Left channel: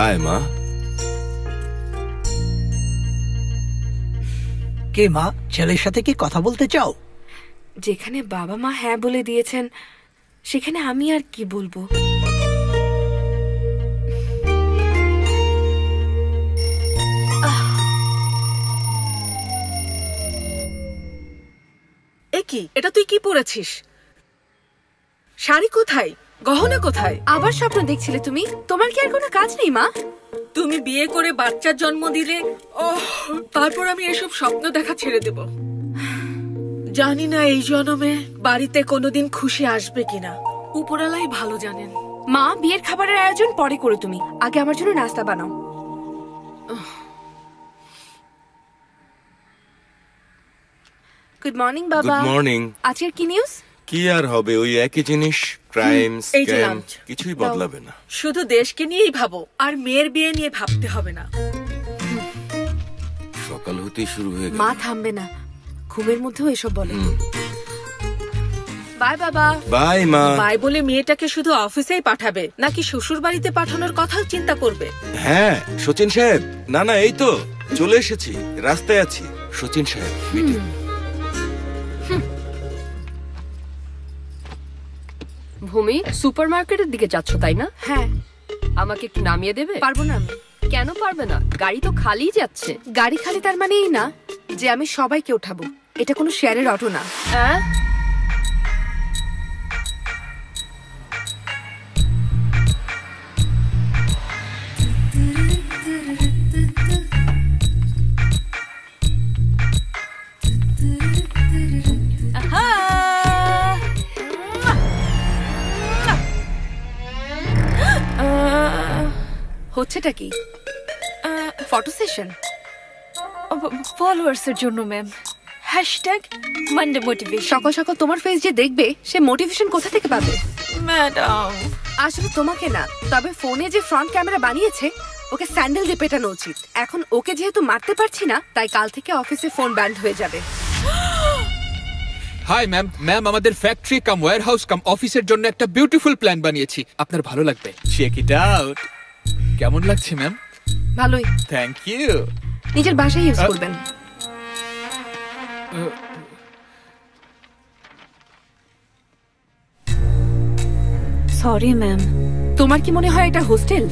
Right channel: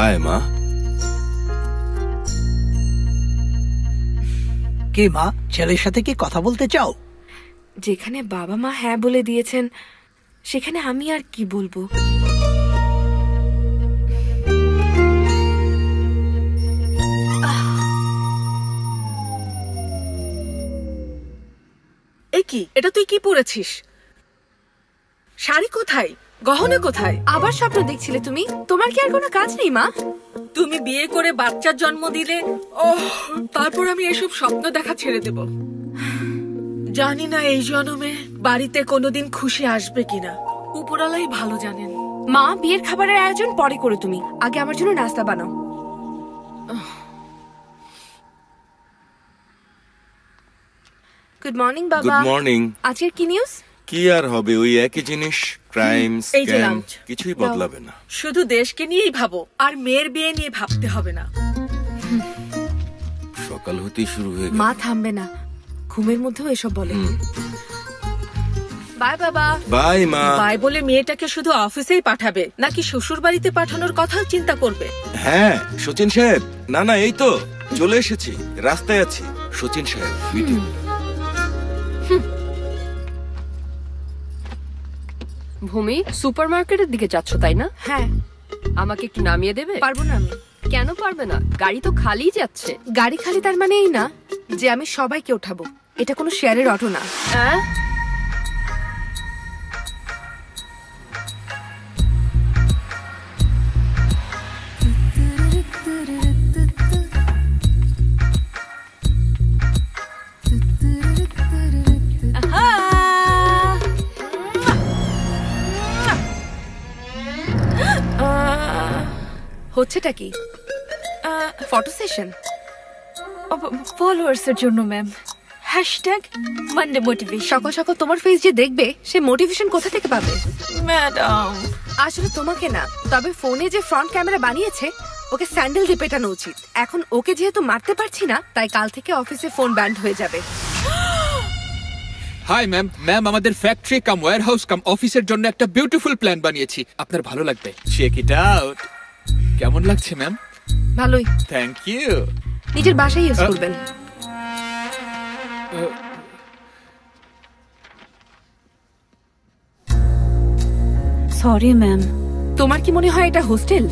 আয় মা। কে মা, ছেলের সাথে কি কথা বলতে চাও? যেখানে বাবা মা হ্যাঁ বলে দিয়েছেন সেখানে আমি আর কি বলবো। কি এটা তুই কি পরেছিস? শাড়ি কোথায়, গহনা কোথায়? আবার স্বপ্ন দেখছিলে তুমি? তোমার কি আর কোনো কাজ নেই মা? তুমি বিয়ে করে বাচ্চার জন্ম দিলে, তারপর আমি এসব স্বপ্ন দেখা ছেড়ে দেব। জানি না এই জন্মে বাড়িতে কোনোদিন খুশি আসবে কিনা, উপরালাই ভালো জানেন। মা, বিয়ের খাবারের আয়োজন পরে করো, তুমি আগে আমার জন্য নাস্তা বানাও। গুড মর্নিং বাবা। Good morning. আজকের কি নিউজ? কি আর হবে, ওই একই জিনিস, ক্রাইম, স্ক্যাম, কিছুই বদলাবে না। শুধু দেশকে নিয়েই ভাবো, আর মেয়ের বিয়ে নিয়ে ভাবতে হবে না। সকাল হতেই শুরু হয়ে গেল। মা থামবে না, ঘুমের মধ্যেও এসব বলে। বাই বাবা। বাই মা। বাই বলে মেয়েটাকে শুধু অফিসেই পাঠাবে নাকি শ্বশুর বাড়িতে পাঠানোর কথাও চিন্তা করবে? হ্যাঁ সচিন সাহেব। না না, এই তো চলে এসেছি, রাস্তায় আছি। সচিন সাহেব মিটিং। ভূমি, সুপারমার্কেটের দিকে যাচ্ছ তাই না? হ্যাঁ। আমাকে একটু নামিয়ে দেবে? পারবো না আমি। কেন পারবে না? গাড়ি তো খালি যাচ্ছে। গাড়ি খালি তার মানে এই না যে আমি সবাইকে ওঠাবো। এটা কোনো শেয়ারের অটো না। হচ্ছেটা কি? ফটো সেশন ফলোয়ার্সের জন্য ম্যাম। Hashtag Monday motivation. সকাল সকাল তোমার ফেস যে দেখবে সে মোটিভেশন কোথা থেকে পাবে? ম্যাডাম আসলে তোমাকে না, তবে ফোনে যে ফ্রন্ট ক্যামেরা বানিয়েছে ওকে স্যান্ডেল দিয়ে পেটানো উচিত। এখন ওকে যেহেতু মারতে পারছি না, তাই কাল থেকে অফিসে ফোন ব্যান্ড হয়ে যাবে। Hi ma'am. ম্যাম, আমাদের ফ্যাক্টরি কাম ওয়্যারহাউস কাম অফিসের জন্য একটা বিউটিফুল প্ল্যান বানিয়েছি, আপনার ভালো লাগবে। Check it out. কেমন লাগছে ম্যাম? ভালোই। Thank you. নিজের বাসায় ইউজ করবেন। Sorry ma'am. তোমার কি মনে হয় এটা হোস্টেল?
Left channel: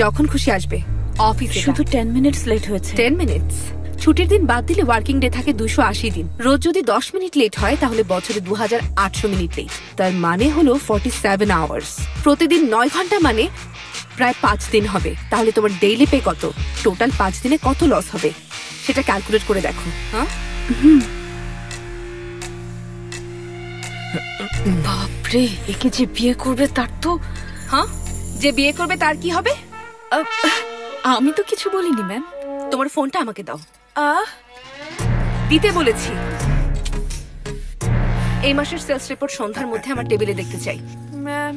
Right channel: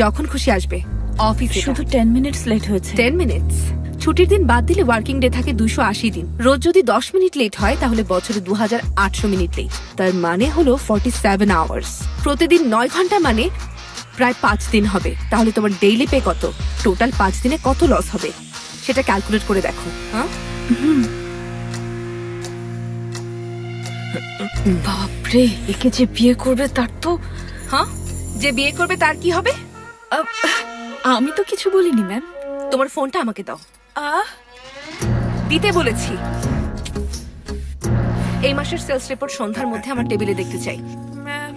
যখন খুশি আসবে অফিসে। শুধু 10 মিনিটস লেট হয়েছে। 10 মিনিটস? ছুটির দিন বাদ দিলে ওয়ার্কিং ডে থাকে 280 দিন। রোজ যদি 10 মিনিট লেট হয় তাহলে বছরে 2800 মিনিট লেট। তার মানে হলো 47 আওয়ার্স। প্রতিদিন 9 ঘন্টা মানে প্রায় 5 দিন হবে। তাহলে তোমার ডেইলি পে কত? টোটাল 5 দিনে কত লস হবে সেটা ক্যালকুলেট করে দেখো। হ্যাঁ, বাপরে, একে যে বিয়ে করবে তার তো। হ্যাঁ, যে বিয়ে করবে তার কি হবে? আমি তো কিছু বলিনি ম্যাম। তোমার ফোনটা আমাকে দাও। দিতে বলেছি। এই মাসের সেলস রিপোর্ট সন্ধ্যার মধ্যে আমার টেবিলে দেখতে চাই। ম্যাম,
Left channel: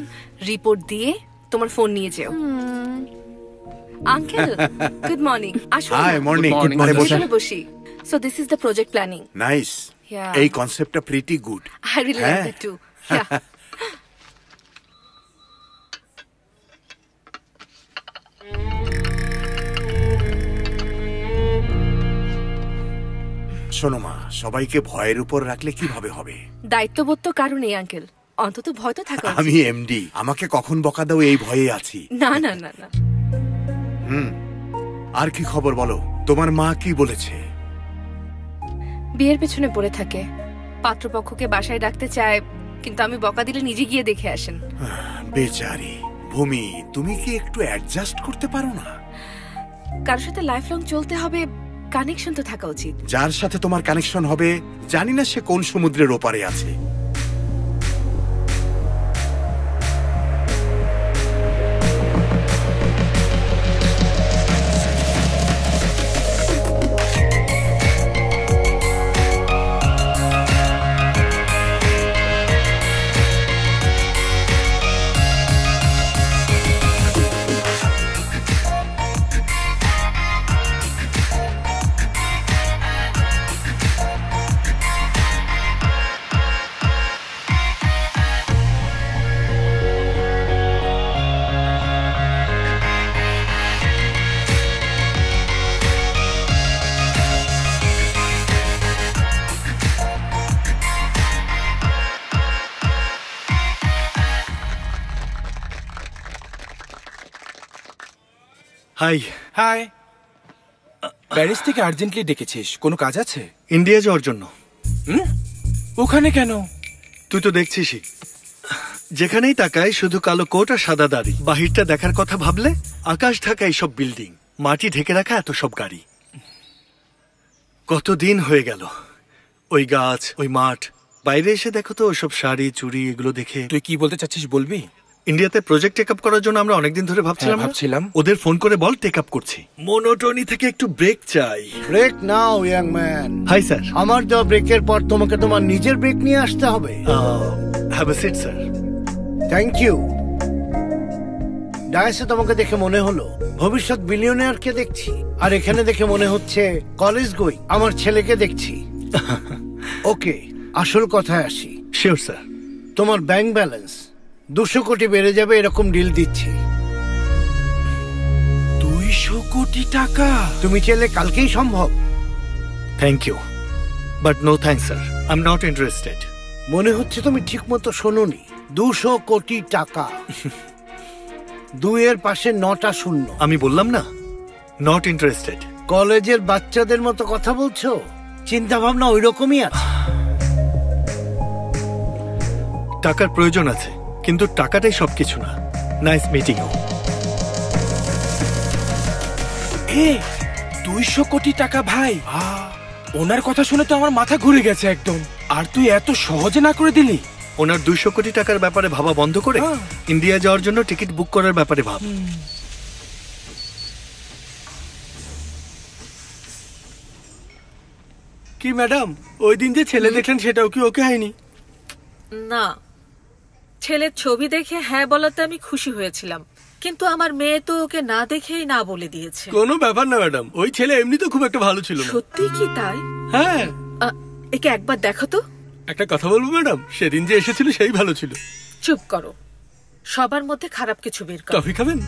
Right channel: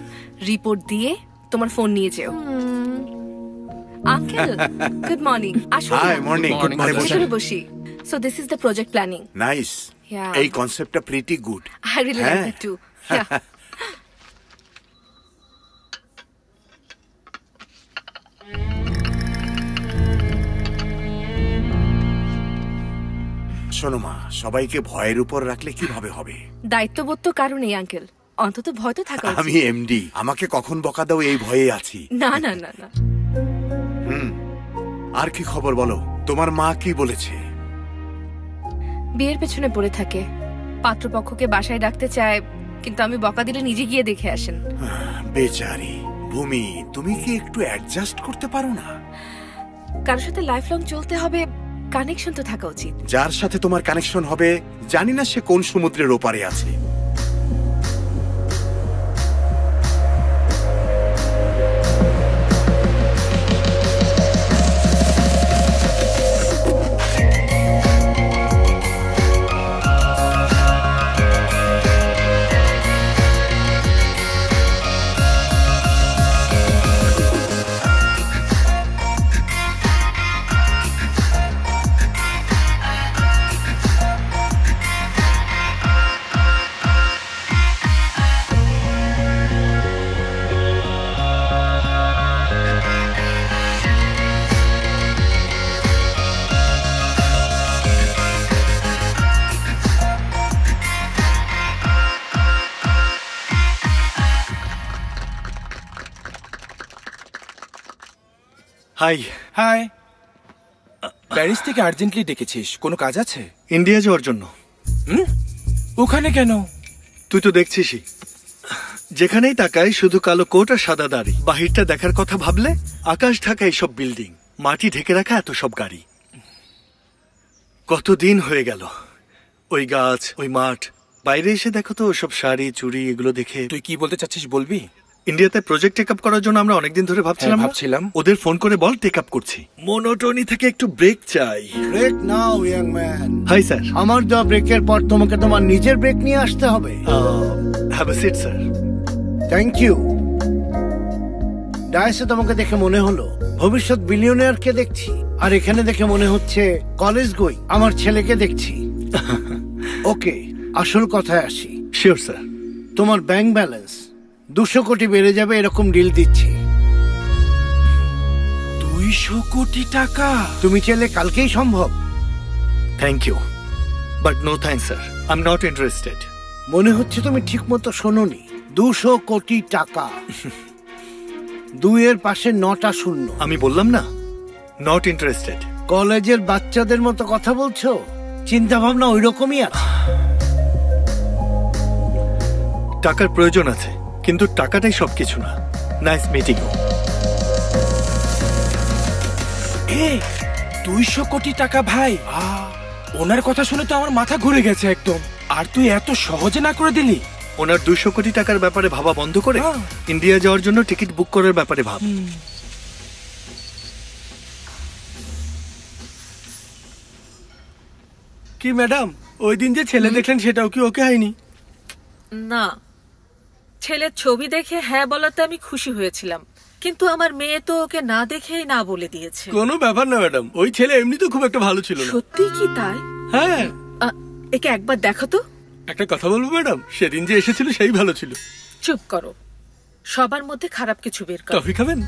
রিপোর্ট দিয়ে তোমার ফোন নিয়ে যেও। Uncle, good morning. আসুন। Hi, morning. Good morning. ভেতরে বসি। So this is the project planning. Nice. এই কনসেপ্টটা pretty good. I really like that too. শোনো মা, সবাইকে ভয়ের উপর রাখলে কিভাবে হবে? দায়িত্ববোধ তো কারণেই আঙ্কেল, অন্তত ভয় তো থাকা উচিত। আমি এমডি, আমাকে কখন বকা দাও এই ভয়ে আছি। না না না না। আর কি খবর বলো? তোমার মা কি বলেছে? বিয়ের পেছনে পড়ে থাকে। পাত্রপক্ষকে বাসায় ডাকতে চায়, কিন্তু আমি বকা দিলে নিজে গিয়ে দেখে আসেন। বেচারি ভূমি, তুমি কি একটু অ্যাডজাস্ট করতে পারো না? কারোর সাথে লাইফ লং চলতে হবে, কানেকশন তো থাকা উচিত। যার সাথে তোমার কানেকশন হবে জানি না সে কোন সমুদ্রের ওপারে আছে। হাই। হাই। প্যারিস থেকে আর্জেন্টলি ডেকেছিস, কোনো কাজ আছে? ইন্ডিয়া যাওয়ার জন্য। ওখানে কেন? তুই তো দেখছিসই, যেখানেই তাকাই শুধু কালো কোট আর সাদা দাড়ি। বাহিরটা দেখার কথা ভাবলে আকাশ ঢাকা এইসব বিল্ডিং, মাটি ঢেকে রাখা এত সব গাড়ি। কতদিন হয়ে গেল ওই গাছ, ওই মাঠ। বাইরে এসে দেখো তো ওসব শাড়ি চুড়ি, এগুলো দেখে। তুই কি বলতে চাচ্ছিস বলবি? ইন্ডিয়াতে প্রজেক্ট টেক আপ করার জন্য আমরা অনেকদিন ধরে ভাবছিলাম ওদের ফোন করে বল টেক আপ করছি। মোনোটোনি থেকে একটু ব্রেক চাই। ব্রেক নাও ইয়াং ম্যান। Hi sir. আমার দেওয়া ব্রেকের পর তোমাকে তোমার নিজের ব্রেক নিয়ে আসতে হবে। Have a seat sir. Thank you. ডায়াসে তোমাকে দেখে মনে হলো ভবিষ্যৎ বিলিয়নিয়ারকে দেখছি, আর এখানে দেখে মনে হচ্ছে কলেজ গোয়িং আমার ছেলেকে দেখছি। ওকে, আসল কথায় আসি। Sure sir. তোমার ব্যাংক ব্যালেন্স 200 কোটি বেড়ে যাবে, এরকম ডিল দিচ্ছি। 200 কোটি টাকা? তুমি চাইলে কালকেই সম্ভব। Thank you, but no thanks sir, I am not interested. মনে হচ্ছে তুমি ঠিক মতো শোনোনি। 200 কোটি টাকা। 2 এর পাশে 9টা শূন্য। আমি বললাম না নট ইন্টারেস্টেড। কলেজের বাচ্চাদের মতো কথা বলছো, চিন্তা ভাবনা ওই রকমই আছে। টাকার প্রয়োজন আছে, কিন্তু টাকাটাই সবকিছু না। Nice meeting you. 200 কোটি টাকা ভাই, ওনার কথা শুনে তো আমার মাথা ঘুরে গেছে একদম। আর তুই এত সহজে না করে দিলি। ওনার 200 কোটি টাকার ব্যাপারে ভাবা বন্ধ করে ইন্ডিয়া যাওয়ার জন্য টিকিট বুক করার ব্যাপারে ভাব। কি ম্যাডাম, ওই দিন যে ছেলে দেখলেন সেটাও কি ওকে হয়নি? না, ছেলের ছবি দেখে হ্যাঁ বলাতে আমি খুশি হয়েছিলাম, কিন্তু আমার মেয়ে তো ওকে না দেখেই না বলে দিয়েছে। কোনো ব্যাপার না ম্যাডাম, ওই ছেলে এমনি তো খুব একটা ভালো ছিল না। সত্যি কি তাই? হ্যাঁ। একে একবার দেখো তো। একটা কথা বলবো ম্যাডাম, সেদিন যে এসেছিল সেই ভালো ছিল। চুপ করো, সবার মধ্যে খারাপ কিছু বের করো। কফি খাবেন?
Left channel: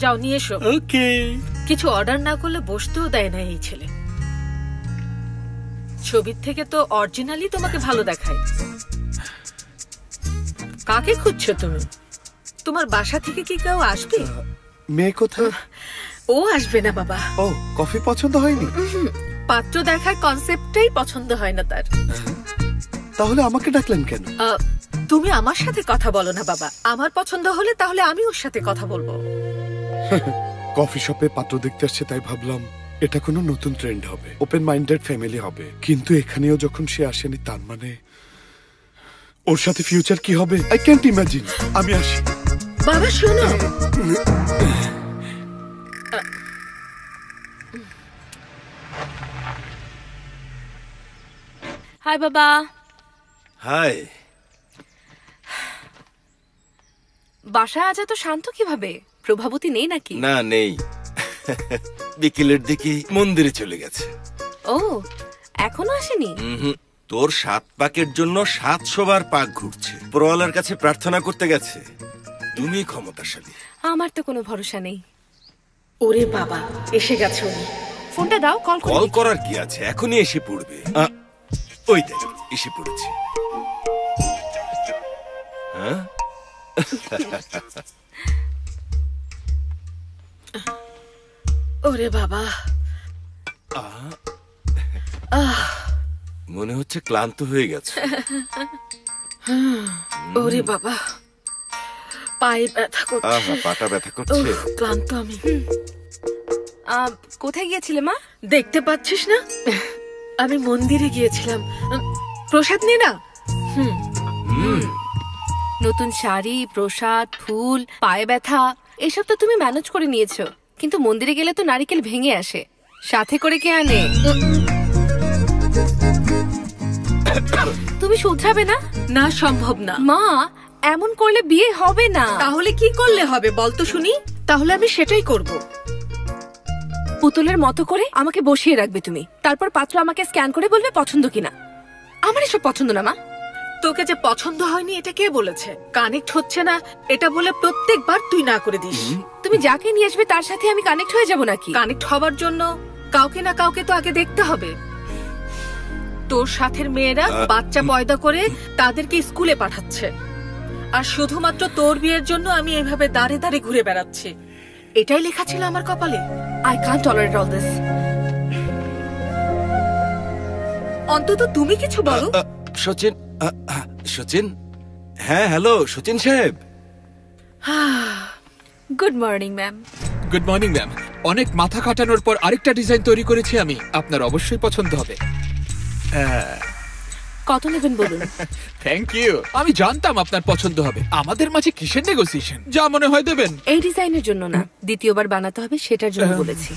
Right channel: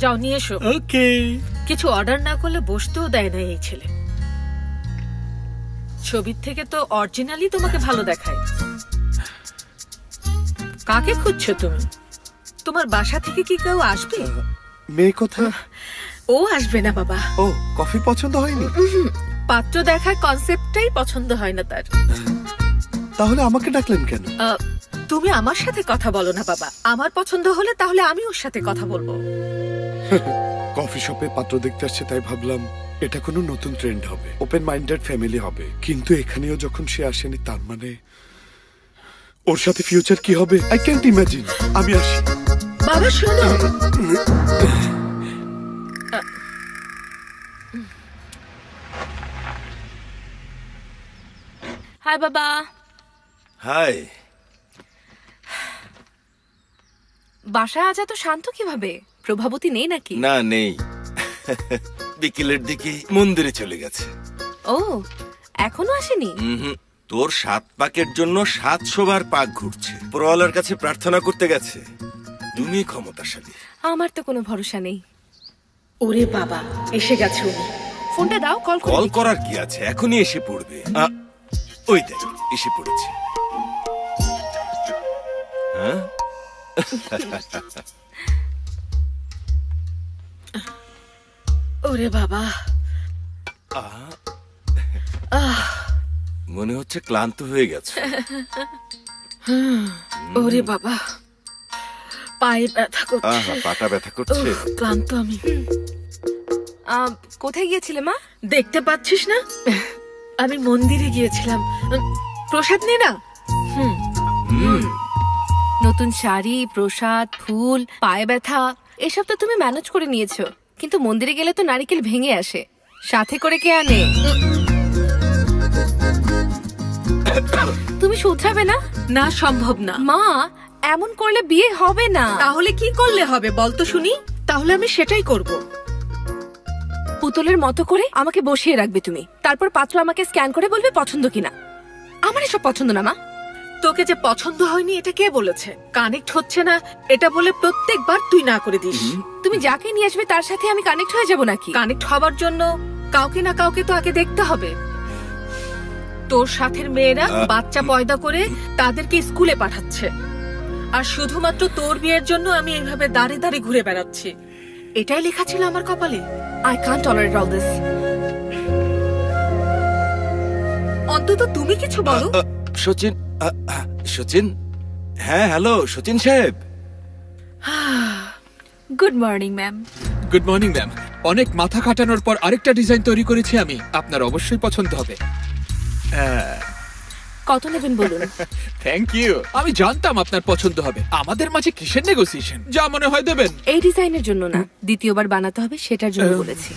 যাও নিয়ে এসো। ওকে। কিছু অর্ডার না করলে বসতেও দেয় না এই ছেলে। ছবির থেকে তো অরিজিনালি তোমাকে ভালো দেখায়। কাকে খুঁজছো তুমি? তোমার বাসা থেকে কি কেউ আসবে? মেয়ে কোথায়? ও আসবে না বাবা। ও, কফি পছন্দ হয়নি? পাত্র দেখার কনসেপ্টটাই পছন্দ হয় না তার। তাহলে আমাকে ডাকলেন কেন? তুমি আমার সাথে কথা বলো না বাবা। আমার পছন্দ হলে তাহলে আমি ওর সাথে কথা বলবো। কফি শপে পাত্র দেখতে আসছে তাই ভাবলাম এটা কোনো নতুন ট্রেন্ড হবে, ওপেন মাইন্ডেড ফ্যামিলি হবে। কিন্তু এখানেও যখন সে আসেনি, তার মানে ওর সাথে ফিউচার কি হবে আই ক্যান্ট ইমাজিন। আমি আসি। বাবা শোনো, হাই বাবা। হাই। বাসায় আজ এত শান্ত কিভাবে? প্রভাবতী নেই নাকি? না, নেই। বিকেলের দিকে মন্দিরে চলে গেছে। ও, এখনো আসেনি? তোর 7 পাকের জন্য 700 বার পাক ঘুরছে। পরওয়ালার কাছে প্রার্থনা করতে গেছে। তুমি ক্ষমতাশালী। আমার তো কোনো ভরসা নেই। ওরে বাবা, এসে গেছে উনি। ফোনটা দাও, কল করার কি আছে, এখনই এসে পড়বে। ওই দেখ, এসে পড়েছে। হ্যাঁ, ওরে বাবা, মনে হচ্ছে ক্লান্ত হয়ে গেছে। ওরে বাবা, পায়ে ব্যথা করছে। পাটা ব্যথা করছে। ক্লান্ত আমি। কোথায় গিয়েছিলে মা? দেখতে পাচ্ছিস না, আমি মন্দিরে গিয়েছিলাম। প্রসাদ নে না। নতুন শাড়ি, প্রসাদ, ফুল, পায়ে ব্যথা, এসব তো তুমি ম্যানেজ করে নিয়েছো, কিন্তু মন্দিরে গেলে তো নারকেল ভেঙে আসে। সাথে করে কে আনে? তুমি শুধরাবে না? না, সম্ভব না মা। এমন করলে বিয়ে হবে না। তাহলে কি করলে হবে বলতো শুনি? তাহলে আমি সেটাই করব। পুতুলের মতো করে আমাকে বসিয়ে রাখবে তুমি, তারপর পাত্র আমাকে স্ক্যান করে বলবে পছন্দ কিনা। আমার এসব পছন্দ না মা। তোকে যে পছন্দ হয়নি এটা কে বলেছে? কানেক্ট হচ্ছে না এটা বলে প্রত্যেকবার তুই না করে দিস। তুমি যাকে নিয়ে আসবে তার সাথে আমি কানেক্ট হয়ে যাব নাকি? কানেক্ট হবার জন্য কাউকে না কাউকে তো আগে দেখতে হবে। তোর সাথের মেয়েরা বাচ্চা পয়দা করে তাদেরকে স্কুলে পাঠাচ্ছে, আর শুধুমাত্র তোর বিয়ের জন্য আমি এভাবে দাঁড়ে দাঁড়ে ঘুরে বেড়াচ্ছি। এটাই লেখা ছিল আমার কপালে। I can't tolerate all this. অন্তত তুমি কিছু বলো। সচিন, সচিন, হ্যাঁ হ্যালো সচিন সাহেব। Good morning ma'am. Good morning ma'am. অনেক মাথা খাটানোর পর আরেকটা ডিজাইন তৈরি করেছি আমি, আপনার অবশ্যই পছন্দ হবে। কত নেবেন বলুন? Thank you. আমি জানতাম আপনার পছন্দ হবে। আমাদের মাঝে কিসের নেগোসিয়েশন? যা মনে হয় দেবেন। এই ডিজাইনের জন্য না, দ্বিতীয়বার বানাতে হবে সেটার জন্য বলেছি।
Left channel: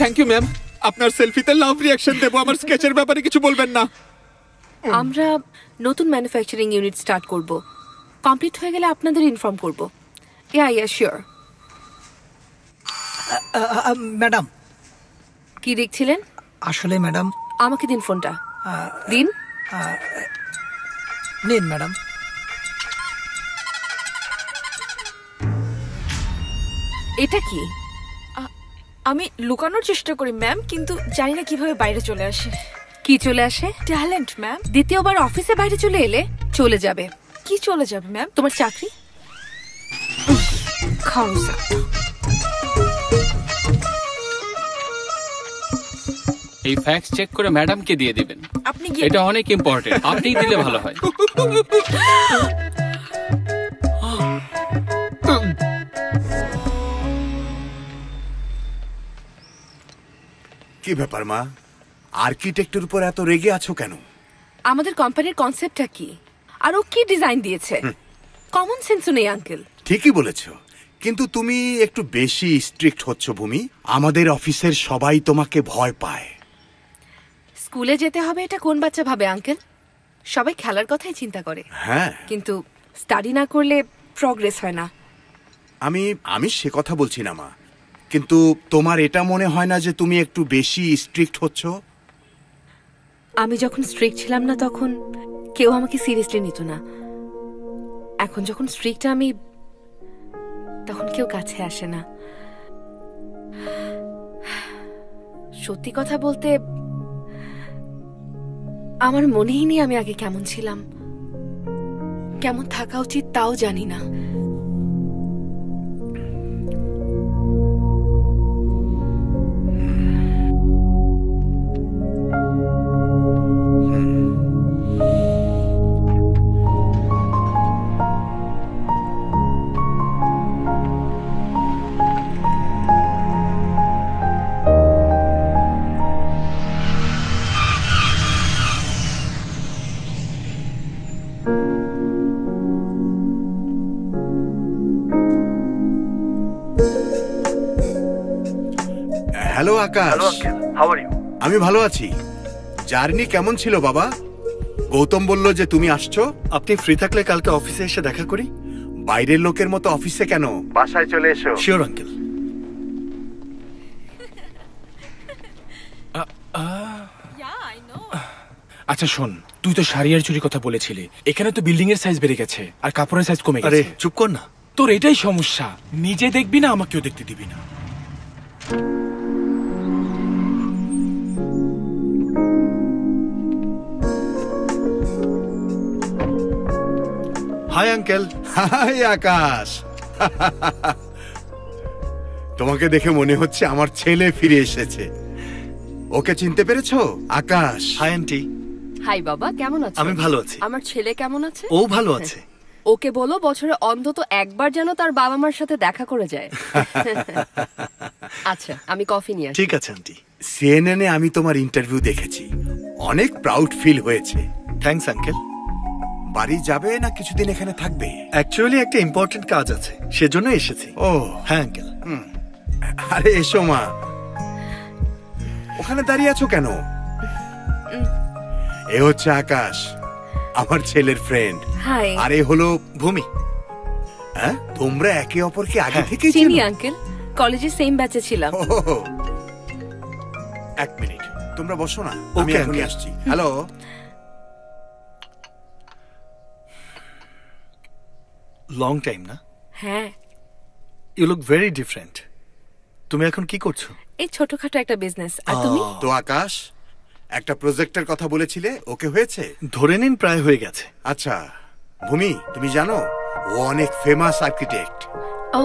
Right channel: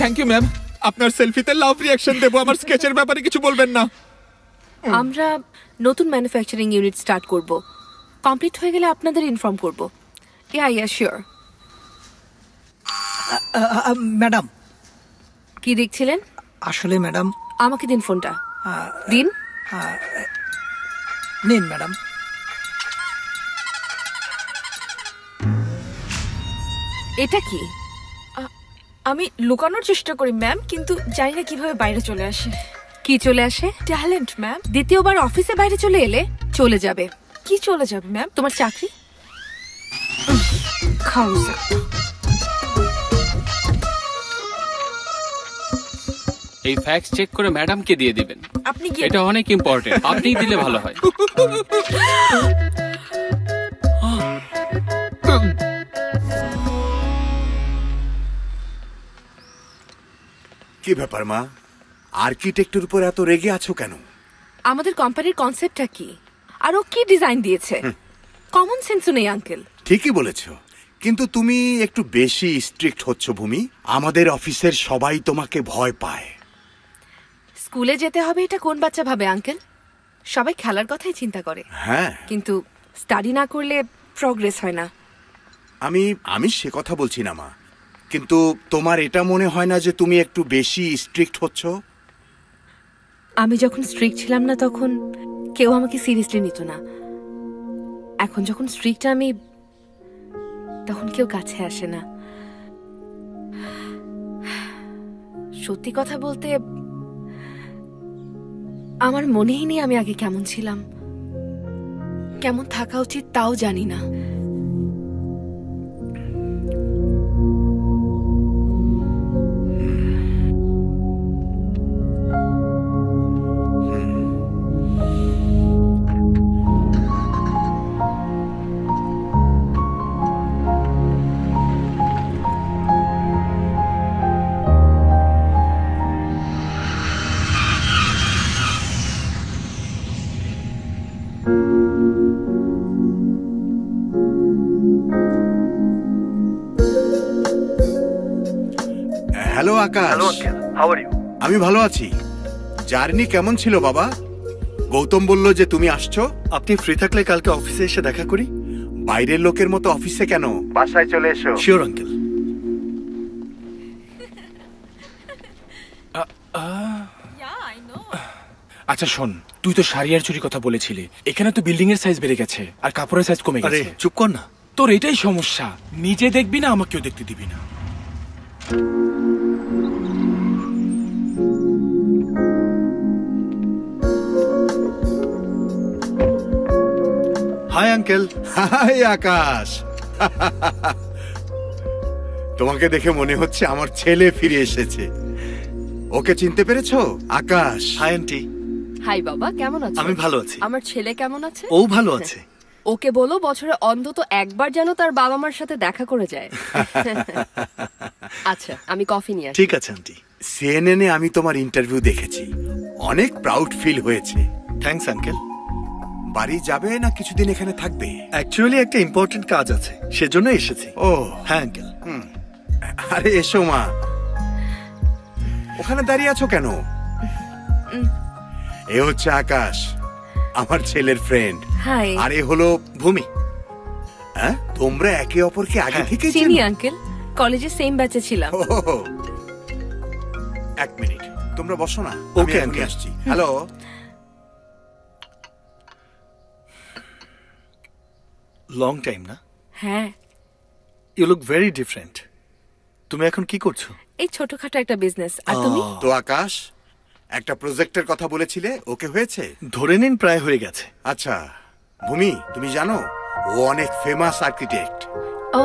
Thank you ma'am. আপনার সেলফিতে লাভ রিঅ্যাকশন দেব, আমার স্কেচের ব্যাপারে কিছু বলবেন না। আমরা নতুন ম্যানুফ্যাকচারিং ইউনিট স্টার্ট করব। কমপ্লিট হয়ে গেলে আপনাদের ইনফর্ম করব। Yeah sure. ম্যাডাম, কি দেখছিলেন? আসলে ম্যাডাম, আমাকে দিন ফোনটা। দিন। নিন ম্যাডাম। এটা কি? আমি লুকানোর চেষ্টা করি ম্যাম, কিন্তু জানি না কিভাবে বাইরে চলে আসে। কি চলে আসে? Talent ma'am. দ্বিতীয়বার অফিসে বাইরে চলে এলে চলে যাবে। কি চলে যাবে ম্যাম? তোমার চাকরি। খারুস একটা। এই ফ্যাক্স চেক করে ম্যাডামকে দিয়ে দিবেন। আপনি এটা অনেক ইম্পর্টেন্ট, আপনিই দিলে ভালো হয়। কি ব্যাপার মা, আর্কিটেক্টের উপর এত রেগে আছো কেন? আমাদের কোম্পানির কনসেপ্টটা কি, আর ও কি ডিজাইন দিয়েছে? কমন সেন্সও নেই আঙ্কেল। ঠিকই বলেছ, কিন্তু তুমি একটু বেশি স্ট্রিক্ট হচ্ছ ভূমি। আমাদের অফিসের সবাই তোমাকে ভয় পায়। স্কুলে যেতে হবে এটা কোন বাচ্চা ভাবে আঙ্কেল? সবাই খেলার কথাই চিন্তা করে। হ্যাঁ, কিন্তু স্টাডি না করলে প্রগ্রেস হয় না। আমি সে কথা বলছি না মা, কিন্তু তোমার এটা মনে হয় না যে তুমি একটু বেশি স্ট্রিক্ট হচ্ছ? আমি যখন স্ট্রিক্ট ছিলাম না তখন কেউ আমাকে সিরিয়াসলি নিত না। এখন যখন স্ট্রিক্ট আমি, তখন কেউ কাছে আসে না। সত্যি কথা বলতে আমার মনেই নেই আমি আগে কেমন ছিলাম। কেমন থাকা উচিত তাও জানি না। Hello Akash. Hello uncle, how are you? আমি ভালো আছি। জার্নি কেমন ছিল বাবা? গৌতম বলল যে তুমি আসছো। আপনি ফ্রি থাকলে কালকে অফিসে এসে দেখা করি। বাইরের লোকের মতো অফিসে কেন, বাসায় চলে এসো। Sure uncle. আচ্ছা শোন, তুই তো শাড়ি আর চুরি কথা বলেছিলি। এখানে তো বিল্ডিং এর সাইজ বেড়ে গেছে আর কাপড়ের সাইজ কমে গেছে। আরে চুপ কর না। তোর এটাই সমস্যা, নিজে দেখবি না, আমাকেও দেখতে দিবি না। Hi uncle. হাই আকাশ। তোমাকে দেখে মনে হচ্ছে আমার ছেলে ফিরে এসেছে। ওকে চিনতে পেরেছো? আকাশ। Hi aunty. হাই বাবা, কেমন আছো? আমি ভালো আছি। আমার ছেলে কেমন আছে? ও ভালো আছে। ওকে বলো বছরে অন্তত একবার যেন তার বাবা মার সাথে দেখা করে যায়। আচ্ছা, আমি কফি নিয়ে আসি। ঠিক আছে আন্টি। সিএনএন-এ আমি তোমার ইন্টারভিউ দেখেছি, অনেক প্রাউড ফিল হয়েছে। Thanks uncle. বাড়ি যাবে না কিছুদিন এখানে থাকবে? অ্যাকচুয়ালি একটা ইম্পর্টেন্ট কাজ আছে, সেজন্য এসেছি। ও হ্যাঁ আঙ্কেল। আরে এসো মা। ওখানে দাঁড়িয়ে আছো কেন? এ হচ্ছে আকাশ, আমার ছেলের ফ্রেন্ড। হাই। আর এ হলো ভূমি। হ্যাঁ, তোমরা একে অপরকে আগে থেকে চিনি আঙ্কেল, কলেজে সেম ব্যাচে ছিলাম। এক মিনিট, তোমরা বসো না, আমি ওকে এখনই আসছি। হ্যালো। লং টাইম না? হ্যাঁ। You look very different. তুমি এখন কি করছো? এই ছোটখাটো একটা বিজনেস। আর তুমি? তো আকাশ, একটা প্রজেক্টের কথা বলেছিলে, ওকে হয়েছে? ধরে নিন প্রায় হয়ে গেছে। আচ্ছা ভূমি, তুমি জানো ও অনেক ফেমাস আর্কিটেক্ট। ও,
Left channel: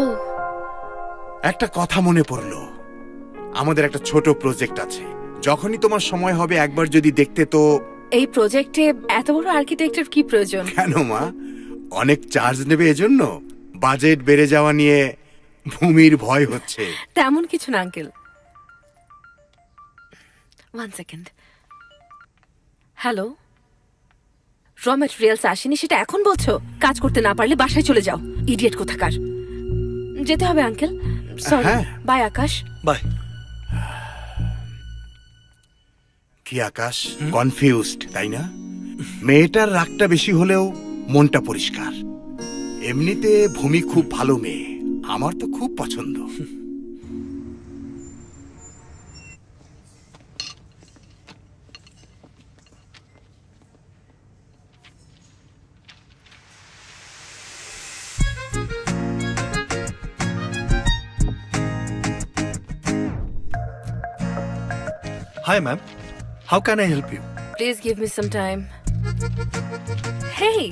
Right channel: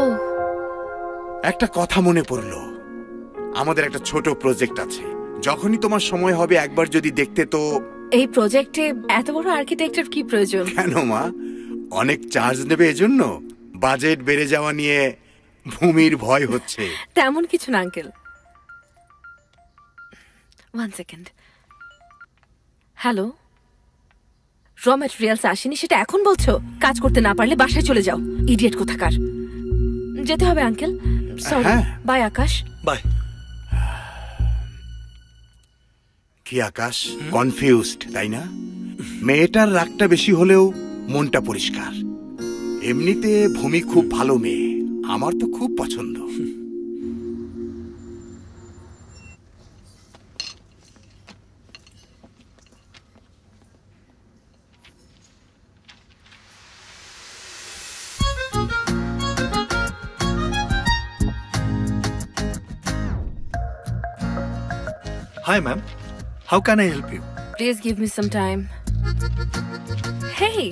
একটা কথা মনে পড়লো, আমাদের একটা ছোট প্রজেক্ট আছে, যখনই তোমার সময় হবে একবার যদি দেখতে তো। এই প্রজেক্টে এত বড় আর্কিটেক্টের কি প্রয়োজন? কেন মা, অনেক চার্জ নেবে এজন্য? বাজেট বেড়ে যাওয়া নিয়ে ভূমির ভয় হচ্ছে। তেমন কিছু না আঙ্কেল। 1 সেকেন্ড। হ্যালো, র ম্যাটেরিয়ালস আসেনি সেটা এখন বলছো? কাজ করতে না পারলে বাসায় চলে যাও, ইডিয়েট কোথাকার। যেতে হবে uncle, sorry. Bye Akash. Bye. কি আকাশ, কনফিউজড তাই না? মেয়েটার রাগটা বেশি হলেও মনটা পরিষ্কার। এমনিতে ভূমি খুব ভালো মেয়ে, আমার তো খুব পছন্দ। Hi, ma'am. How can I help you? Please give me some time. Hey,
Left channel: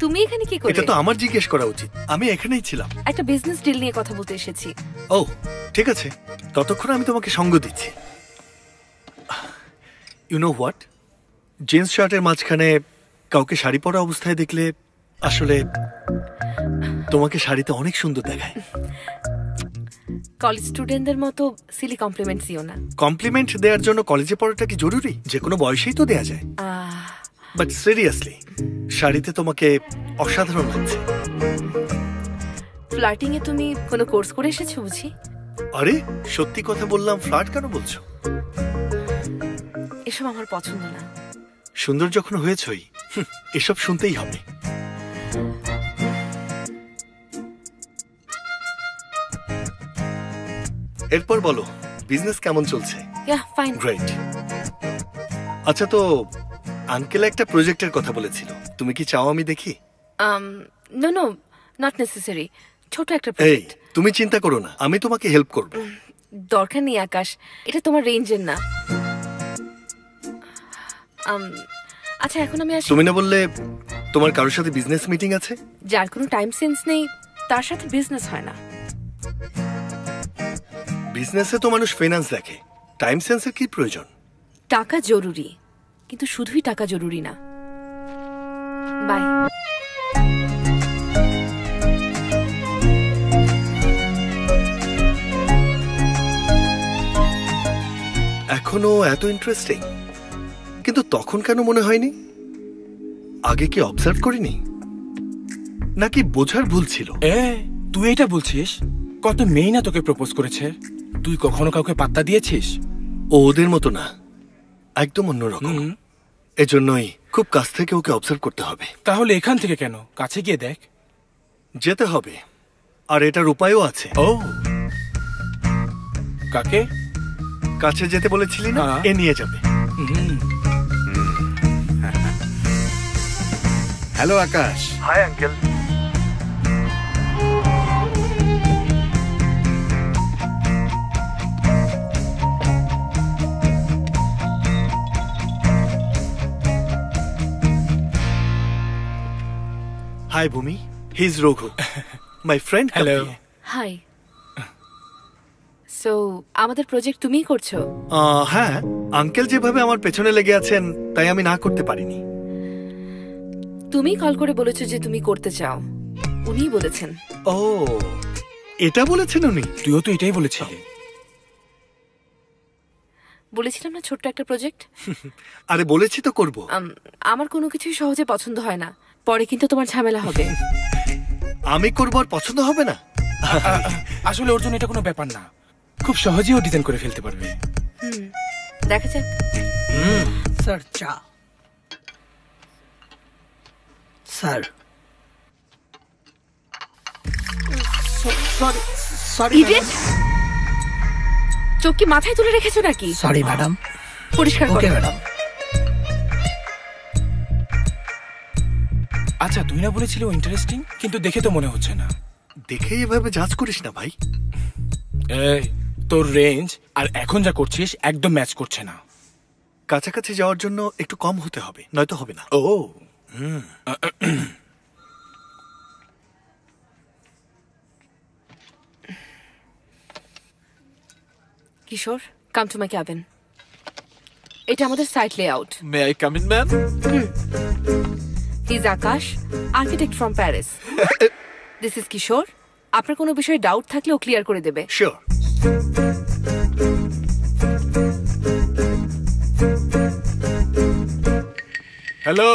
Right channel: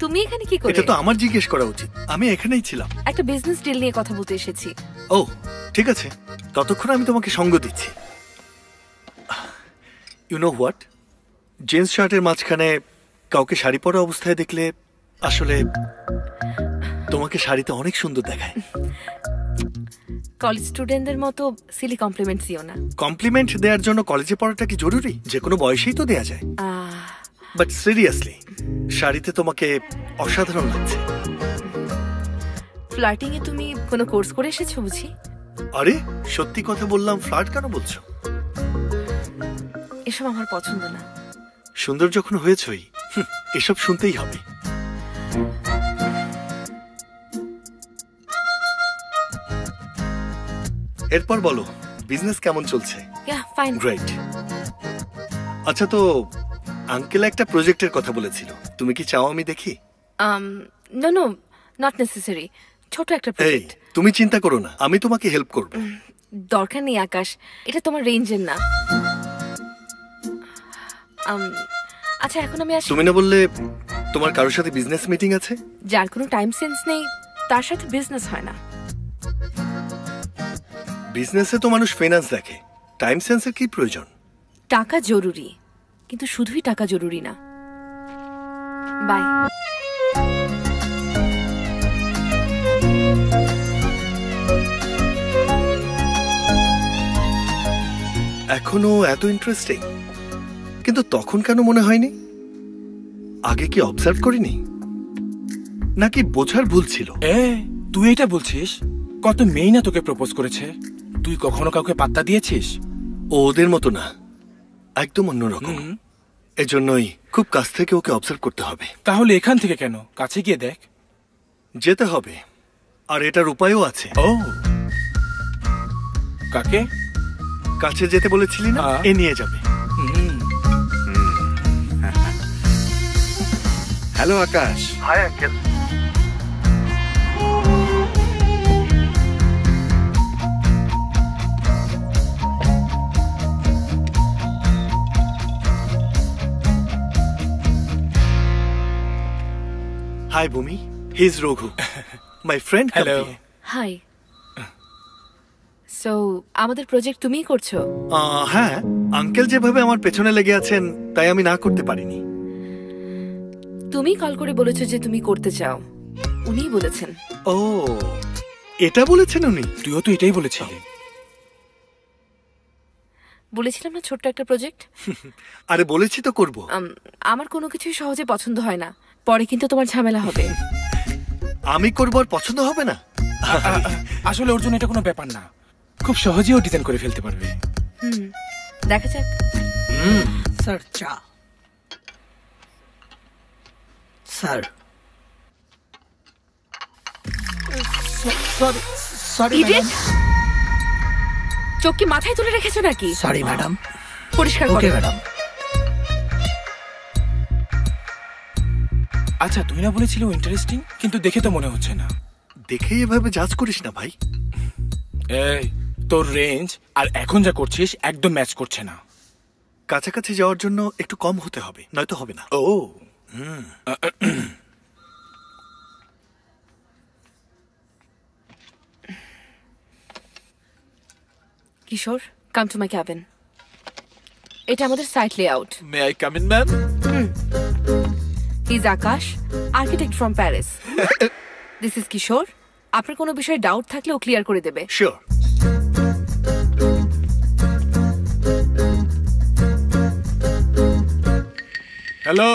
তুমি এখানে কি করে? এটা তো আমার জিজ্ঞেস করা উচিত। আমি এখানেই ছিলাম। একটা বিজনেস ডিল নিয়ে কথা বলতে এসেছি। ও, ঠিক আছে, ততক্ষণ আমি তোমাকে সঙ্গ দিচ্ছি। ইউ নো হোয়াট, জিন্স শার্টের মাঝখানে কাউকে শাড়ি পরা অবস্থায় দেখলে আসলে তোমাকে শাড়িতে অনেক সুন্দর দেখায়। কলেজ স্টুডেন্টদের মতো সিলি কমপ্লিমেন্ট দিও না। কমপ্লিমেন্ট দেওয়ার জন্য কলেজে পড়াটা কি জরুরি? যে কোনো বয়সেই তো দেয়া যায়। বাট সিরিয়াসলি, শাড়িতে তোমাকে অসাধারণ লাগছে। ফ্লার্টিং এ তুমি কোনো কোর্স করে এসেছো বুঝি? আরে সত্যি কথা বললাম, ফ্লার্ট কেন বলছো? এসব আমার পছন্দ না। সুন্দর যখন হয়েছই, এসব শুনতেই হবে। এরপর বলো, বিজনেস কেমন চলছে? ফাইন। গ্রেট। আচ্ছা, তো আঙ্কেল একটা প্রজেক্টের কথা বলেছিল, তুমি কি চাও আমি দেখি? No no, not necessary. ছোট একটা এই, প্রজেক্ট। তুমি চিন্তা করো না, আমি তোমাকে হেল্প করব। দরকার নেই আকাশ, এটা তোমার রেঞ্জের না। আচ্ছা, এখন আমি আসি। তুমি না বললে তোমার কারোর সাথে বিজনেস মিটিং আছে? যার কোনো টাইম সেন্স নেই তার সাথে বিজনেস হয় না। বিজনেসে তো মানুষ ফাইন্যান্স দেখে, টাইম সেন্সের কি প্রয়োজন? টাকা জরুরি, কিন্তু শুধুই টাকা জরুরি না। বাই। এখনো এত ইন্টারেস্টিং, কিন্তু তখন কেন মনে হয়নি? আগে কি অবজার্ভ করিনি, নাকি বোঝার ভুল ছিল? তুই এটা বলছিস? কত মেয়ে না তোকে প্রপোজ করেছে, তুই কখনো কাউকে পাত্তা দিয়েছিস? ও ওদের মতো না, একদম অন্যরকম। এজন্যই খুব কাছ থেকে ওকে অবজার্ভ করতে হবে। তাহলে এখান থেকে কেন, কাছে গিয়ে দেখ। যেতে হবে, আর এটার উপায়ও আছে। ও, কাকে? কাছে যেতে বলেছিলি না, এ নিয়ে যাবে। Hello Akash. Hi uncle. Hi, Bhumi. He's Raghu. My friend. Hello. Hi. So আমাদের প্রজেক্ট তুমিই করছো? হ্যাঁ, আঙ্কেল যেভাবে আমার পেছনে লেগে আছেন তাই আমি না করতে পারিনি। তুমি কল করে বলেছো যে তুমি করতে চাও, উনিই বলেছেন। ও, এটা বলেছেন উনি? তুইও তো এটাই বলেছিলি। বলেছিলাম না ছোট্ট একটা প্রজেক্ট। আরে বলেছি তো করব। আমার কোনো কিছুই সহজে পছন্দ হয় না, পরে কিন্তু তোমার ঝামেলা হবে। আমি করব আর পছন্দ হবে না? আসলে ওর জন্য এটা কোনো ব্যাপার না, খুব সহজেই ও ডিজাইন করে ফেলতে পারবে। দেখা যাক। স্যার, চা। Sir, sorry idiot! চোখ কি মাথায় তুলে রেখেছো নাকি? Sorry madam. পরিষ্কার করো। Okay madam. আচ্ছা, তুই না বলেছিলি ইন্টারেস্টিং, কিন্তু দেখে তো মনে হচ্ছে না। দেখেই এভাবে জাজ করিস না ভাই। এই, তোর রেঞ্জ আর এখন যা করছিস একদম ম্যাচ করছে না। কাছাকাছি যাওয়ার জন্য একটু কম হতে হবে, নয়তো হবে না। ও, Kishore, come to my cabin. এটা আমাদের site layout. May I come in ma'am? He is Akash, architect from Paris. This is Kishore. আপনার কোনো বিষয়ে ডাউট থাকলে ও ক্লিয়ার করে দেবে। শিওর। হ্যালো,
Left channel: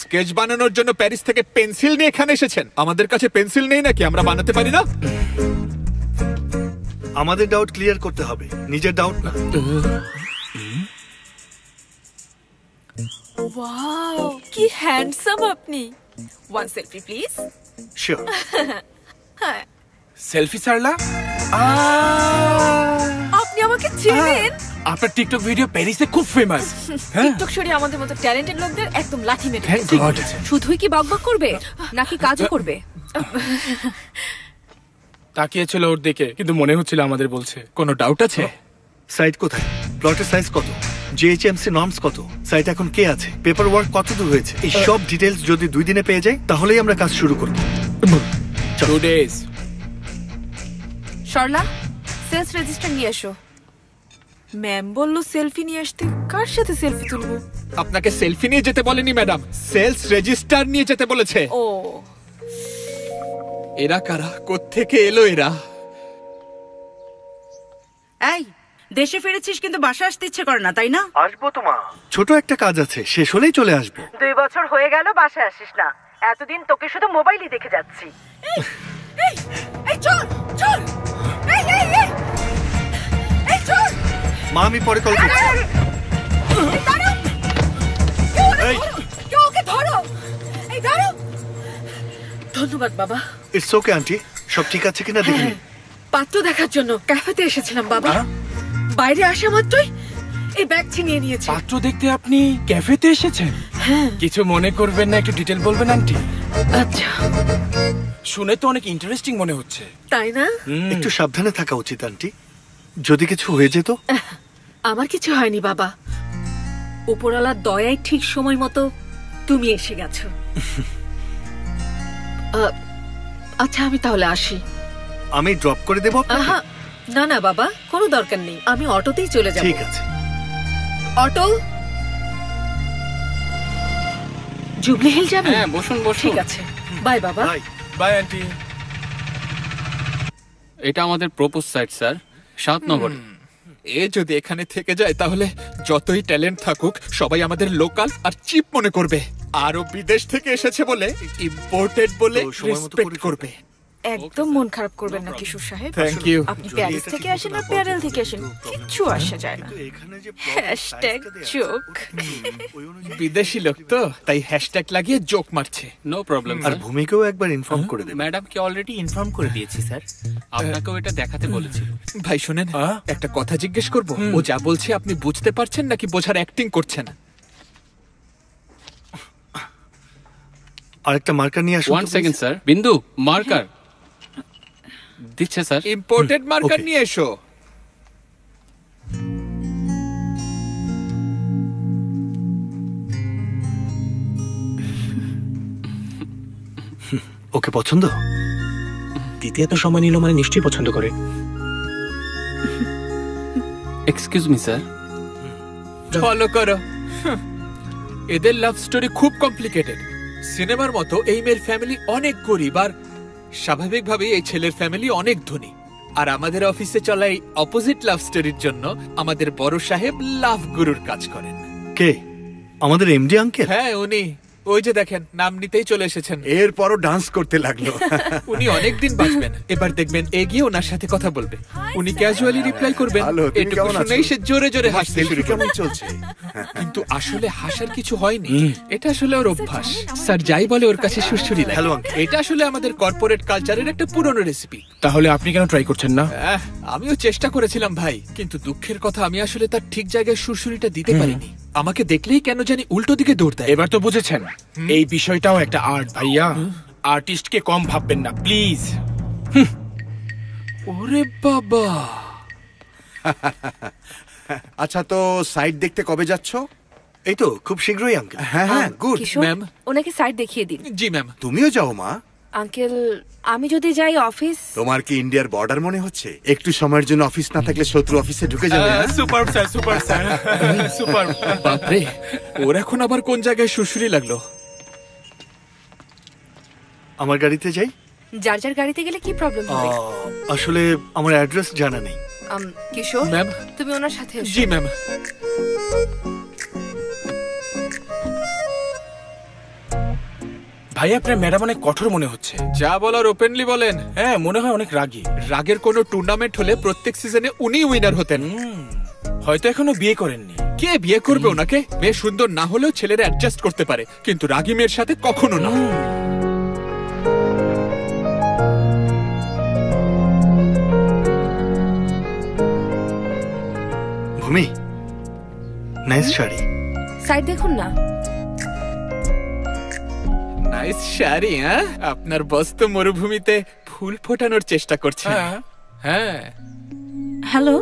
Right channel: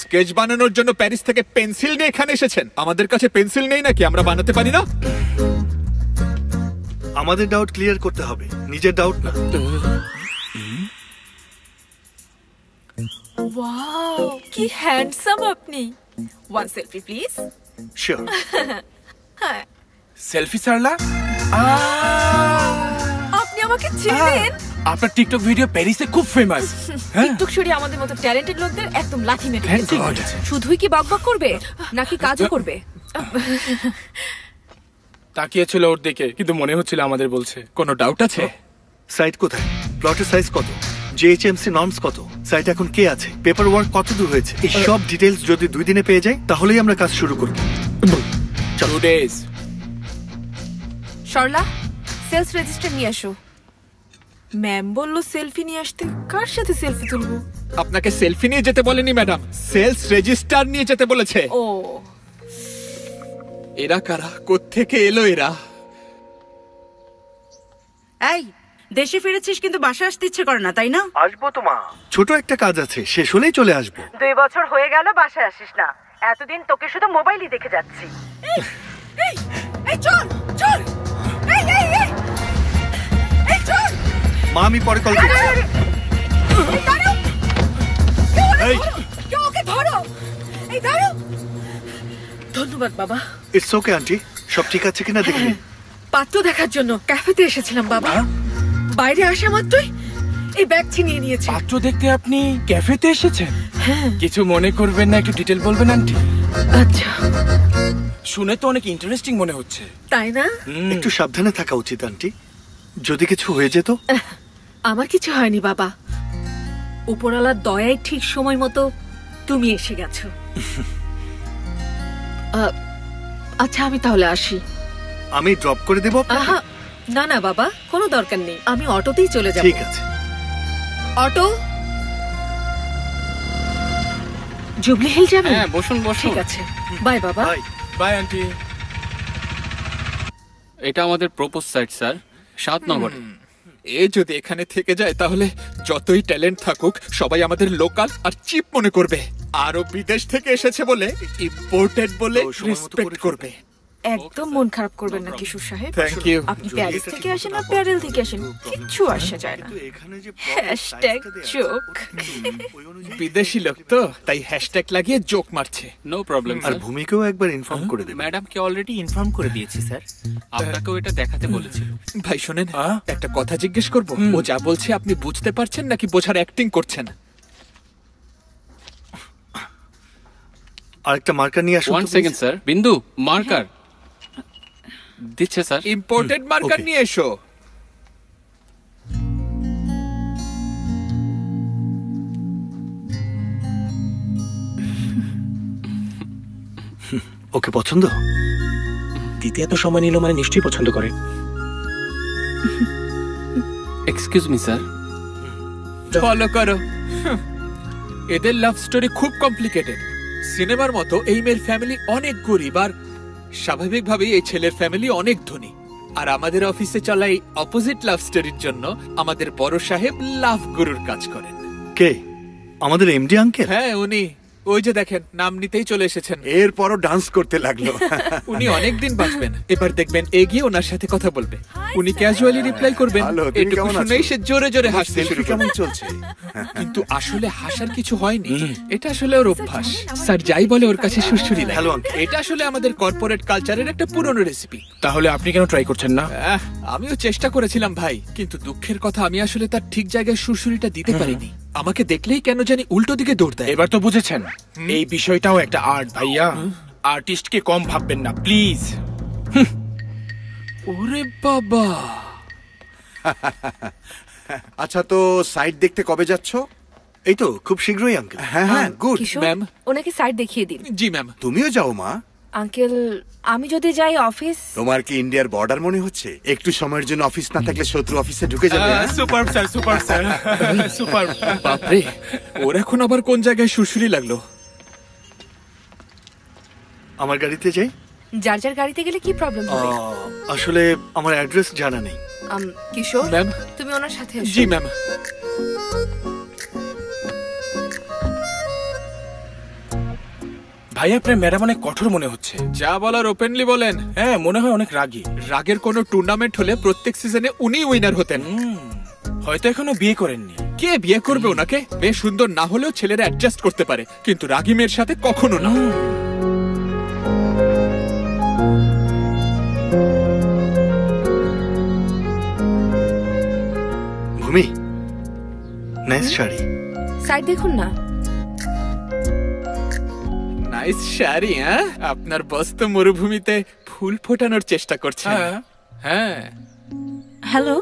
স্কেচ বানানোর জন্য প্যারিস থেকে পেন্সিল নিয়ে এখানে এসেছেন? আমাদের কাছে পেন্সিল নেই নাকি? আমরা বানাতে পারি না? আমাদের ডাউট ক্লিয়ার করতে হবে, নিজের ডাউট না। ওয়াও, কি হ্যান্ডসাম আপনি। One selfie please. শিওর। হ্যাঁ, সেলফি সারলা? আপনি আমাকে চেনেন? আপনার টিকটক ভিডিও প্যারিসে খুব ফেমাস। টিকটক সরিয়ে আমাদের মতো ট্যালেন্টেড লোকদের একদম লাথি মেরে দিয়েছে। শুধুই কি বকবক করবে নাকি কাজও করবে? তাকিয়েছিল ওর দিকে, কিন্তু মনে হচ্ছিল আমাদের বলছে। কোনো ডাউট আছে? সাইট কোথায়? প্লটের সাইজ কত? জিএইচএমসি নর্মস কত? সাইট এখন কে আছে? পেপার ওয়ার্ক কত দূর হয়েছে? এই সব ডিটেলস যদি 2 দিনে পেয়ে যাই তাহলেই আমরা কাজ শুরু করব। 2 days। সরলা, সেলস রেজিস্টার নিয়ে এসো। ম্যাম বলল সেলফি নিয়ে আসতে। কার সাথে সেলফি তুলবো? আপনাকে সেলফি নিয়ে যেতে বলেনি ম্যাডাম, সেলস রেজিস্টার নিয়ে যেতে বলেছে। ও, এরা কারা? কোত্থেকে এলো এরা? এই, দেশে ফিরেছিস কিন্তু বাসা আসতে ইচ্ছে করে না, তাই না? আসবো তো মা, ছোট একটা কাজ আছে, শেষ হলেই চলে আসবো। 2 বছর হয়ে গেল বাসায় আসিস না। এতদিন তোকে শুধু মোবাইলই দেখে যাচ্ছি। এই চল চল, এই এই এই এই চল। মা, আমি পরে কল করছি। এই দাঁড়াও, কেউ ওকে ধরো। এই দাঁড়াও। ধন্যবাদ বাবা। ইটস ওকে আন্টি, সব ঠিক আছে কিনা দেখি। পাত্র দেখার জন্য ক্যাফেতে এসেছিলাম বাবা। বাইরে আসা মাত্রই এই ব্যাগ ছিনিয়ে নিয়েছে। পাত্র দেখতে আপনি ক্যাফেতে এসেছেন? হ্যাঁ। কিছু মনে করবেন না, একটু ডিটেল বলবেন আন্টি? আচ্ছা। শুনে তো অনেক ইন্টারেস্টিং মনে হচ্ছে। তাই না? একটু সাবধানে থাকা উচিত আন্টি, যদি কিছু হয়ে যেত। আমার কিছু হয়নি বাবা, উপরওয়ালার দয়ায় ঠিক সময় মতো তুমি এসে গেছো। আচ্ছা, আমি তাহলে আসি। আমি ড্রপ করে দেব। না না বাবা, কোনো দরকার নেই, আমি অটোতেই চলে যাব। ঠিক আছে। অটো জুবলি হিল যাবে? হ্যাঁ, বসুন বসুন। ঠিক আছে, বাই বাবা। By aunty. এটা আমাদের প্রপোজ সাইট স্যার, 7 নগরে। এ যদি এখানে থেকে যায় তাহলে যতই ট্যালেন্ট থাকুক সবাই আমাদের লোকাল আর চিপ মনে করবে। আরো বিদেশ থেকে এসেছে বলে ইম্পোর্টেড বলে রেসপেক্ট করবে। একদম মন খারাপ করবেন না কিশোর সাহেব। Thank you. আপনি প্যারিস থেকে আসেন আর প্যারেল থেকে আসেন, কিচ্ছু আসা যায় না। #জোক। বিদেশি লোক তো, তাই হ্যাশট্যাগ লাগিয়ে জোক মারছে। No problem. আর ভূমিকেও একবার ইনফর্ম করে দেব। ম্যাডামকে অলরেডি ইনফর্ম করে দিয়েছি স্যার, আপনাকেও এটা দেখাতে বলেছিল। ভাই শুনেন, একটা কথা জিজ্ঞেস করব? ও যা বলছে আপনি বুঝতে পারছেন নাকি বোঝার অ্যাক্টিং করছেন? আরেকটা মার্কার নিয়ে আসুন। 1 সেকেন্ড স্যার। বিন্দু, মার্কার দিচ্ছে স্যার। ইম্পোর্টেড মার্কার নিয়ে এসো। ওকে পছন্দ? দিতে এত সময় নিল মানে নিশ্চয়ই পছন্দ করে। Excuse me sir. ফলো করো। এদের লাভ স্টোরি খুব কমপ্লিকেটেড। সিনেমার মতো এই মেয়ের ফ্যামিলি অনেক গরিব আর স্বাভাবিকভাবেই এই ছেলের ফ্যামিলি অনেক ধনী। আর আমাদের অফিসে চলা এই অপোজিট লাভ স্টোরির জন্য আমাদের বড় সাহেব লাভ গুরুর কাজ করেন। কে? আমাদের এমডি আঙ্কেল? হ্যাঁ, উনি। ওই যে দেখেন, নাম নিতেই চলে এসেছেন। এরপরও ডান্স করতে লাগলো। উনি অনেক দিন বাঁচবেন। এবার দেখবেন এগিয়ে ওনার সাথে কথা বলবে। উনি ক্যাজুয়ালি রিপ্লাই করবেন। এটুকু শুনেই সে জোরে জোরে হাসতে শুরু কেমন করবে। চলছে? কিন্তু আসলে হাসার কিছু হয়নি। এটা আসলে ওর অভ্যাস। স্যার যাই বলে ওর কাছে সুরসুরি লাগে। এটা আসলে আমাদের কর্পোরেট কালচারের একটা পুরনো রেসিপি। তাহলে আপনি কেন ট্রাই করছেন না? আমিও চেষ্টা করেছিলাম ভাই, কিন্তু দুঃখের কথা আমি আসলে তার ঠিক জায়গায় সুরসুরিটা দিতে পারিনি। আমাকে দেখলেই কেন জানি উল্টো দিকে দৌড় দেয়। এবার তো বুঝেছেন, এই বিষয়টাও একটা আর্ট ভাইয়া। আর্টিস্টকে কম ভাববেন না প্লিজ। ওরে বাবা। আচ্ছা, তো সাইট দেখতে কবে যাচ্ছ? এই তো খুব শীঘ্রই আঙ্কেল। হ্যাঁ হ্যাঁ, গুড। ম্যাম, ওনাকে সাইট দেখিয়ে দিন। জি ম্যাম। তুমিও যাও মা। আঙ্কেল, আমি যদি যাই অফিস। তোমার কি ইন্ডিয়ার বর্ডার মনে হচ্ছে? একটু সময়ের জন্য অফিস না থাকলে শত্রু অফিসে ঢুকে যাবে। Super sir, super sir, super. বাপরে, ওর এখন আবার কোন জায়গায় সুরসুরি লাগলো? আমার গাড়িতে যাই? যার যার গাড়িতে গেলে কি প্রবলেম হবে? আসলে আমার অ্যাড্রেস জানা নেই। কিশোর ম্যাম, তুমি ওনার সাথে এসো। জি ম্যাম। ভাই, আপনার ম্যাডাম অনেক কঠোর মনে হচ্ছে। যা বলার ওপেনলি বলেন। হ্যাঁ, মনে হয় অনেক রাগী। রাগের কোনো টুর্নামেন্ট হলে প্রত্যেক সিজনে উনি উইনার হতেন। হয়তো এখনো বিয়ে করেননি। কে বিয়ে করবে ওনাকে? মেয়ে সুন্দর না হলেও ছেলেরা অ্যাডজাস্ট করতে পারে, কিন্তু রাগী মেয়ের সাথে কখনো না। ভূমি, নাইস শাড়ি। সাইড দেখুন না। নাইস শাড়ি। হ্যাঁ, আপনার বস তো মরুভূমিতে ফুল ফোটানোর চেষ্টা করছেন। হ্যাঁ। হ্যালো।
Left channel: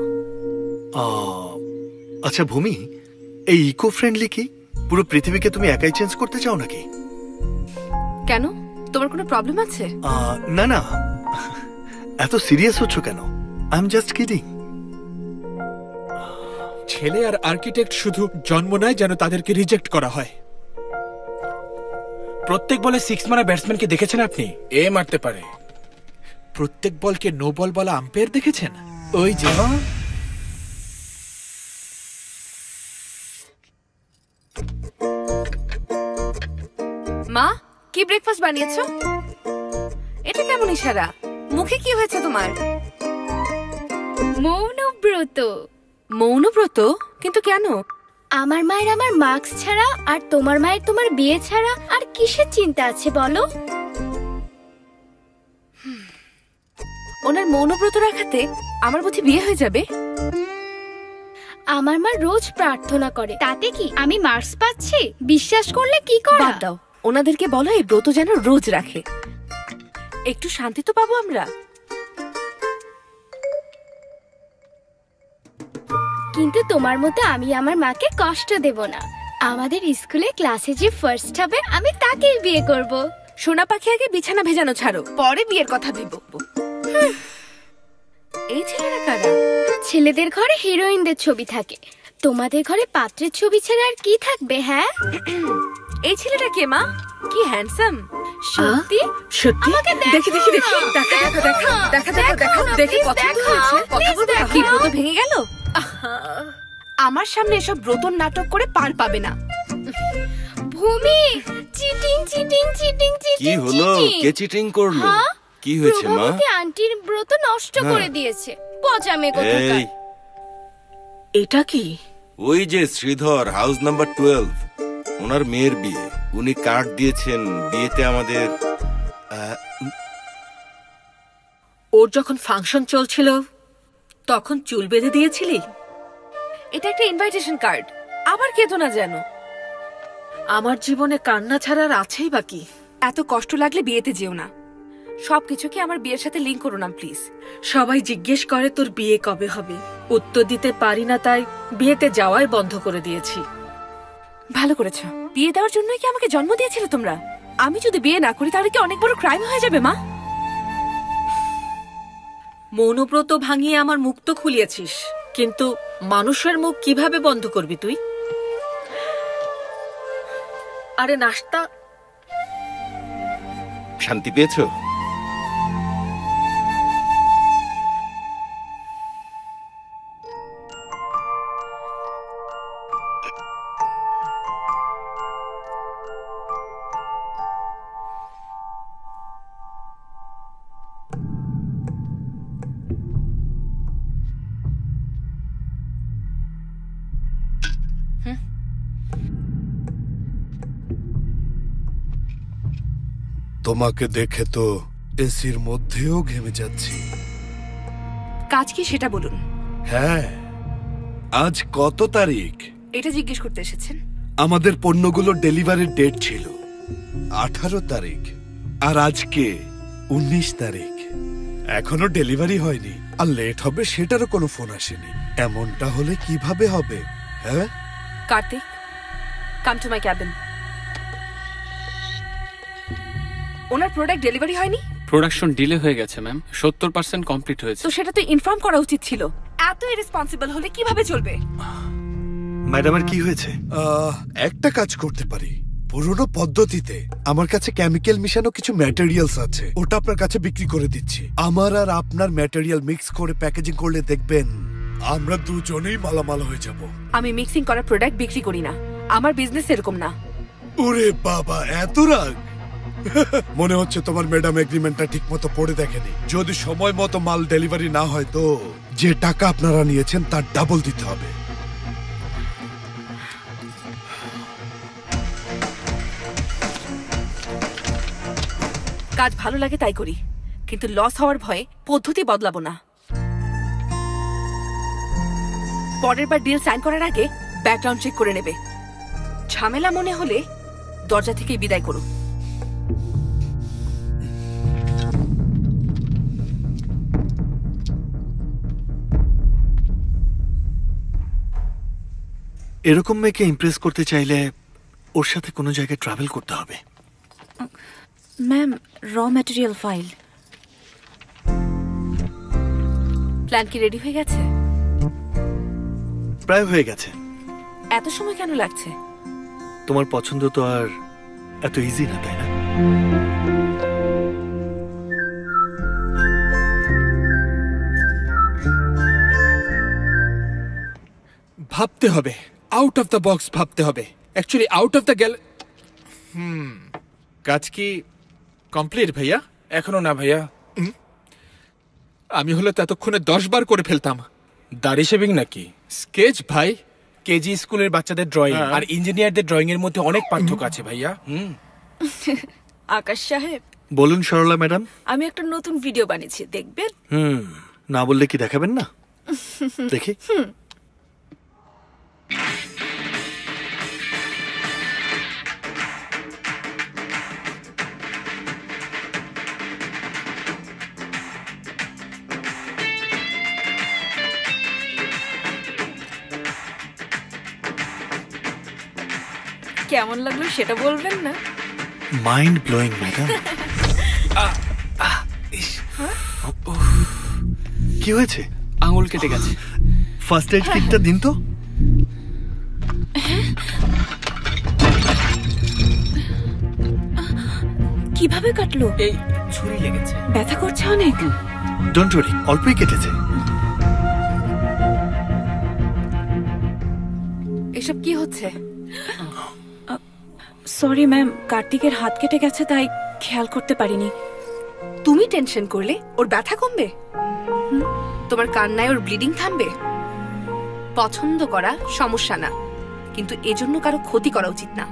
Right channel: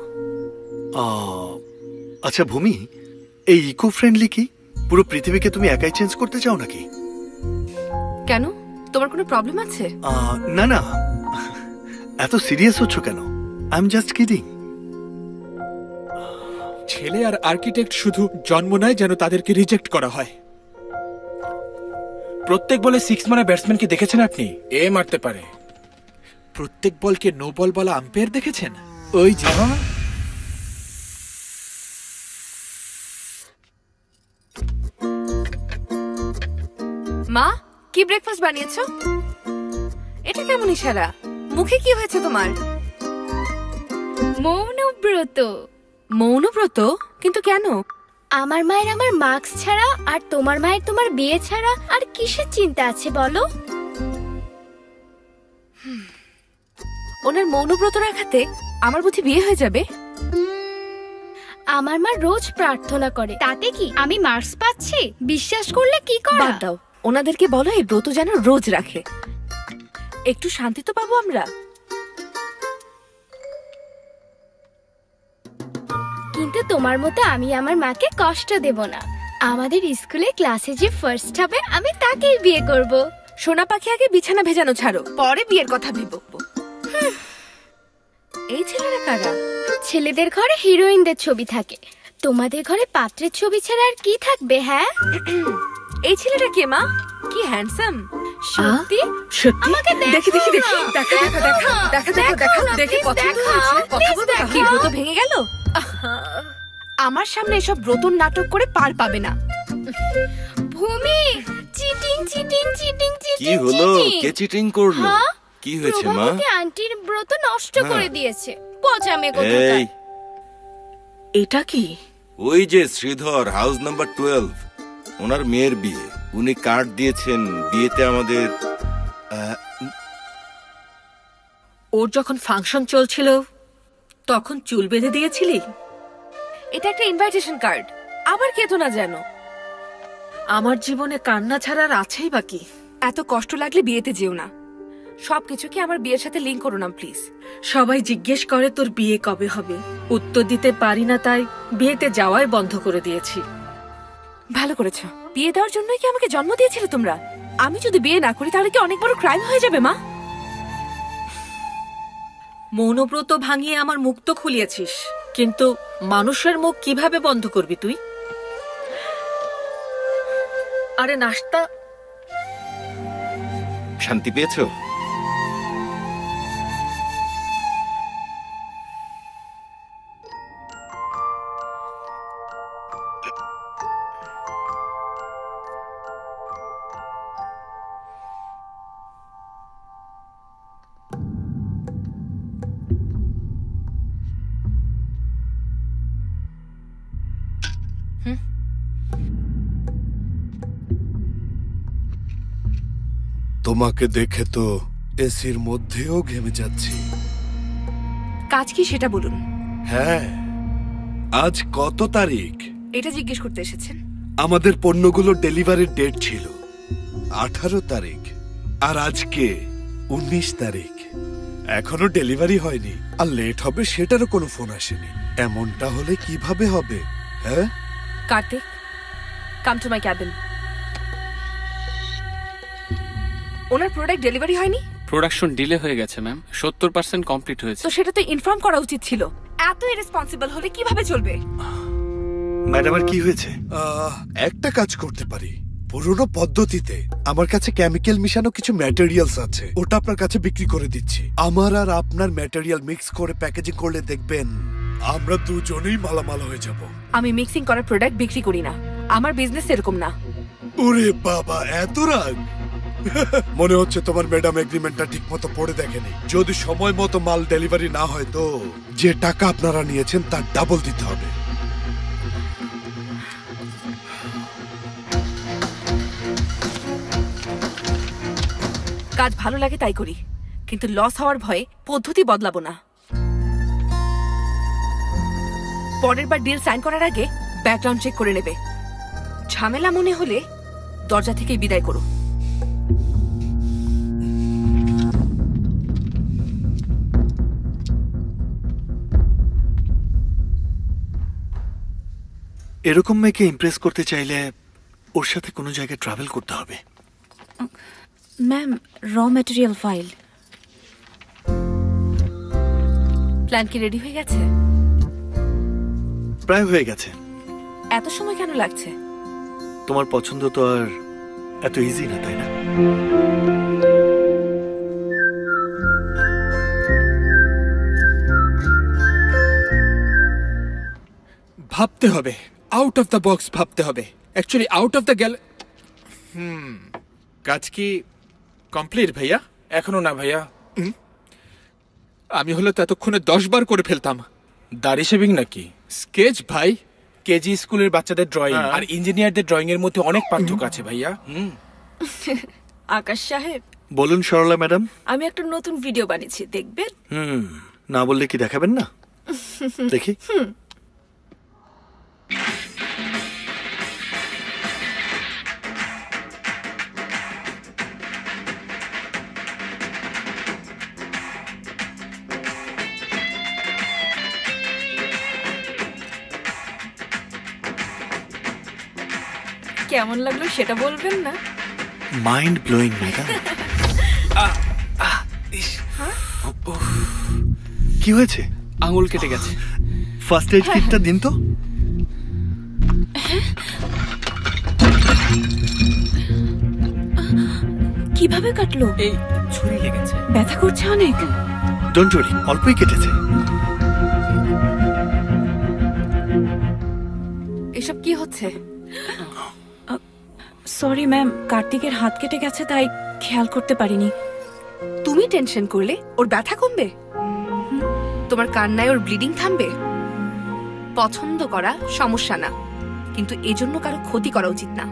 আচ্ছা ভূমি, এই ইকো ফ্রেন্ডলি কি? পুরো পৃথিবীকে তুমি একাই চেঞ্জ করতে চাও নাকি? কেন, তোমার কোনো প্রবলেম আছে? না না, এত সিরিয়াস হচ্ছ কেন? I am just kidding. ছেলে আর আর্কিটেক্ট শুধু জন্ম নেয় যেন তাদেরকে রিজেক্ট করা হয়। প্রত্যেক বলে 6 মারা ব্যাটসম্যানকে দেখেছেন আপনি? এ মারতে পারে। প্রত্যেক বলকে নো বল বলা আম্পায়ার দেখেছেন? ওই যে। মা, কি ব্রেকফাস্ট বানিয়েছো? এটা কেমন ইশারা? মুখে কি হয়েছে তোমার? মৌনব্রত। মৌনব্রত? কিন্তু কেন? আমার মায়ের আমার মার্কস ছাড়া আর তোমার মায়ের তোমার বিয়ে ছাড়া আর কিসের চিন্তা আছে বলো? ওনার মৌনব্রত রাখাতে আমার বুঝি বিয়ে হয়ে যাবে? আমার মা রোজ প্রার্থনা করে, তাতে কি আমি মার্কস পাচ্ছি? বিশ্বাস করলে কি করা? বাদ দাও, ওনাদেরকে বলো এই ব্রত যেন রোজ রাখে। একটু শান্তি তো পাবো আমরা। কিন্তু তোমার মতো আমি আমার মাকে কষ্ট দেব না। আমাদের স্কুলে ক্লাসে যে ফার্স্ট হবে আমি তাকেই বিয়ে করব। সোনা পাখি, আগে বিছানা ভেজানো ছাড়ো, পরে বিয়ের কথা ভেবো। এই ছেলেরা কারা? ছেলেদের ঘরে হিরোইনদের ছবি থাকে, তোমাদের ঘরে পাত্রের ছবি ছাড়া আর কি থাকবে? হ্যাঁ। এই ছেলেটা কে মা? কি হ্যান্ডসাম। সত্যি? সত্যি? আমাকে দেখি দেখি দেখি, দেখা দেখা দেখা দেখা দেখা দেখা দেখে পছন্দ হয়েছে। কথা বলবো? কি ব্রত ভেঙে গেল? আমার সামনে এসব ব্রতর নাটক করে পার পাবে না। ভূমি, চিটিং চিটিং চিটিং চিটিং। কি হলো? কে চিটিং করলো? কি হয়েছে মা? প্রভাবতী আন্টির ব্রত নষ্ট করে দিয়েছে। পচা মেয়ে কোথাকার। এই, এটা কি? ওই যে শ্রীধর, হাউস নাম্বার 12, ওনার মেয়ের বিয়ে। উনি কার্ড দিয়েছেন বিয়েতে আমাদের। ওর যখন ফাংশন চলছিল তখন চুল বেঁধে দিয়েছিলি? এটা একটা ইনভাইটেশন কার্ড, আবার কেতো না যেন। আমার জীবনে কান্না ছাড়া আর আছেই বাকি। এত কষ্ট লাগলে বিয়েতে যেও না। সবকিছুকে আমার বিয়ের সাথে লিংক করো না প্লিজ। সবাই জিজ্ঞেস করে তোর বিয়ে কবে হবে, উত্তর দিতে পারি না, তাই বিয়েতে যাওয়াই বন্ধ করে দিয়েছি। ভালো করেছো। বিয়ে দেওয়ার জন্যই কি আমাকে জন্ম দিয়েছিলে তোমরা? আমি যদি বিয়ে না করি তাহলে কি অনেক বড় ক্রাইম হয়ে যাবে মা? মৌনব্রত ভাঙিয়ে আমার মুখ তো খুলিয়েছিস, কিন্তু মানুষের মুখ কিভাবে বন্ধ করবি তুই? আরে নাস্তা। শান্তি পেয়েছো? তোমাকে দেখে তো এসির মধ্যেও ঘেমে যাচ্ছি। কাজ কি সেটা বলুন। হ্যাঁ, আজ কত তারিখ? এটা জিজ্ঞেস করতে এসেছেন? আমাদের পণ্যগুলোর ডেলিভারির ডেট ছিল 18 তারিখ, আর আজকে 19 তারিখ। এখনো ডেলিভারি হয়নি, আর লেট হবে সেটারও কোনো ফোন আসেনি। এমনটা হলে কিভাবে হবে? হ্যাঁ Kartik, come to my cabin. ওনার প্রোডাক্ট ডেলিভারি হয়নি? প্রোডাকশন ডিলে হয়ে গেছে ম্যাম, 70% কমপ্লিট হয়েছে। তো সেটা তো ইনফর্ম করা উচিত ছিল। এত ইরেসপন্সিবল হলে কিভাবে চলবে? ম্যাডামের কি হয়েছে? একটা কাজ করতে পারি, পুরোনো পদ্ধতিতে আমার কাছে কেমিক্যাল মিশানো কিছু ম্যাটেরিয়ালস আছে, ওটা আপনার কাছে বিক্রি করে দিচ্ছি। আমার আর আপনার ম্যাটেরিয়াল মিক্স করে প্যাকেজিং করলে দেখবেন আমরা দুজনেই মালামাল হয়ে যাব। আমি মিক্সিং করা প্রোডাক্ট বিক্রি করি না, আমার বিজনেস এরকম না। ওরে বাবা, এত রাগ! মনে হচ্ছে তোমার ম্যাডাম এগ্রিমেন্টটা ঠিক মতো পড়ে দেখেনি। যদি সময় মতো মাল ডেলিভারি না হয় তো যে টাকা আপনারা নিয়েছেন তার ডাবল দিতে হবে। কাজ ভালো লাগে তাই করি, কিন্তু লস হওয়ার ভয়ে পদ্ধতি বদলাবো না। পরের বার ডিল সাইন করার আগে ব্যাকগ্রাউন্ড চেক করে নেবে। ঝামেলা মনে হলে দরজা থেকেই বিদায় করো। এরকম মেয়েকে ইমপ্রেস করতে চাইলে ওর সাথে কোনো জায়গায় ট্রাভেল করতে হবে। ম্যাম, র ম্যাটেরিয়াল ফাইল। প্ল্যান কি রেডি হয়ে গেছে? প্রায় হয়ে গেছে। এত সময় কেন লাগছে? তোমার পছন্দ তো আর এত ইজি না, তাই না? ভাবতে হবে, আউট অফ দ্য বক্স ভাবতে হবে। অ্যাকচুয়ালি আউট অফ দ্য কাজ কি কমপ্লিট ভাইয়া? এখনো না ভাইয়া। আমি হলে তো এতক্ষণে 10 বার করে ফেলতাম। দাড়ি শেভিং নাকি স্কেচ ভাই? কেজি স্কুলের বাচ্চাদের ড্রয়িং আর ইঞ্জিনিয়ারদের ড্রয়িং এর মধ্যে অনেক পার্থক্য আছে ভাইয়া। আকাশ সাহেব, বলুন সরলা ম্যাডাম। আমি একটা নতুন ভিডিও বানিয়েছি, দেখবেন? না বললে কি দেখাবেন না? দেখি। কেমন লাগলো সেটা বলবেন না? Mind blowing madam. কি হয়েছে? আঙুল কেটে গেছে। ফার্স্ট এড কিটটা দিন তো। কিভাবে কাটলো? এই ছুরি লেগেছে। ব্যথা করছে অনেক? ডোন্ট ওয়ারি, অল্পই কেটেছে। এসব কি হচ্ছে? সরি ম্যাম, কার্তিকের হাত কেটে গেছে তাই খেয়াল করতে পারিনি। তুমি টেনশন করলে ওর ব্যথা কমবে? তোমার কান্নায় ওর ব্লিডিং থামবে? পছন্দ করা সমস্যা না, কিন্তু এজন্য কারো ক্ষতি করা উচিত না।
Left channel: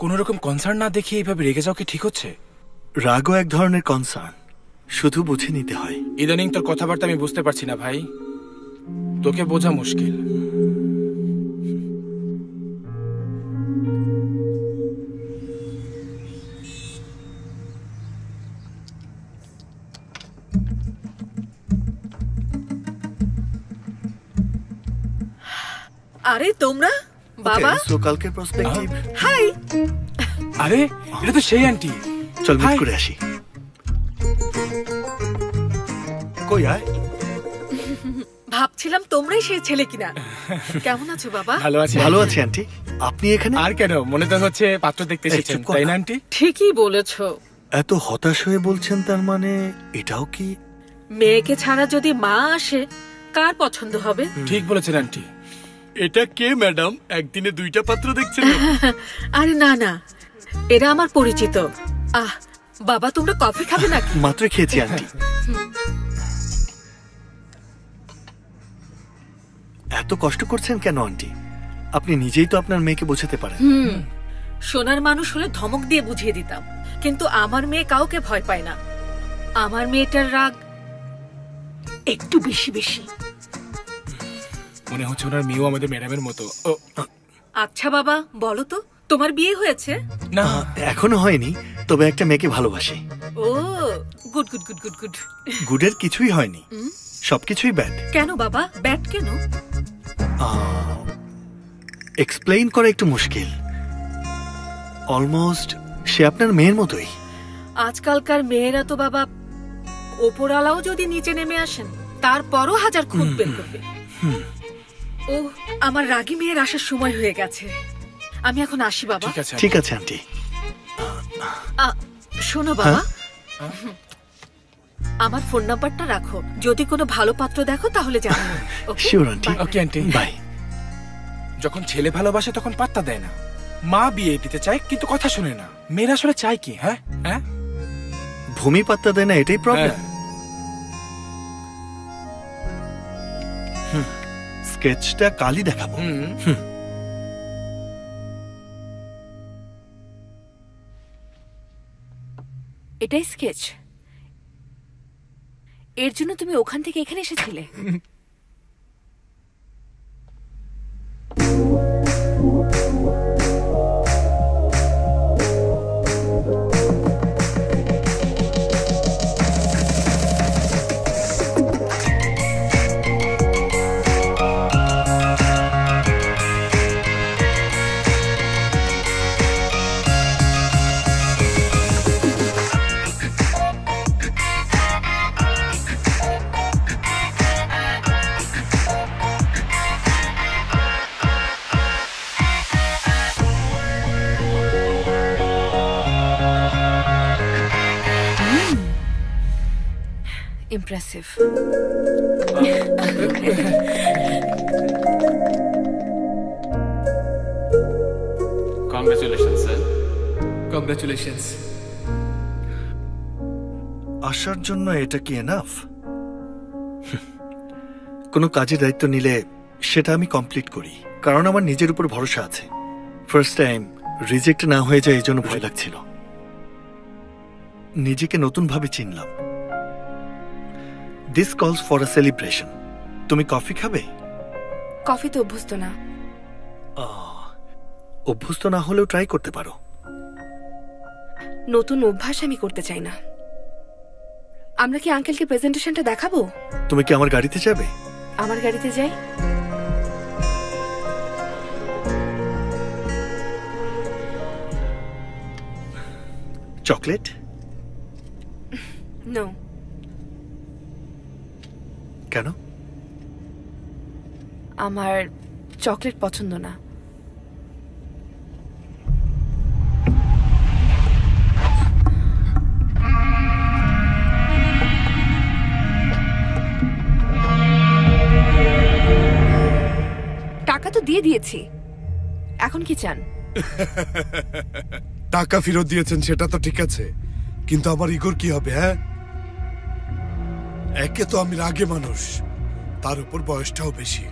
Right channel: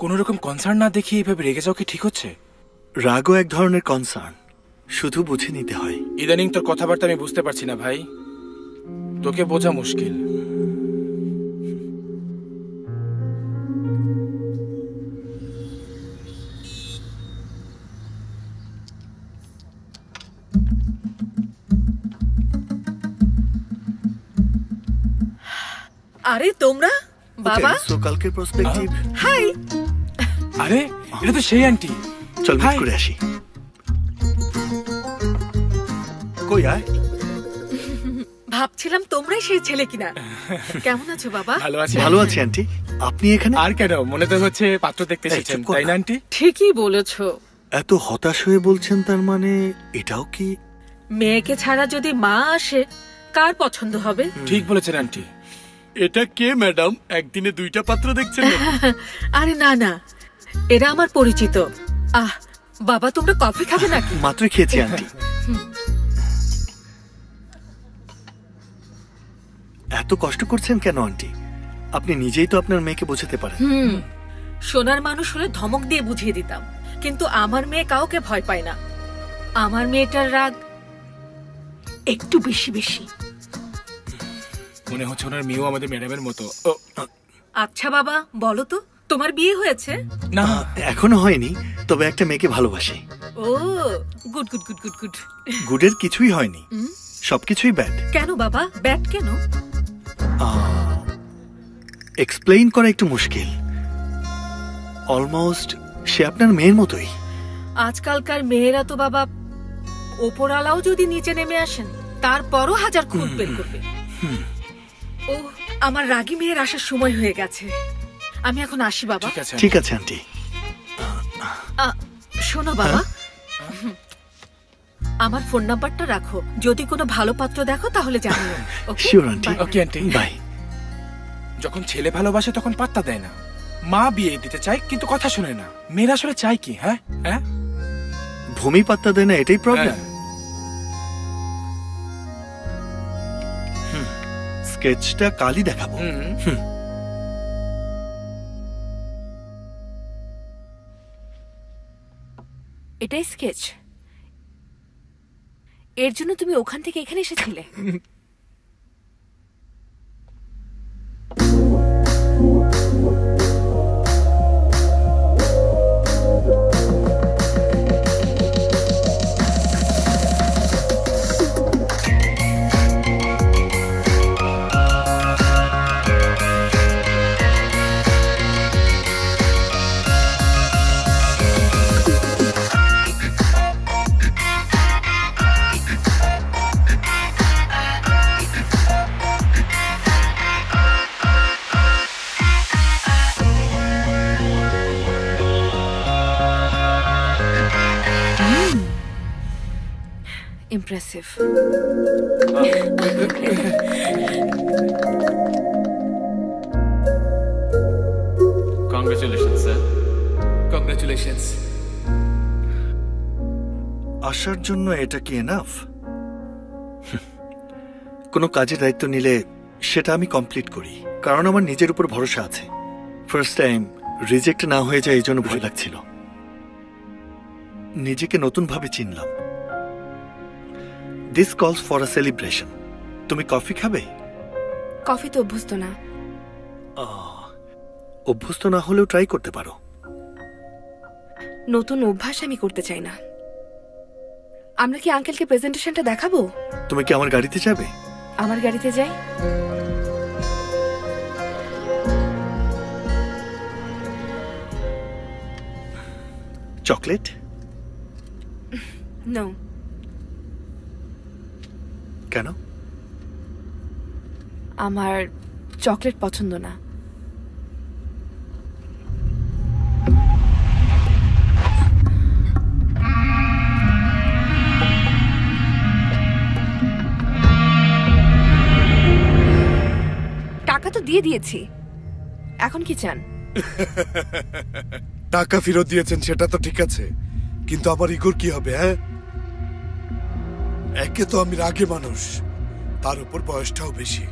কোন রকম কনসার্ন না দেখিয়ে এইভাবে রেগে যাও কি ঠিক হচ্ছে? রাগও এক ধরনের কনসার্ন, শুধু বুঝে নিতে হয়। ইদানিং তোর কথাবার্তা আমি বুঝতে পারছি না ভাই, তোকে বোঝা মুশকিল। আরে তোমরা বাবা, সো কালকের পার্সপেক্টিভ। হাই। আরে এটা তো সেই আন্টি। চল মিট করে আসি। কই আয়? ভাবছিলাম তোমরাই সেই ছেলে কিনা। কেমন আছো বাবা? ভালো আছি। ভালো আছি আন্টি। আপনি এখানে? আর কেন, মনে তো হচ্ছে পাত্র দেখতে এসেছেন, তাই না আন্টি? ঠিকই বলেছো। এত হতাশ হয়ে বলছেন, তার মানে এটাও কি? মেয়েকে ছাড়া যদি মা আসে কার পছন্দ হবে? ঠিক বলেছেন আন্টি। এটা কে ম্যাডাম? একদিনে 2টা পাত্র দেখছেন? আরে না না, এরা আমার পরিচিত। বাবা তোমরা কফি খাবে নাকি? মাত্র খেয়েছি আন্টি। এত কষ্ট করছেন কেন আন্টি? আপনি নিজেই তো আপনার মেয়েকে বোঝাতে পারেন। সোনার মানুষ হলে ধমক দিয়ে বুঝিয়ে দিতাম, কিন্তু আমার মেয়ে কাউকে ভয় পায় না। আমার মেয়েটার রাগ একটু বেশি বেশি। মনে হচ্ছে ওনার মেয়েও আমাদের ম্যাডামের মতো। আচ্ছা বাবা বলো তো, তোমার বিয়ে হয়েছে? না, এখনো হয়নি, তবে একটা মেয়েকে ভালোবাসি। ও good good good good good. গুডের কিছুই হয়নি। সবকিছুই ব্যাড। কেন বাবা, ব্যাড কেন? এক্সপ্লেইন করা একটু মুশকিল। অলমোস্ট সে আপনার মেয়ের মতোই। আজকালকার মেয়েরা তো বাবা, ওপরালাও যদি নিচে নেমে আসেন তারপরও হাজার খুঁত বের করবে। ও, আমার রাগী মেয়ের আসার সময় হয়ে গেছে, আমি এখন আসি বাবা। ঠিক আছে আন্টি। শোনো বাবা, আমার ফোন নাম্বারটা রাখো, যদি কোনো ভালো পাত্র দেখো তাহলে জানিও। Sure aunty. Okay aunty, bye. যখন ছেলে ভালোবাসে তখন পাত্তা দেয় না। মা বিয়ে দিতে চায় কিন্তু কথা শুনে না। মেয়েরা আসলে চায় কি? হ্যাঁ হ্যাঁ, ভূমি পাত্তা দেয় না, এটাই প্রবলেম। স্কেচটা কালই দেখাবো। এটাই স্কেচ? এর জন্য তুমি ওখান থেকে এখানে এসেছিলে? Impressive. Congratulations, sir. Congratulations. আসার জন্য এটা কি এনাফ? কোনো কাজের দায়িত্ব নিলে সেটা আমি কমপ্লিট করি, কারণ আমার নিজের উপর ভরসা আছে। ফার্স্ট টাইম রিজেক্ট না হয়ে যায় এই জন্য ভয় লাগছিল। নিজেকে নতুনভাবে চিনলাম। দিস কলস ফর আ সেলিব্রেশন। তুমি কফি খাবে? কফি তো অভ্যস্ত না। অভ্যস্ত না হলেও ট্রাই করতে পারো। নতুন অভ্যাস আমি করতে চাই না। আমরা কি আঙ্কেলকে প্রেজেন্টেশনটা দেখাবো? তুমি কি আমার গাড়িতে যাবে? আমার গাড়িতে যাই। চকলেট? নো। কেন? আমার চকলেট পছন্দ না। টাকা তো দিয়ে দিয়েছি, এখন কি চান? টাকা ফেরত দিয়েছেন সেটা তো ঠিক আছে, কিন্তু আমার ইগোর কি হবে? হ্যাঁ, একে তো আমি রাগে মানুষ, তার উপর বয়সটাও বেশি।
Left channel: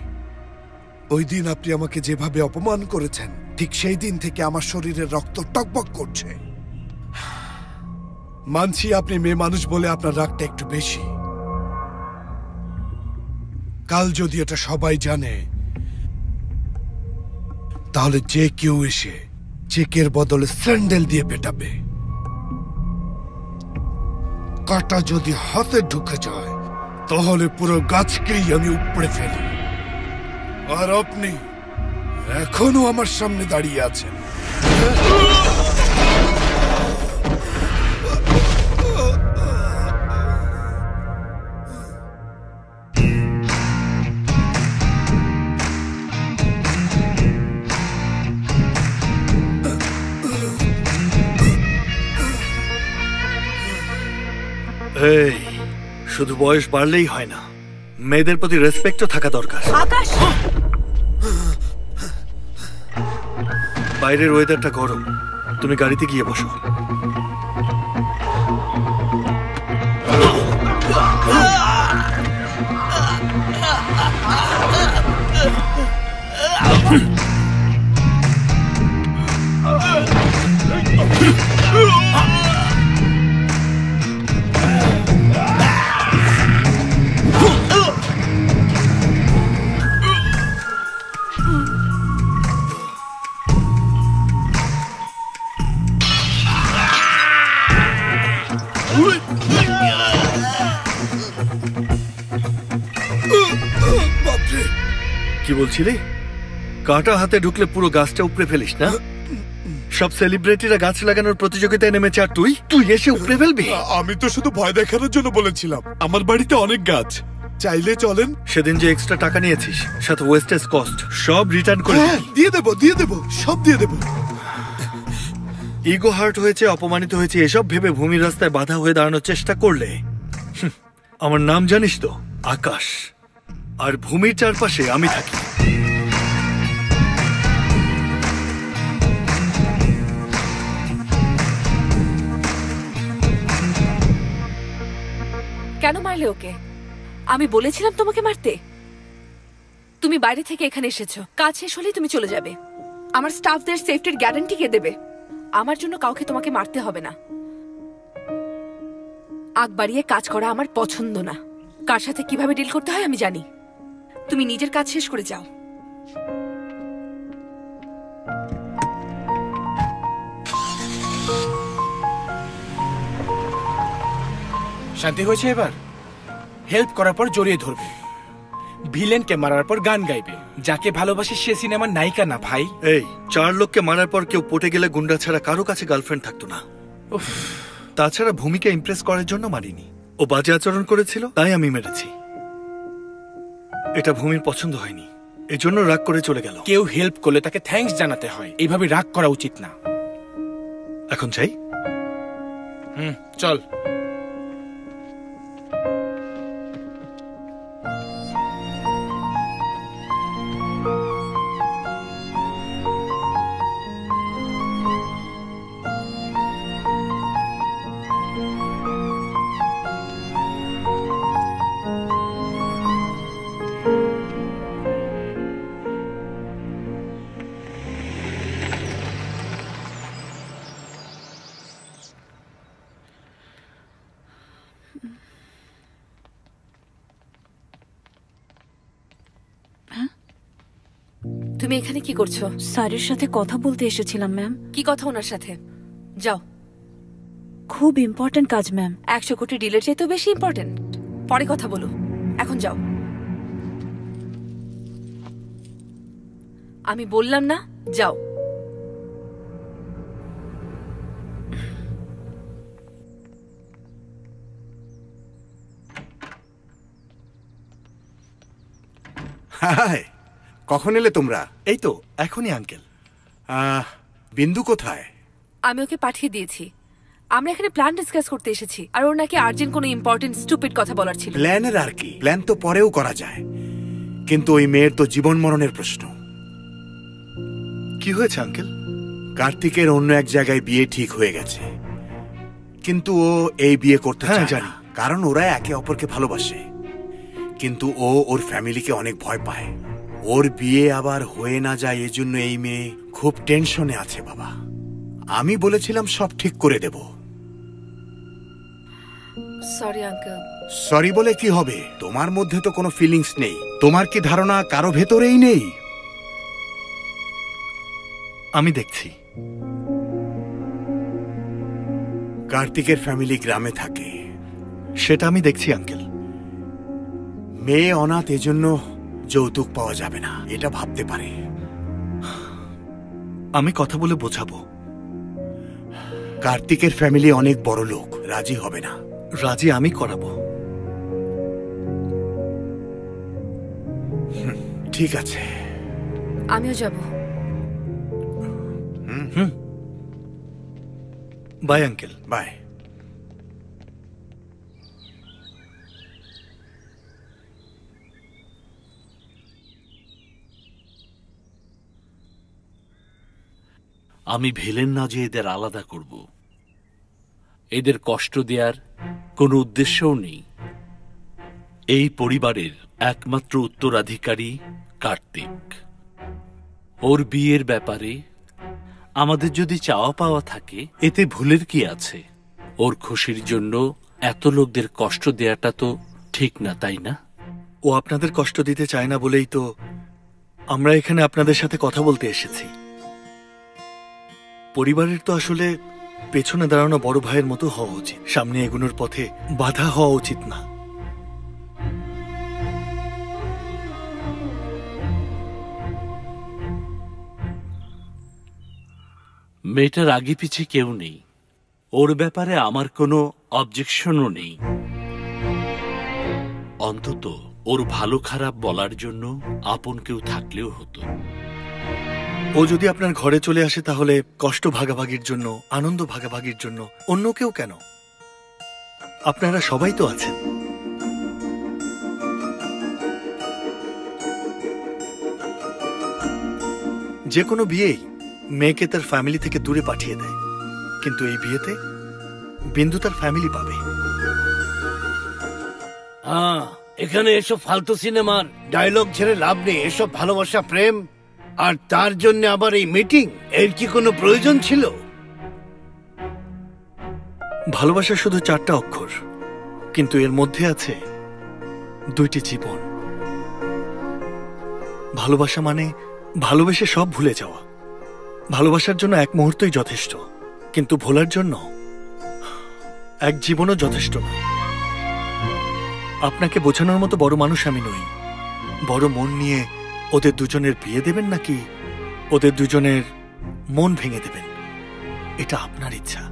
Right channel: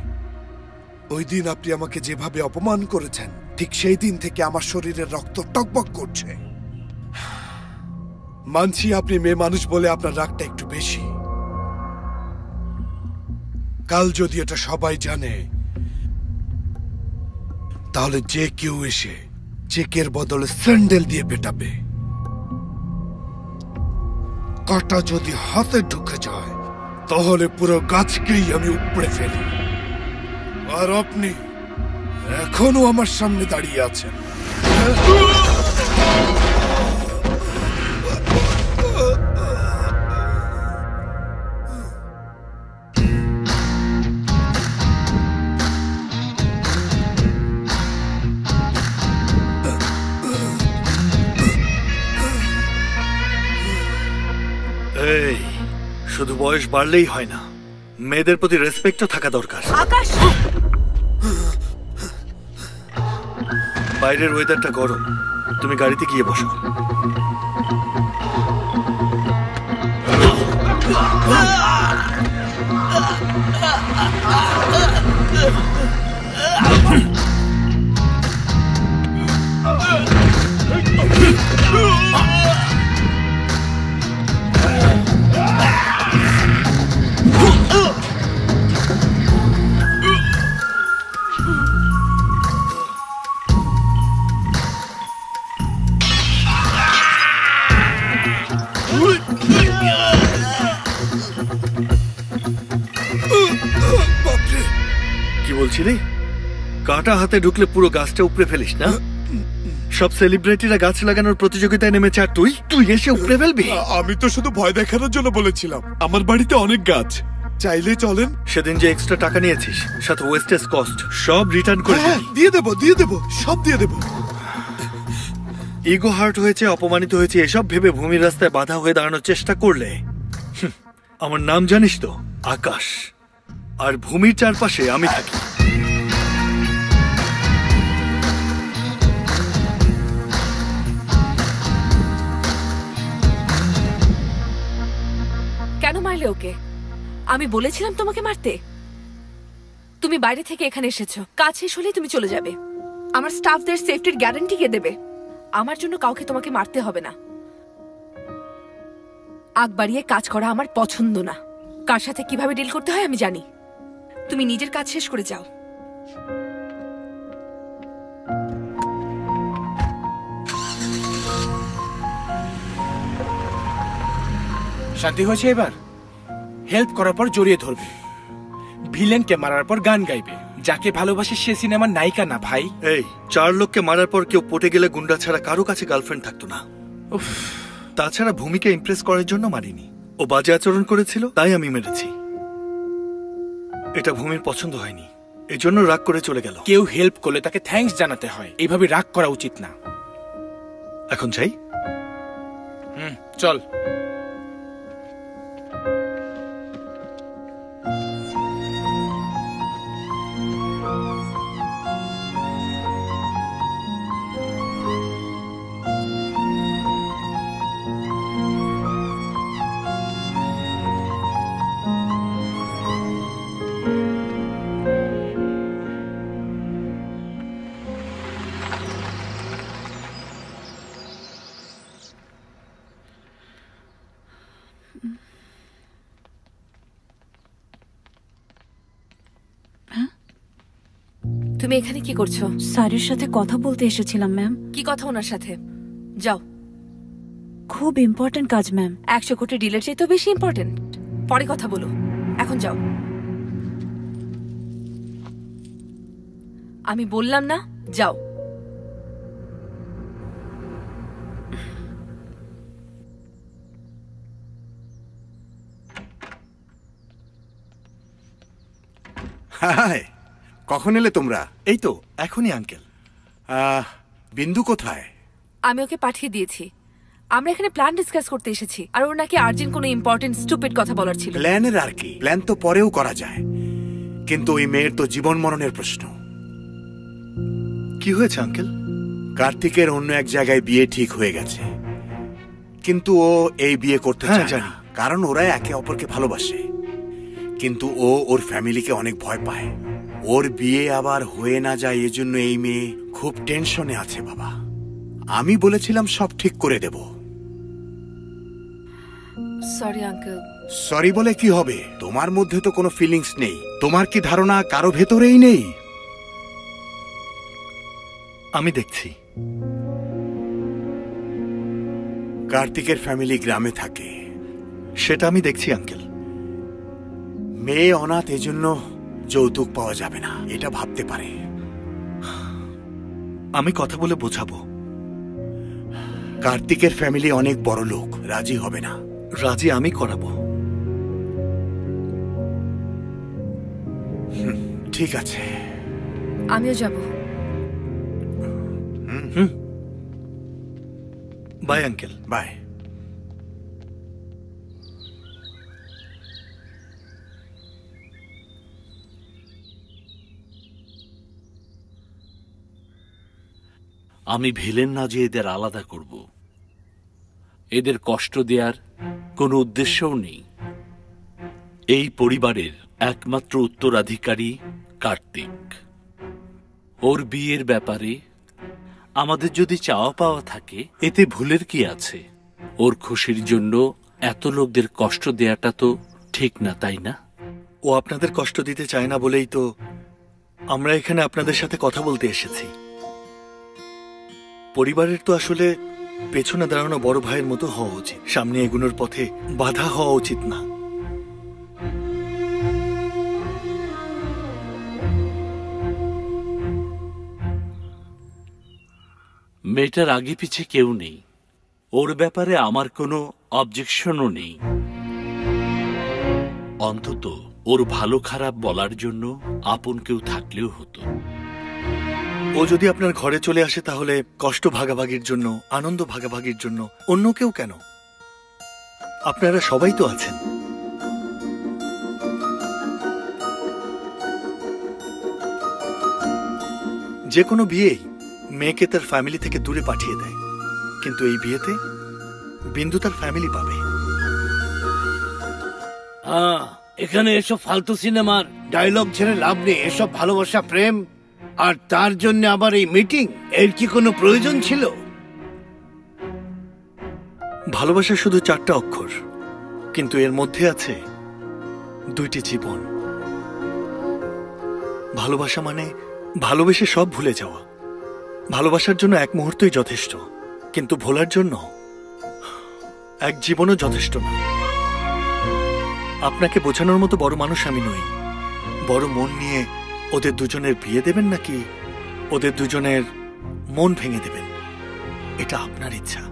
ওই দিন আপনি আমাকে যেভাবে অপমান করেছেন, ঠিক সেই দিন থেকে আমার শরীরের রক্ত টকবক করছে। মানছি আপনি মেয়ে মানুষ বলে আপনার রাগটা একটু বেশি। কাল যদি এটা সবাই জানে, তাহলে যে কেউ এসে চেকের বদলে স্যান্ডেল দিয়ে পেটাবে। কাটা যদি হাতে ঢুকে যায়, তাহলে পুরো গাছকেই আমি উপড়ে ফেলি। আর আপনি এখনো আমার সামনে দাঁড়িয়ে আছেন। এই, শুধু বয়স বাড়লেই হয় না, মেয়েদের প্রতি রেসপেক্টও থাকা দরকার। আকাশ, বাইরের ওয়েদারটা গরম, তুমি গাড়িতে গিয়ে বসো। কি বলছিলি? কাটা হাতে ঢুকলে পুরো গাছটা উপড়ে ফেলিস না? সব সেলিব্রিটিরা গাছ লাগানোর প্রতিযোগিতায় নেমেছে আর তুই এসে উপড়ে ফেলবি? আমি তো শুধু ভয় দেখানোর জন্য বলেছিলাম। আমার বাড়িতে অনেক গাছ, চাইলে চলেন। সেদিন যে এক্সট্রা টাকা নিয়েছিস সাথে ওয়েস্টেজ কস্ট সব রিটার্ন করে দিয়ে দেবো, সব দিয়ে দেবো। ইগো হার্ট হয়েছে, অপমানিত হয়েছে, এসব ভেবে ভূমির রাস্তায় বাধা হয়ে দাঁড়ানোর চেষ্টা করলে আমার নাম জানিস তো? আকাশ। আর ভূমির চারপাশে আমি থাকি। কেন মারলে ওকে? আমি বলেছিলাম তোমাকে মারতে? তুমি বাইরে থেকে এখানে এসেছো, কাজ শেষ হলেই তুমি চলে যাবে। আমার স্টাফদের সেফটির গ্যারান্টি কে দেবে? আমার জন্য কাউকে তোমাকে মারতে হবে না। আগ বাড়িয়ে কাজ করা আমার পছন্দ না। কার সাথে কিভাবে ডিল করতে হয় আমি জানি। তুমি নিজের কাজ শেষ করে যাও। শান্তি হয়েছে এবার? হেল্প করার পর জড়িয়ে ধরবে, ভিলেনকে মারার পর গান গাইবে। যাকে ভালোবাসে সে সিনেমার নায়িকা না ভাই। এই 4 লোককে মারার পর কেউ পটে গেলে গুন্ডা ছাড়া কারো কাছে গার্লফ্রেন্ড থাকতো না। তাছাড়া ভূমিকে ইমপ্রেস করার জন্য মারিনি। ও বাজে আচরণ করেছিল তাই আমি মেরেছি। এটা ভূমির পছন্দ হয়নি, এজন্য রাগ করে চলে গেল। কেউ হেল্প করলে তাকে থ্যাঙ্কস জানাতে হয়, এইভাবে রাগ করা উচিত না। এখন চাই? চল। তুমি এখানে কি করছো? স্যারের সাথে কথা বলতে এসেছিলাম ম্যাম। কি কথা ওনার সাথে? যাও। খুব ইম্পর্টেন্ট কাজ ম্যাম। 100 কোটি ডিলের চেয়ে তো বেশি ইম্পর্টেন্ট। পরে কথা বলো, এখন যাও। আমি বললাম না যাও। হাই, কখন এলে তোমরা? এই তো এখনই আঙ্কেল। বিন্দু কোথায়? আমি ওকে পাঠিয়ে দিয়েছি। আমরা এখানে প্ল্যান ডিসকাস করতে এসেছি, আর ওর নাকি আর্জেন্ট কোনো ইম্পর্টেন্ট স্টুপিড কথা বলার ছিল। প্ল্যানের আর কি, প্ল্যান তো পরেও করা যায়, কিন্তু ওই মেয়ের তো জীবন মরণের প্রশ্ন। কি হয়েছে আঙ্কেল? কার্তিকের অন্য এক জায়গায় বিয়ে ঠিক হয়ে গেছে, কিন্তু ও এই বিয়ে করতে চায় না, কারণ ওরা একে অপরকে ভালোবাসে। কিন্তু ও ওর ফ্যামিলিকে অনেক ভয় পায়। ওর বিয়ে আবার হয়ে না যায়, এজন্য এই মেয়ে খুব টেনশনে আছে বাবা। আমি বলেছিলাম সব ঠিক করে দেব। Sorry uncle. সরি বলে কি হবে? তোমার মধ্যে তো কোনো ফিলিংস নেই। তোমার কি ধারণা কারো ভেতরেই নেই? আমি দেখছি। কার্তিকের ফ্যামিলি গ্রামে থাকে। সেটা আমি দেখছি আঙ্কেল। মেয়ে অনাথ, এজন্য যৌতুক পাওয়া যাবে না, এটা ভাবতে পারে। আমি কথা বলে বোঝাবো। কার্তিকের ফ্যামিলি অনেক বড় লোক, রাজি হবে না। রাজি আমি করাবো। ঠিক আছে, আমিও যাব। Bye uncle. বাই। আমি ভিলেন না যে এদের আলাদা করব, এদের কষ্ট দেওয়ার কোনো উদ্দেশ্যও নেই। এই পরিবারের একমাত্র উত্তরাধিকারী কার্তিক। ওর বিয়ের ব্যাপারে আমাদের যদি চাওয়া পাওয়া থাকে এতে ভুলের কি আছে? ওর খুশির জন্য এত লোকদের কষ্ট দেয়াটা তো ঠিক না, তাই না? ও আপনাদের কষ্ট দিতে চায় না বলেই তো আমরা এখানে আপনাদের সাথে কথা বলতে এসেছি। পরিবারের তো আসলে পেছনে দাঁড়ানো বড় ভাইয়ের মতো হওয়া উচিত, সামনে এগুনোর পথে বাধা হওয়া উচিত না। মেয়েটার আগে পিছে কেউ নেই, ওর ব্যাপারে আমার কোনো অবজেকশনও নেই। অন্তত ওর ভালো খারাপ বলার জন্য আপন কেউ থাকলেও হতো। ও যদি আপনার ঘরে চলে আসে তাহলে কষ্ট ভাগাভাগির জন্য, আনন্দ ভাগাভাগির জন্য অন্য কেউ কেন? আপনারা সবাই তো আছেন। যে কোনো বিয়েই মেয়েকে তার ফ্যামিলি থেকে দূরে পাঠিয়ে দেয়, কিন্তু এই বিয়েতে বিন্দু তার ফ্যামিলি পাবে। এখানে এসব ফালতু সিনেমার ডায়লগ ছেড়ে লাভ নেই। এসব ভালোবাসা, প্রেম, আর তার জন্য আবার এই মিটিং, এর কি কোনো প্রয়োজন ছিল? ভালোবাসা শুধু 4টা অক্ষর, কিন্তু এর মধ্যে আছে 2টি জীবন। ভালোবাসা মানে ভালোবেসে সব ভুলে যাওয়া। ভালোবাসার জন্য 1 মুহূর্তই যথেষ্ট, কিন্তু ভোলার জন্য 1 জীবনও যথেষ্ট না। আপনাকে বোঝানোর মতো বড় মানুষ আমি নই। বড় মন নিয়ে ওদের দুজনের বিয়ে দেবেন নাকি ওদের দুজনের মন ভেঙে দেবেন, এটা আপনার ইচ্ছা।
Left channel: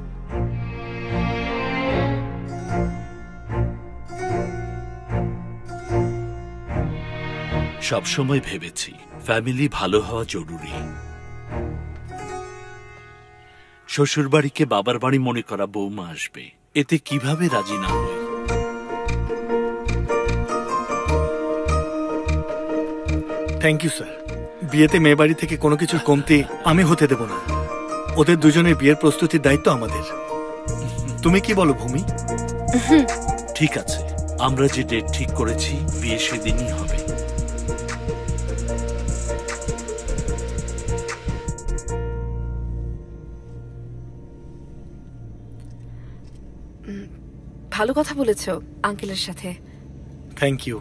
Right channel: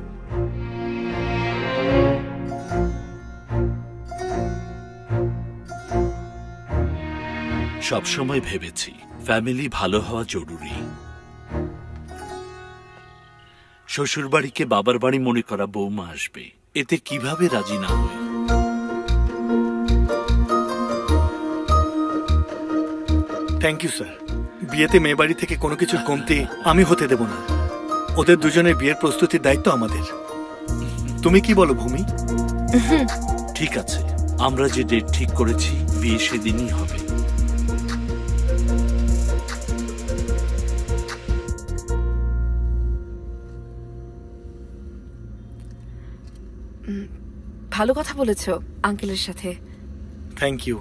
সবসময় ভেবেছি ফ্যামিলি ভালো হওয়া জরুরি। শ্বশুরবাড়িকে বাবার বাড়ি মনে করা বৌমা আসবে, এতে কিভাবে রাজি না হই? Thank you sir. বিয়েতে মেয়ে বাড়ি থেকে কোনো কিছুর কমতি আমি হতে দেব না। ওদের দুজনের বিয়ের প্রস্তুতির দায়িত্ব আমাদের। তুমি কি বলো ভূমি? ঠিক আছে, আমরা যে ডেট ঠিক করেছি বিয়ে সেদিনই হবে। ভালো কথা বলেছো আঙ্কেলের সাথে। Thank you.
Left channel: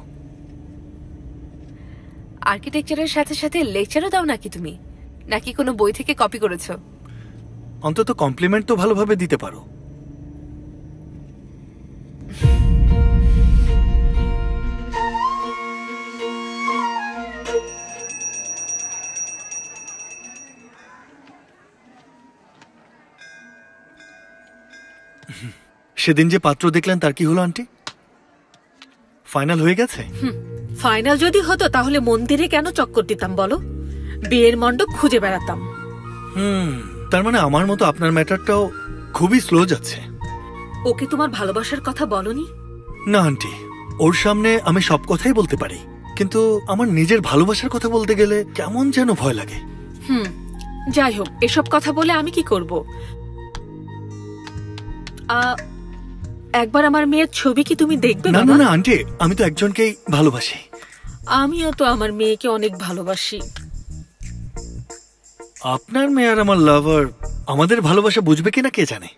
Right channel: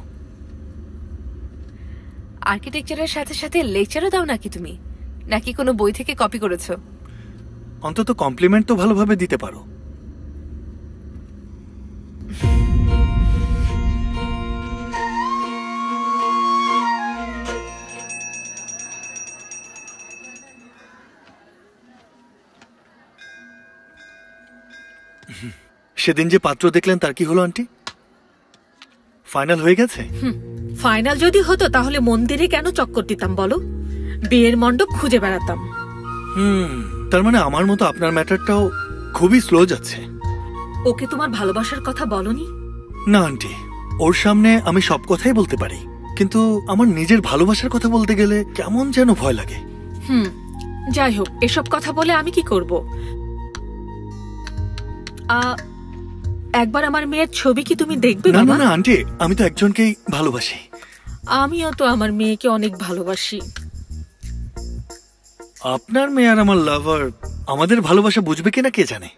আর্কিটেকচারের সাথে সাথে লেকচারও দাও নাকি তুমি, নাকি কোনো বই থেকে কপি করেছো? অন্তত কমপ্লিমেন্ট তো ভালোভাবে দিতে পারো। সেদিন যে পাত্র দেখলেন তার কি হলো আন্টি? ফাইনাল হয়ে গেছে? ফাইনাল যদি হতো তাহলে মন্দিরে কেন চক্কর দিতাম বলো? বিয়ের মণ্ডপ খুঁজে বেড়াতাম। তার মানে আমার মতো আপনার ম্যাটারটাও খুবই স্লো যাচ্ছে। ওকে তোমার ভালোবাসার কথা বলনি? না আন্টি, ওর সামনে আমি সব কথাই বলতে পারি, কিন্তু আমার নিজের ভালোবাসার কথা বলতে গেলে কেমন যেন ভয় লাগে। যাই হোক, এসব কথা বলে আমি কি করব? একবার আমার মেয়ের ছবি কি তুমি দেখবে? না না না আন্টি, আমি তো একজনকেই ভালোবাসি। আমিও তো আমার মেয়েকে অনেক ভালোবাসি। আপনার মেয়ে আর আমার লাভার আমাদের ভালোবাসা বুঝবে কিনা কে জানে।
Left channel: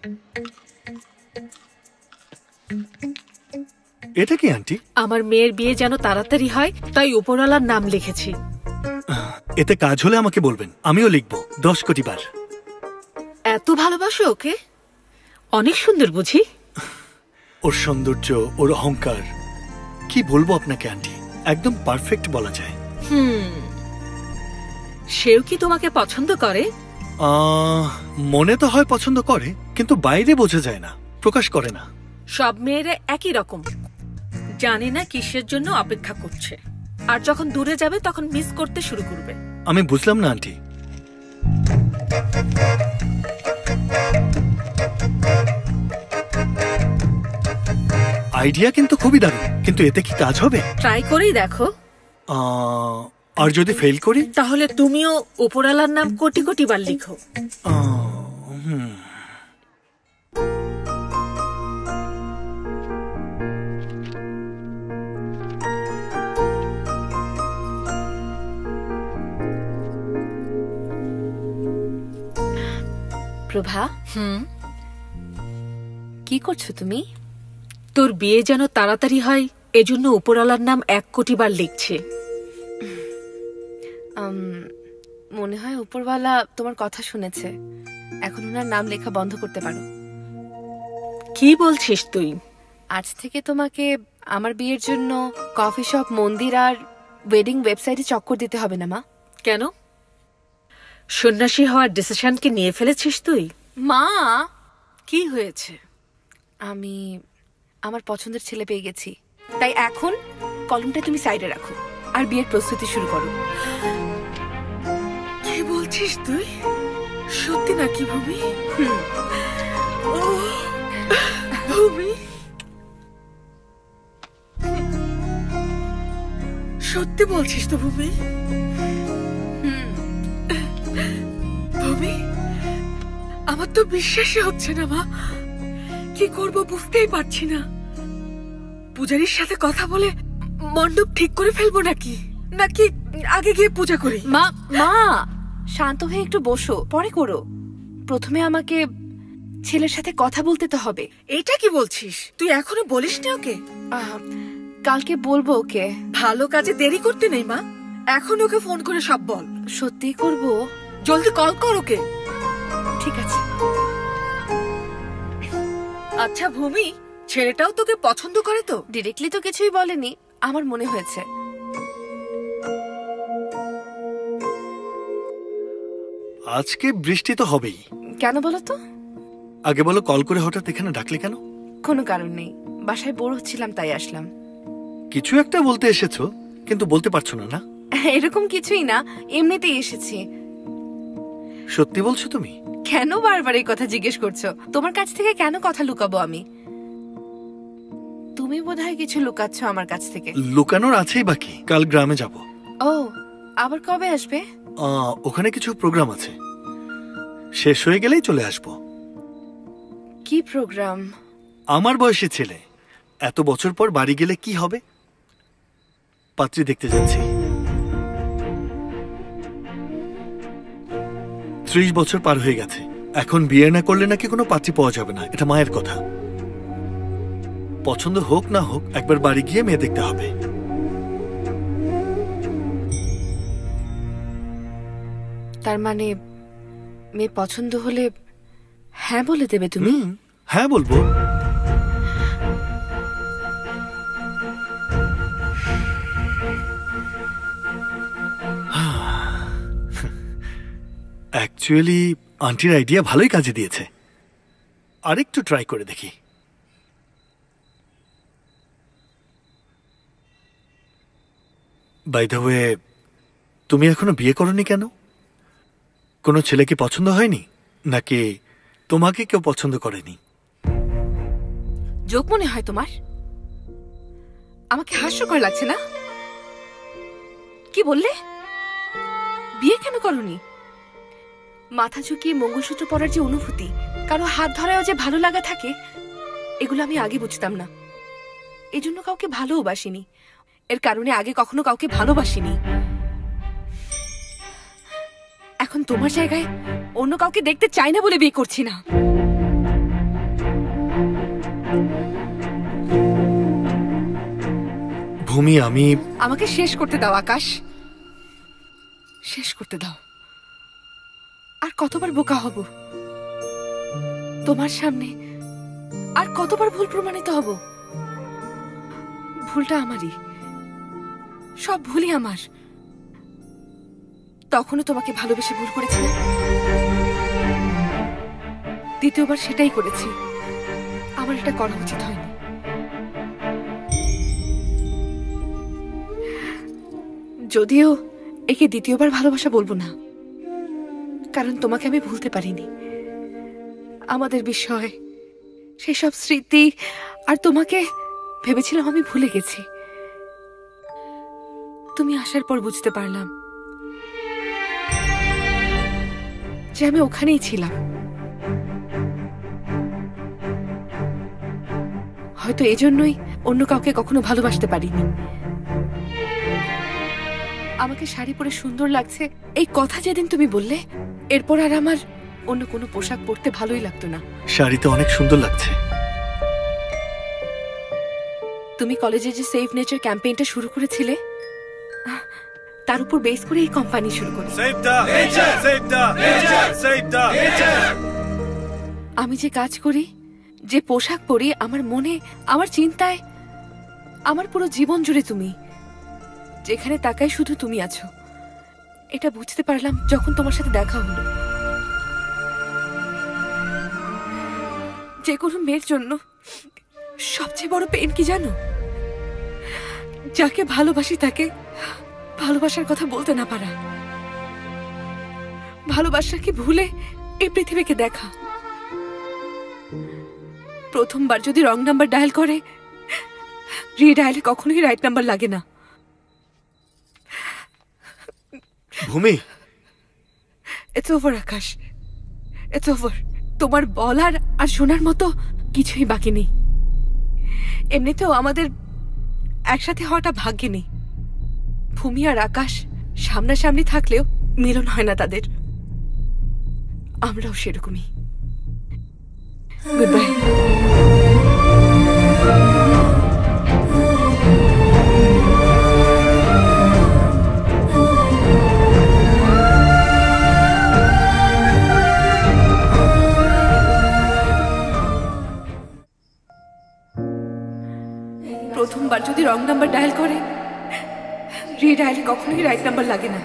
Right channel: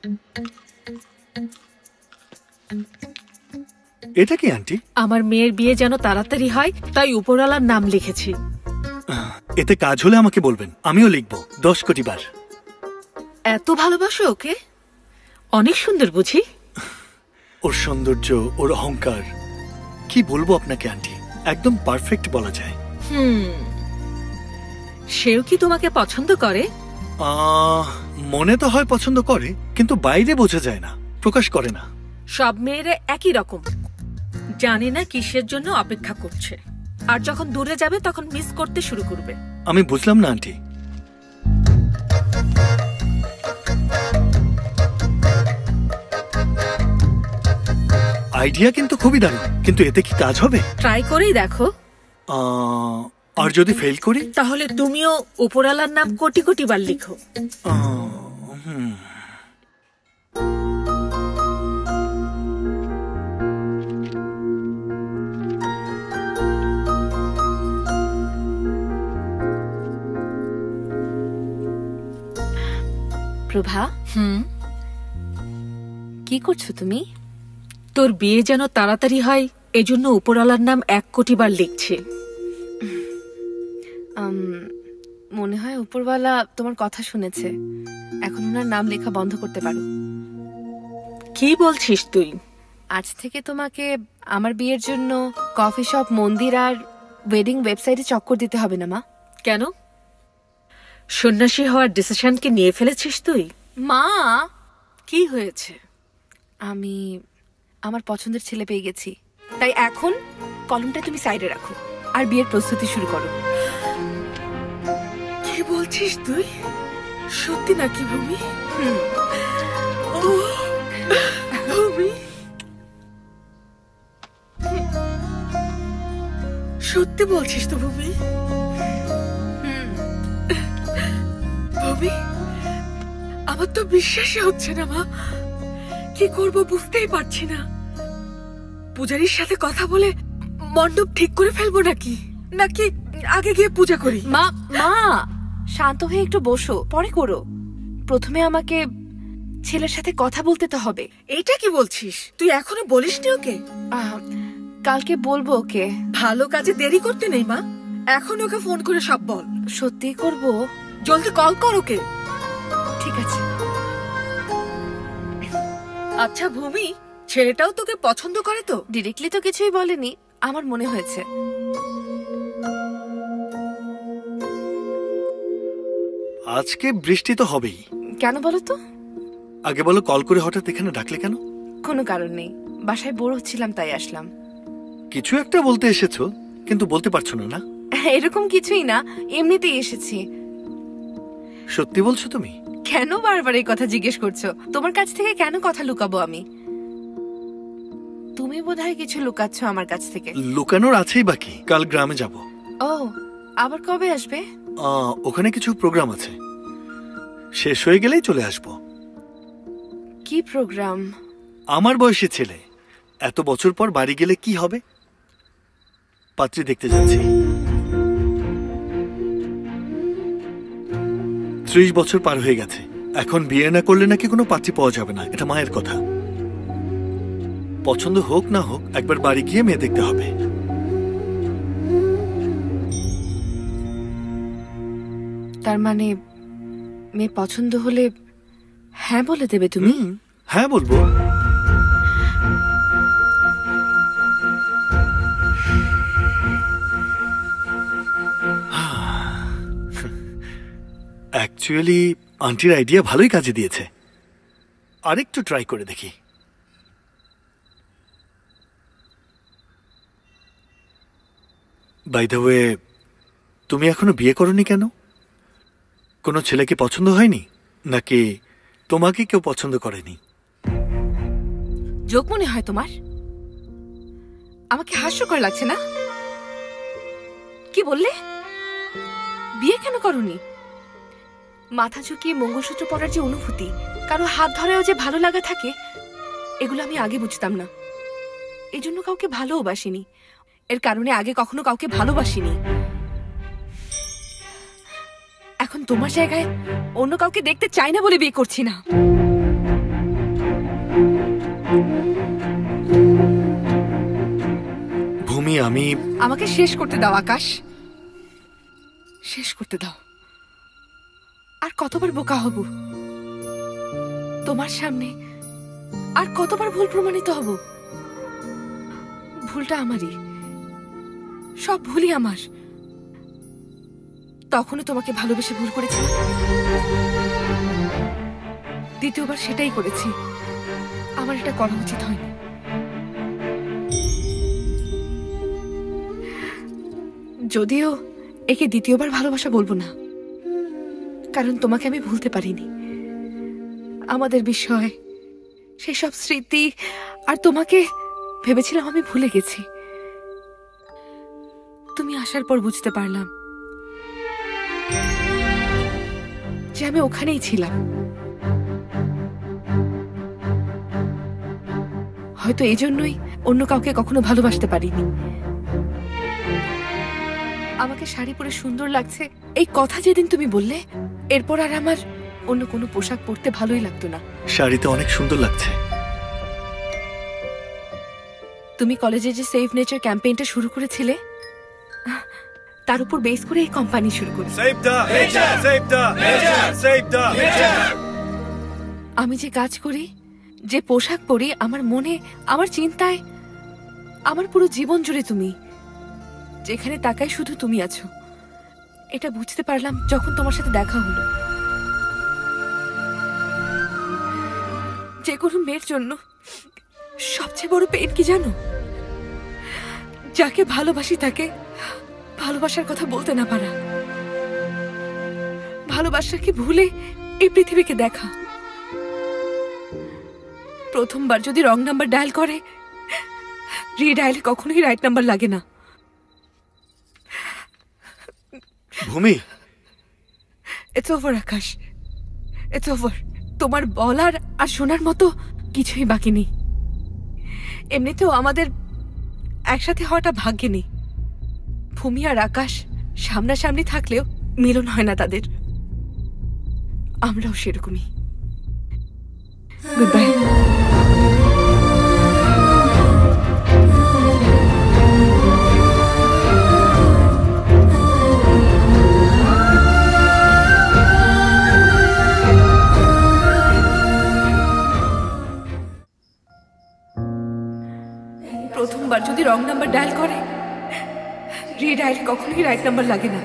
এটা কি আন্টি? আমার মেয়ের বিয়ে যেন তাড়াতাড়ি হয়, তাই উপরওয়ালার নাম লিখেছি। এতে কাজ হলে আমাকে বলবেন, আমিও লিখবো 10 কোটি বার। এত ভালোবাসো ওকে? অনেক সুন্দর বুঝি? ওর সৌন্দর্য, ওর অহংকার, কি বলবো আপনাকে আন্টি, একদম পারফেক্ট বলা যায়। সেও কি তোমাকে পছন্দ করে? মনে তো হয় পছন্দ করে, কিন্তু বাইরে বোঝা যায় না, প্রকাশ করে না। সব মেয়েরা একই রকম, জানে না কিসের জন্য অপেক্ষা করছে, আর যখন দূরে যাবে তখন মিস করতে শুরু করবে। আমি বুঝলাম না আন্টি। আইডিয়া কিন্তু খুবই দারুণ, কিন্তু এতে কি কাজ হবে? ট্রাই করেই দেখো। আর যদি ফেল করি? তাহলে তুমিও উপরওয়ালার নাম কোটি কোটি বার লিখো। প্রভা, কি করছো তুমি? তোর বিয়ে যেন তাড়াতাড়ি হয় এজন্য উপরওয়ালার নাম 1 কোটি বার লিখছে। মনে হয় উপরওয়ালা তোমার কথা শুনেছে, এখন ওনার নাম লেখা বন্ধ করতে পারো। কি বলছিস তুই? আজ থেকে তোমাকে আমার বিয়ের জন্য কফি শপ, মন্দির আর ওয়েডিং ওয়েবসাইটে চক্কর দিতে হবে না মা। কেন? সন্ন্যাসী হওয়ার ডিসিশন কি নিয়ে ফেলেছিস তুই? মা, কি হয়েছে? আমি আমার পছন্দের ছেলে পেয়ে গেছি, তাই এখন কলমটা তুমি সাইডে রাখো আর বিয়ের প্রস্তুতি শুরু করো। কি বলছিস তুই? সত্যি নাকি ভূমি? ও ভূমি, সত্যি বলছিস তো ভূমি? ভূমি, আমার তো বিশ্বাসই হচ্ছে না মা। কি করব বুঝতেই পারছি না। পূজারীর সাথে কথা বলে মণ্ডপ ঠিক করে ফেলবো নাকি নাকি আগে গিয়ে পূজা করি? মা মা শান্ত হয়ে একটু বসো, পরে করো। প্রথমে আমাকে ছেলের সাথে কথা বলতে তো হবে। এইটা কি বলছিস? তুই এখনো বলিসনি ওকে? কালকে বলবো ওকে। ভালো কাজে দেরি করতে নেই মা, এখন ওকে ফোন করে সব বল। সত্যি করব? জলদি কল কর ওকে। ঠিক আছে। আচ্ছা ভূমি, ছেলেটাও তোকে পছন্দ করে তো? ডিরেক্টলি তো কিছুই বলেনি, আমার মনে হয়েছে। আজকে বৃষ্টি তো হবেই। কেন বলো তো? আগে বলো, কল করে হঠাৎ এখানে ডাকলে কেন? কোনো কারণ নেই, বাসায় বোর হচ্ছিলাম তাই আসলাম। কিছু একটা বলতে এসেছো, কিন্তু বলতে পারছো না। না এরকম কিছুই না, এমনিতেই এসেছি। সত্যি বলছো তুমি? কেন বারবার এই কথা জিজ্ঞেস করছো? তোমার কাছ থেকে কেন কথা লুকাবো আমি? তুমি বোধহয় কিছু লুকাচ্ছ আমার কাছ থেকে। লুকানোর আছেই বাকি। কাল গ্রামে যাব। ও, আবার কবে আসবে? ওখানে কিছু প্রোগ্রাম আছে, শেষ হয়ে গেলেই চলে আসব। কি প্রোগ্রাম? আমার বয়সী ছেলে, এত বছর পর বাড়ি গেলে কি হবে? পাত্রী দেখতে যাচ্ছি। 30 বছর পার হয়ে গেছে, এখন বিয়ে না করলে নাকি কোনো পাত্রী পাওয়া যাবে না। এটা মায়ের কথা। পছন্দ হোক না হোক, একবার বাড়ি গিয়ে মেয়ে দেখতে হবে। তার মানে মেয়ে পছন্দ হলে হ্যাঁ বলে দেবে তুমি? হ্যাঁ বলবো। অ্যাকচুয়ালি আন্টির আইডিয়া ভালোই কাজে দিয়েছে, আরেকটু ট্রাই করে দেখি। বাই দ্য ওয়ে, তুমি এখনো বিয়ে করনি কেন? কোনো ছেলেকে পছন্দ হয়নি, নাকি তোমাকে কেউ পছন্দ করেনি? জোক মনে হয় তোমার? আমাকে হাস্যকর লাগছে না? কি বললে? বিয়ে কেন করনি? মাথা ঝুঁকিয়ে মঙ্গলসূত্র পরার যে অনুভূতি, কারো হাত ধরায়ও যে ভালো লাগা থাকে, এগুলো আমি আগে বুঝতাম না। এজন্য কাউকে ভালোবাসিনি, এর কারণে আগে কখনো কাউকে ভালোবাসিনি। এখন তোমার জায়গায় অন্য কাউকে দেখতে চাই না বলে বিয়ে করছি না। ভূমি, আমি আমাকে শেষ করতে দাও আকাশ, শেষ করতে দাও। আর কতবার বোকা হব তোমার সামনে? আর কতবার ভুল প্রমাণিত হব? ভুলটা আমারই, সব ভুলই আমার। তখনও তোমাকে ভালোবেসে ভুল করেছিলাম, দ্বিতীয়বার সেটাই করেছি। আমার এটা করা উচিত হয়নি। যদিও একে দ্বিতীয়বার ভালোবাসা বলবো না, কারণ তোমাকে আমি ভুলতে পারিনি। আমাদের বিষয়, সেসব স্মৃতি, আর তোমাকে ভেবেছিলাম আমি ভুলে গেছি। তুমি আসার পর বুঝতে পারলাম যে আমি ওখানেই ছিলাম। হয়তো এজন্যই অন্য কাউকে কখনো ভালোবাসতে পারিনি। আমাকে শাড়ি পরে সুন্দর লাগছে এই কথা যেদিন তুমি বললে, এরপর আর আমার অন্য কোনো পোশাক পরতে ভালোই লাগতো না। শাড়িতে অনেক সুন্দর লাগছে। তুমি কলেজে যে সেভ নেচার ক্যাম্পেইনটা শুরু করেছিলে, তার উপর বেস করে এই কোম্পানি শুরু করি। আমি যে কাজ করি, যে পোশাক পরি, আমার মনে, আমার চিন্তায়, আমার পুরো জীবন জুড়ে তুমি। যেখানে তাকাই শুধু তুমি আছো। এটা বুঝতে পারলাম যখন তোমার সাথে দেখা হলো। যে কোনো মেয়ের জন্য সবচেয়ে বড় পেন কি জানো? যাকে ভালোবাসি তাকে ভালোবাসার কথা বলতে না পারা, ভালোবাসাকে ভুলে এই পৃথিবীকে দেখা। প্রথমবার যদি রং নাম্বার ডায়াল করে, রিডায়ালে কখনোই রাইট নাম্বার লাগে না। ভূমি, it's over Akash, it's over. তোমার বলার আর শোনার মতো কিছুই বাকি নেই। এমনিতেও আমাদের একসাথে হওয়াটা ভাগ্যে নেই। ভূমি আর আকাশ সামনাসামনি থাকলেও মিলন হয় না তাদের। আমরাও সেরকমই। Good bye. প্রথমবার যদি রং নাম্বার ডায়াল করে, রিডায়ালে কখনোই রাইট নাম্বার লাগে না।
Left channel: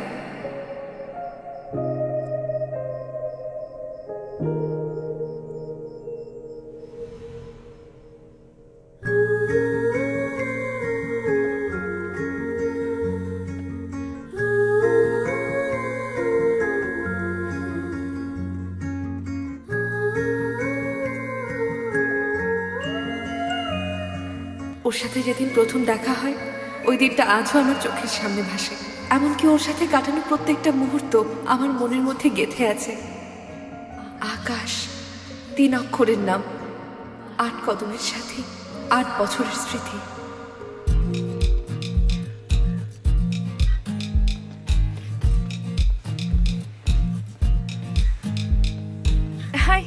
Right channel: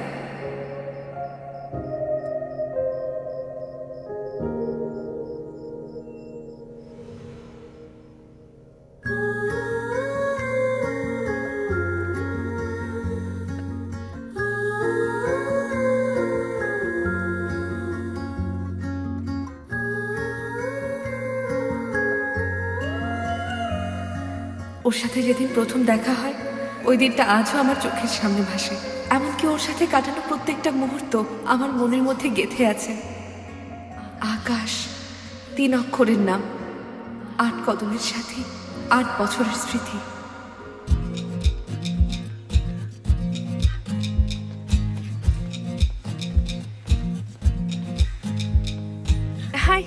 ওর সাথে যেদিন প্রথম দেখা হয়, ওই দিনটা আজও আমার চোখের সামনে ভাসে। এমনকি ওর সাথে কাটানো প্রত্যেকটা মুহূর্ত আমার মনের মধ্যে গেঁথে আছে। আকাশ, 3 অক্ষরের নাম, 8 কদমের সাথী, 8 বছরের স্মৃতি। হাই।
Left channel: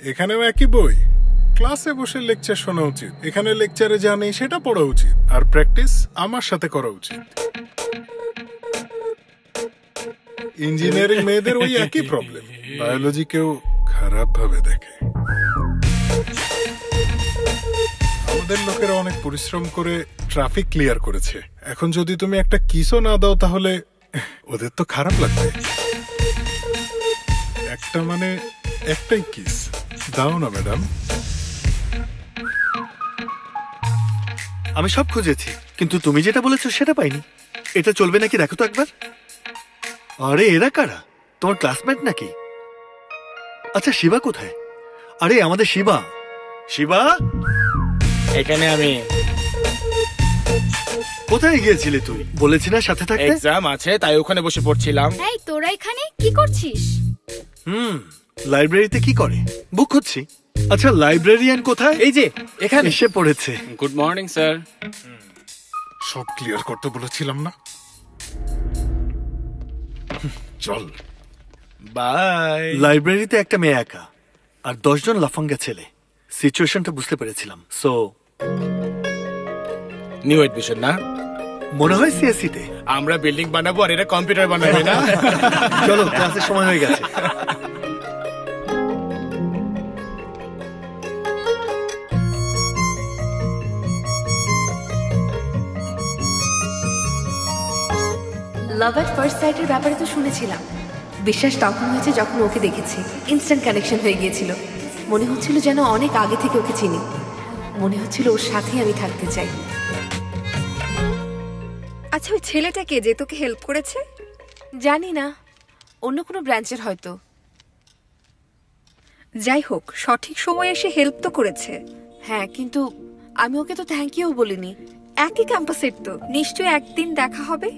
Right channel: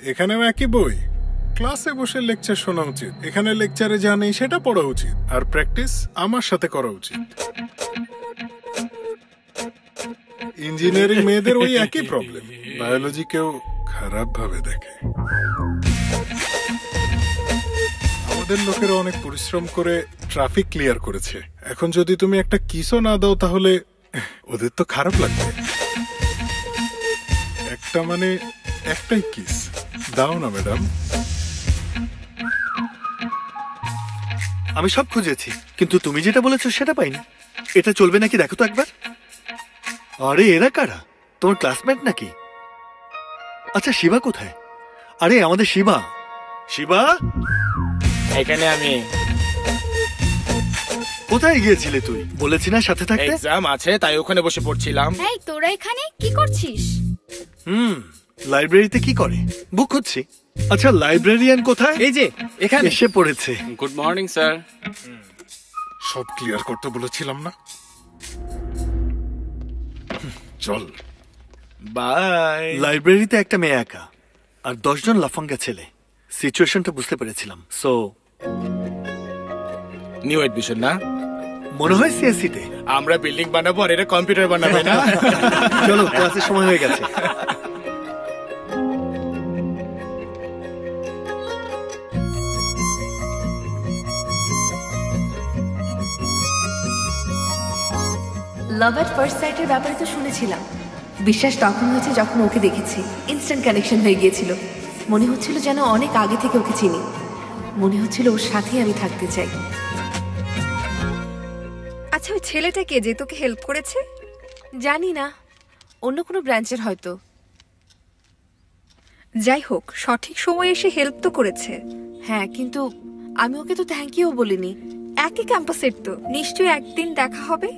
এখানেও একই বই। ক্লাসে বসে লেকচার শোনা উচিত, এখানে লেকচারে যা নেই সেটা পড়া উচিত, আর প্র্যাকটিস আমার সাথে করা উচিত। ইঞ্জিনিয়ারিং মেয়েদের ওই একই প্রবলেম, বায়োলজি কেউ খারাপ ভাবে দেখে। আমাদের লোকেরা অনেক পরিশ্রম করে ট্রাফিক ক্লিয়ার করেছে, এখন যদি তুমি একটা কিসও না দাও তাহলে ওদের তো খারাপ লাগবে। একটা মানে একটাই কিস দাও না ম্যাডাম। আমি সব খুঁজেছি, কিন্তু তুমি যেটা বলেছো সেটা পাইনি। এটা চলবে নাকি দেখো তো একবার। আরে এরা কারা? তোমার ক্লাসমেট নাকি? আচ্ছা শিবা কোথায়? আরে আমাদের শিবা। শিবা, এখানে আমি। কোথায় গিয়েছিলে তুই? বলেছি না সাথে থাকতে। এক্সাম আছে তাই ওখানে বসে পড়ছিলাম। এই তোরা এখানে কি করছিস? লাইব্রেরিতে কি করে? বুক খুঁজছি। আচ্ছা লাইব্রেরিয়ান কোথায়? এই যে এখানে এসে পড়েছে। Good morning sir. সব ক্লিয়ার করতে বলেছিলাম না? চল বাই। লাইব্রেরিতে একটা মেয়ে একা আর 10 জন লাফাঙ্গা ছেলে। সিচুয়েশনটা বুঝতে পেরেছিলাম। সো নিউ এডমিশন না? মনে হয় সিএসসি তে। আমরা বিল্ডিং বানাবো আর এরা কম্পিউটার বানাবে না? চলো ক্লাসের সময় হয়ে গেছে। লাভ এট ফার্স্ট সাইটের ব্যাপারে তো শুনেছিলাম। বিশ্বাস তখন হয়েছে যখন ওকে দেখেছি। ইনস্ট্যান্ট কানেকশন হয়ে গিয়েছিল। মনে হচ্ছিল যেন অনেক আগে থেকে ওকে চিনি। মনে হচ্ছিল ওর সাথেই আমি থাকতে চাই। আচ্ছা ওই ছেলেটা কে যে তোকে হেল্প করেছে? জানি না, অন্য কোনো ব্রাঞ্চের হয়তো। যাই হোক, সঠিক সময়ে এসে হেল্প তো করেছে। হ্যাঁ, কিন্তু আমি ওকে তো থ্যাংক ইউ বলিনি। একই ক্যাম্পাসের তো, নিশ্চয়ই একদিন দেখা হবে।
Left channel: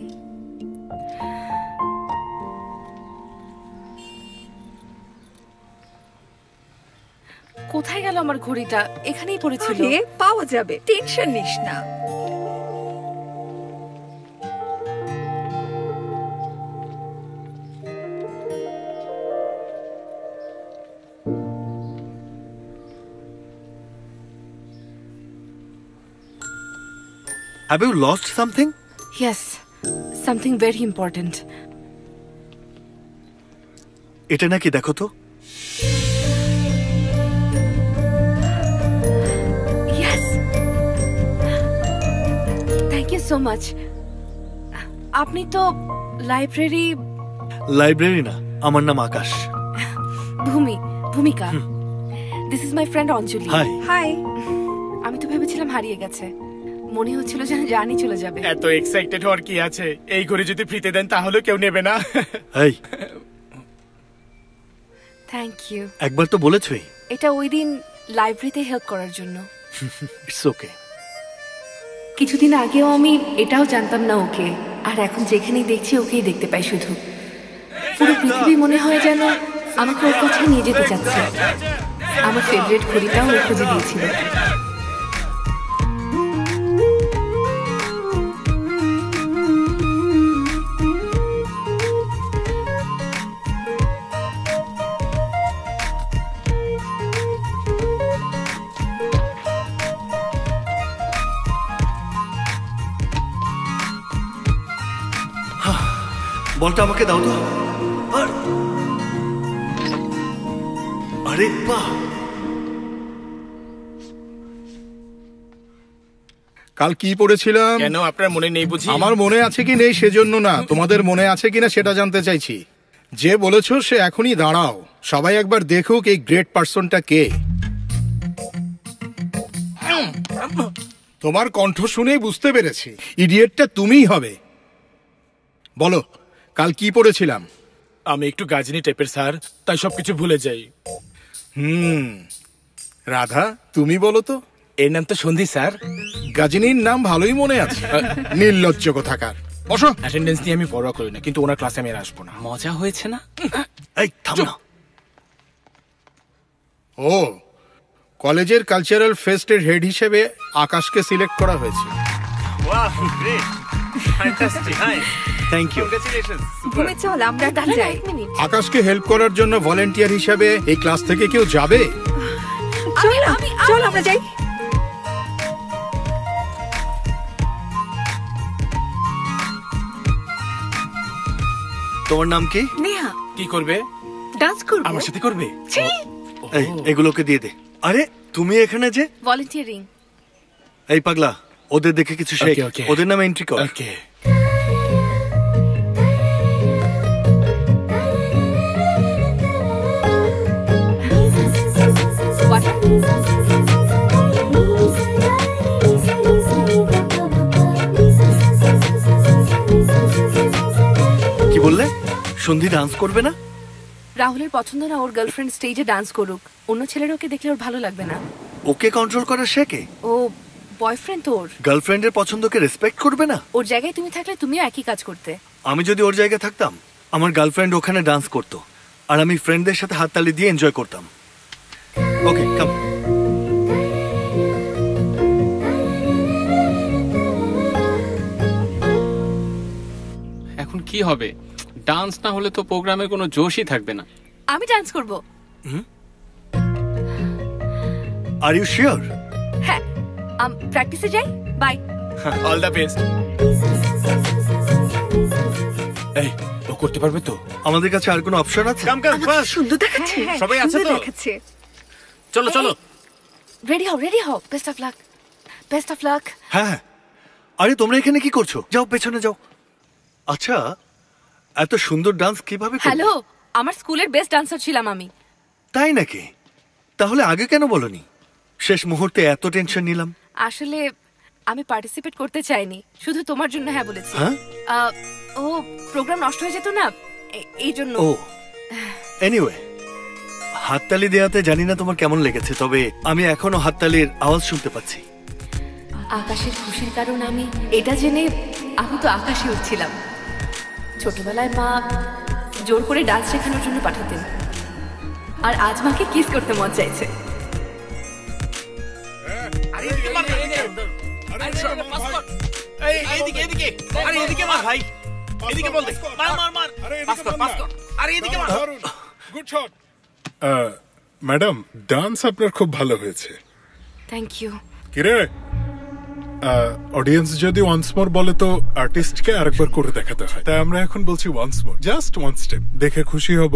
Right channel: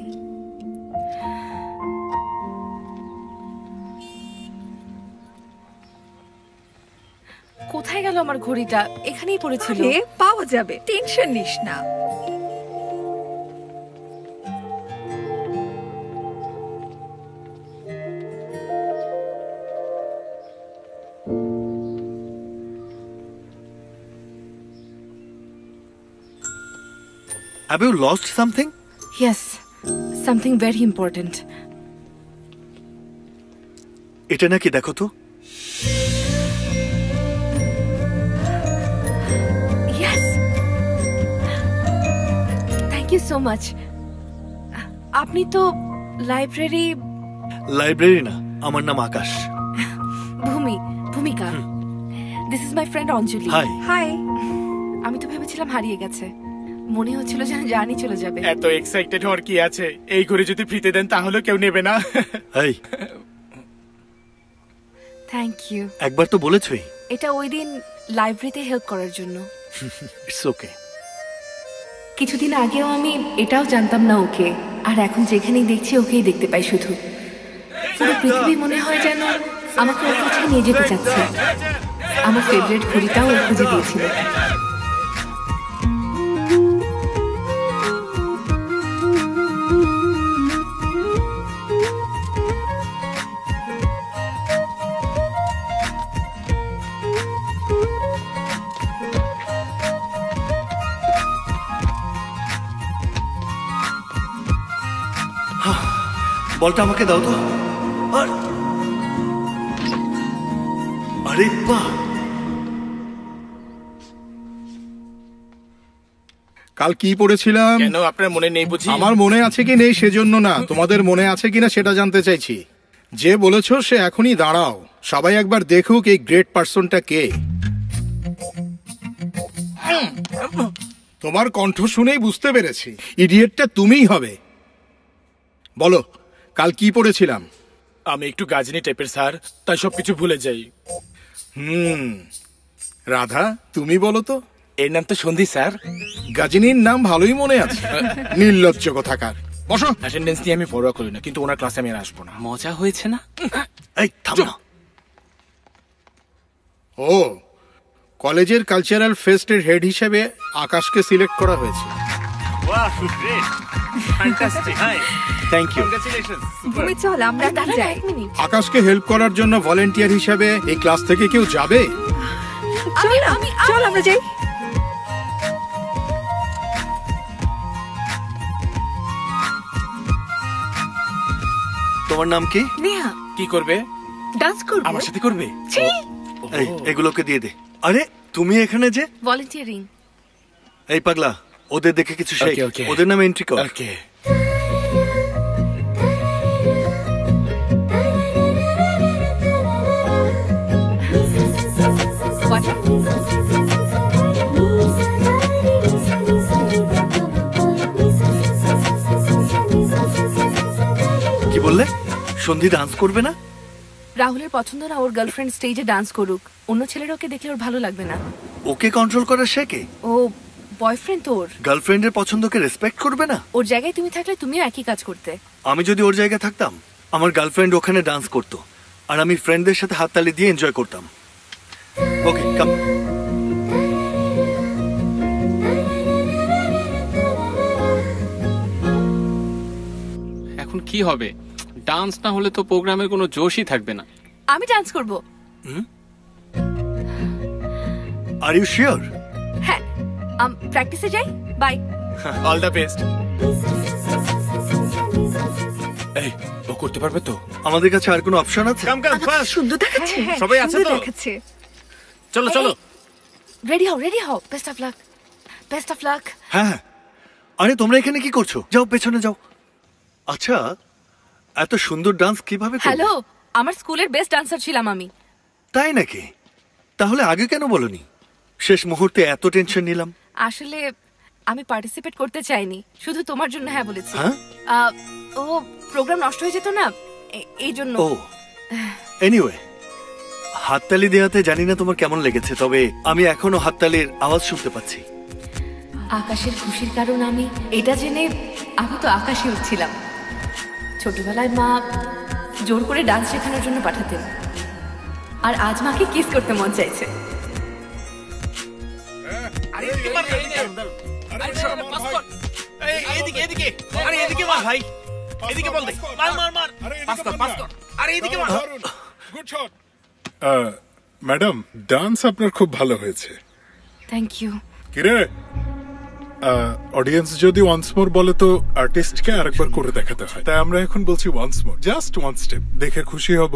কোথায় গেল আমার ঘড়িটা? এখানেই পড়েছিল। আরে, পাওয়া যাবে, টেনশন নিস না। Have you lost something? Yes, something very important. এটা নাকি দেখো তো। Yes. Thank you so much. আপনি তো লাইব্রেরি না, আমার নাম আকাশ। ভূমিকা। This is my friend Anjali. Hi. Hi. আমি তো ভেবেছিলাম হারিয়ে গেছে, মনে হচ্ছিল যেন জানি চলে যাবে। এত এক্সাইটেড হওয়ার কি আছে? এই ঘড়ি যদি ফ্রিতে দেন তাহলে কেউ নেবে না। এই, থ্যাংক ইউ। একবার তো বলেছই। এটা ওই দিন লাইব্রেরিতে হেল্প করার জন্য। It's okay. কিছুদিন আগেও আমি এটাও জানতাম না ওকে, আর এখন যেখানেই দেখছি ওকেই দেখতে পাই শুধু। পুরো পৃথিবী মনে হয় যেন আমাকে ওর কাছে নিয়ে যেতে চাচ্ছে। আমার ফেভারিট ঘড়িটাও ও খুঁজে দিয়েছিল। বলটা আমাকে দাও তো। আরে বাহ, কাল কি পড়েছিলাম? কেন আপনার মনে নেই বুঝি? আমার মনে আছে কি নেই সেজন্য না, তোমাদের মনে আছে কিনা সেটা জানতে চাইছি। যে বলেছো সে এখনই দাঁড়াও, সবাই একবার দেখুক এই গ্রেট পার্সনটা কে। তোমার কণ্ঠ শুনেই বুঝতে পেরেছি ইডিয়েটটা তুমিই হবে। বলো কাল কি পড়েছিলাম? আমি একটু গাজনি টাইপের স্যার, তাই সবকিছু ভুলে যাই। রাধা তুমি বলো তো। এর নাম তো সন্ধি স্যার। গাজনির নাম ভালোই মনে আছে। নির্লজ্জ কোথাকার। বসো। অ্যাটেন্ডেন্স নিয়ে আমি পরোয়া করি না, কিন্তু ওনার ক্লাসে আমি আর আসবো না। মজা হয়েছে না? এই থাম না। ও, কলেজের কালচারাল ফেস্টের হেড হিসেবে আকাশকে সিলেক্ট করা হয়েছে। Wow, great, fantastic. Thank you, congratulations. Bhumi চল আমরা যাই। আকাশকে হেল্প করার জন্য ভলান্টিয়ার হিসেবে এই ক্লাস থেকে কেউ যাবে? চল আমরা যাই। তোমার নাম কি? নেহা। কি করবে? ডান্স করবে। আমার সাথে করবে? এই এগুলোকে দিয়ে দে। আরে তুমি এখানে যে? ভলান্টিয়ারিং। এই পাগলা, ওদের দেখে কিছু শেখ। ওদের নামে এন্ট্রি কর। ওকে। কি বললে? সন্ধি ডান্স করবে না? রাহুলের পছন্দ না ওর গার্লফ্রেন্ড স্টেজে ডান্স করুক। অন্য ছেলেরা ওকে দেখলে ওর ভালো লাগবে না। ওকে কন্ট্রোল করা শেখে। ও বয়ফ্রেন্ড তোর। গার্লফ্রেন্ডের পছন্দকে রেসপেক্ট করবে না? ওর জায়গায় তুমি থাকলে তুমিও একই কাজ করতে। আমি যদি ওর জায়গায় থাকতাম, আমার গার্লফ্রেন্ড ওখানে ডান্স করতো আর আমি ফ্রেন্ডদের সাথে হাততালি দিয়ে এনজয় করতাম। ওকে কাম। এখন কি হবে? ডান্স না হলে তো প্রোগ্রামের কোনো জোশই থাকবে না। আমি ডান্স করব। Are you sure? হ্যাঁ, প্র্যাকটিসে যাই। বাই। All the best. এই, ও করতে পারবে তো? আমাদের কাছে আর কোনো অপশন আছে? কাম কাম ফাস্ট। সুন্দর দেখাচ্ছে। সবাই আছে তো? চলো চলো। রেডি হও। Best of luck. Best of luck. হ্যাঁ। আরে তোমরা এখানে কি করছো? যাও পেছনে যাও। আচ্ছা, এত সুন্দর ডান্স কিভাবে করবে? হ্যালো, আমার স্কুলের বেস্ট ডান্সার ছিলাম আমি। তাই নাকি? তাহলে আগে কেন বলনি? শেষ মুহূর্তে এত টেনশন নিলাম। আসলে আমি পার্টিসিপেট করতে চাইনি, শুধু তোমার জন্য হ্যাঁ বলেছি। ও প্রোগ্রাম নষ্ট হয়ে যেত না, এই জন্য। ও এনিওয়ে, হাততালি দেওয়াতে জানি না তোমার কেমন লেগেছে, তবে আমি এখনো হাততালির আওয়াজ শুনতে পাচ্ছি। আকাশের খুশির কারণ আমি এটা জেনে আমি তো আকাশে উঠছিলাম। ছোটবেলায় মা জোর করে ডান্স শেখানোর জন্য পাঠাতেন, আর আজ মাকে কিস করতে মন চাইছে। আরে এদিকে মার, এইদিকে এদিকে, আরে এদিকে মার ভাই, এদিকে বল দে, মার মার মার, পাস কর, আরে এদিকে মার। Good shot. ম্যাডাম, ডান্স আপনার খুব ভালো হয়েছে। Thank you. কিরে, অডিয়েন্স যদি ওয়ান্স মোর বলে তো আর্টিস্টকে আরেকবার করে দেখাতে হয়, তাই আমরা এখন বলছি once more, just one step, দেখে খুশি হব।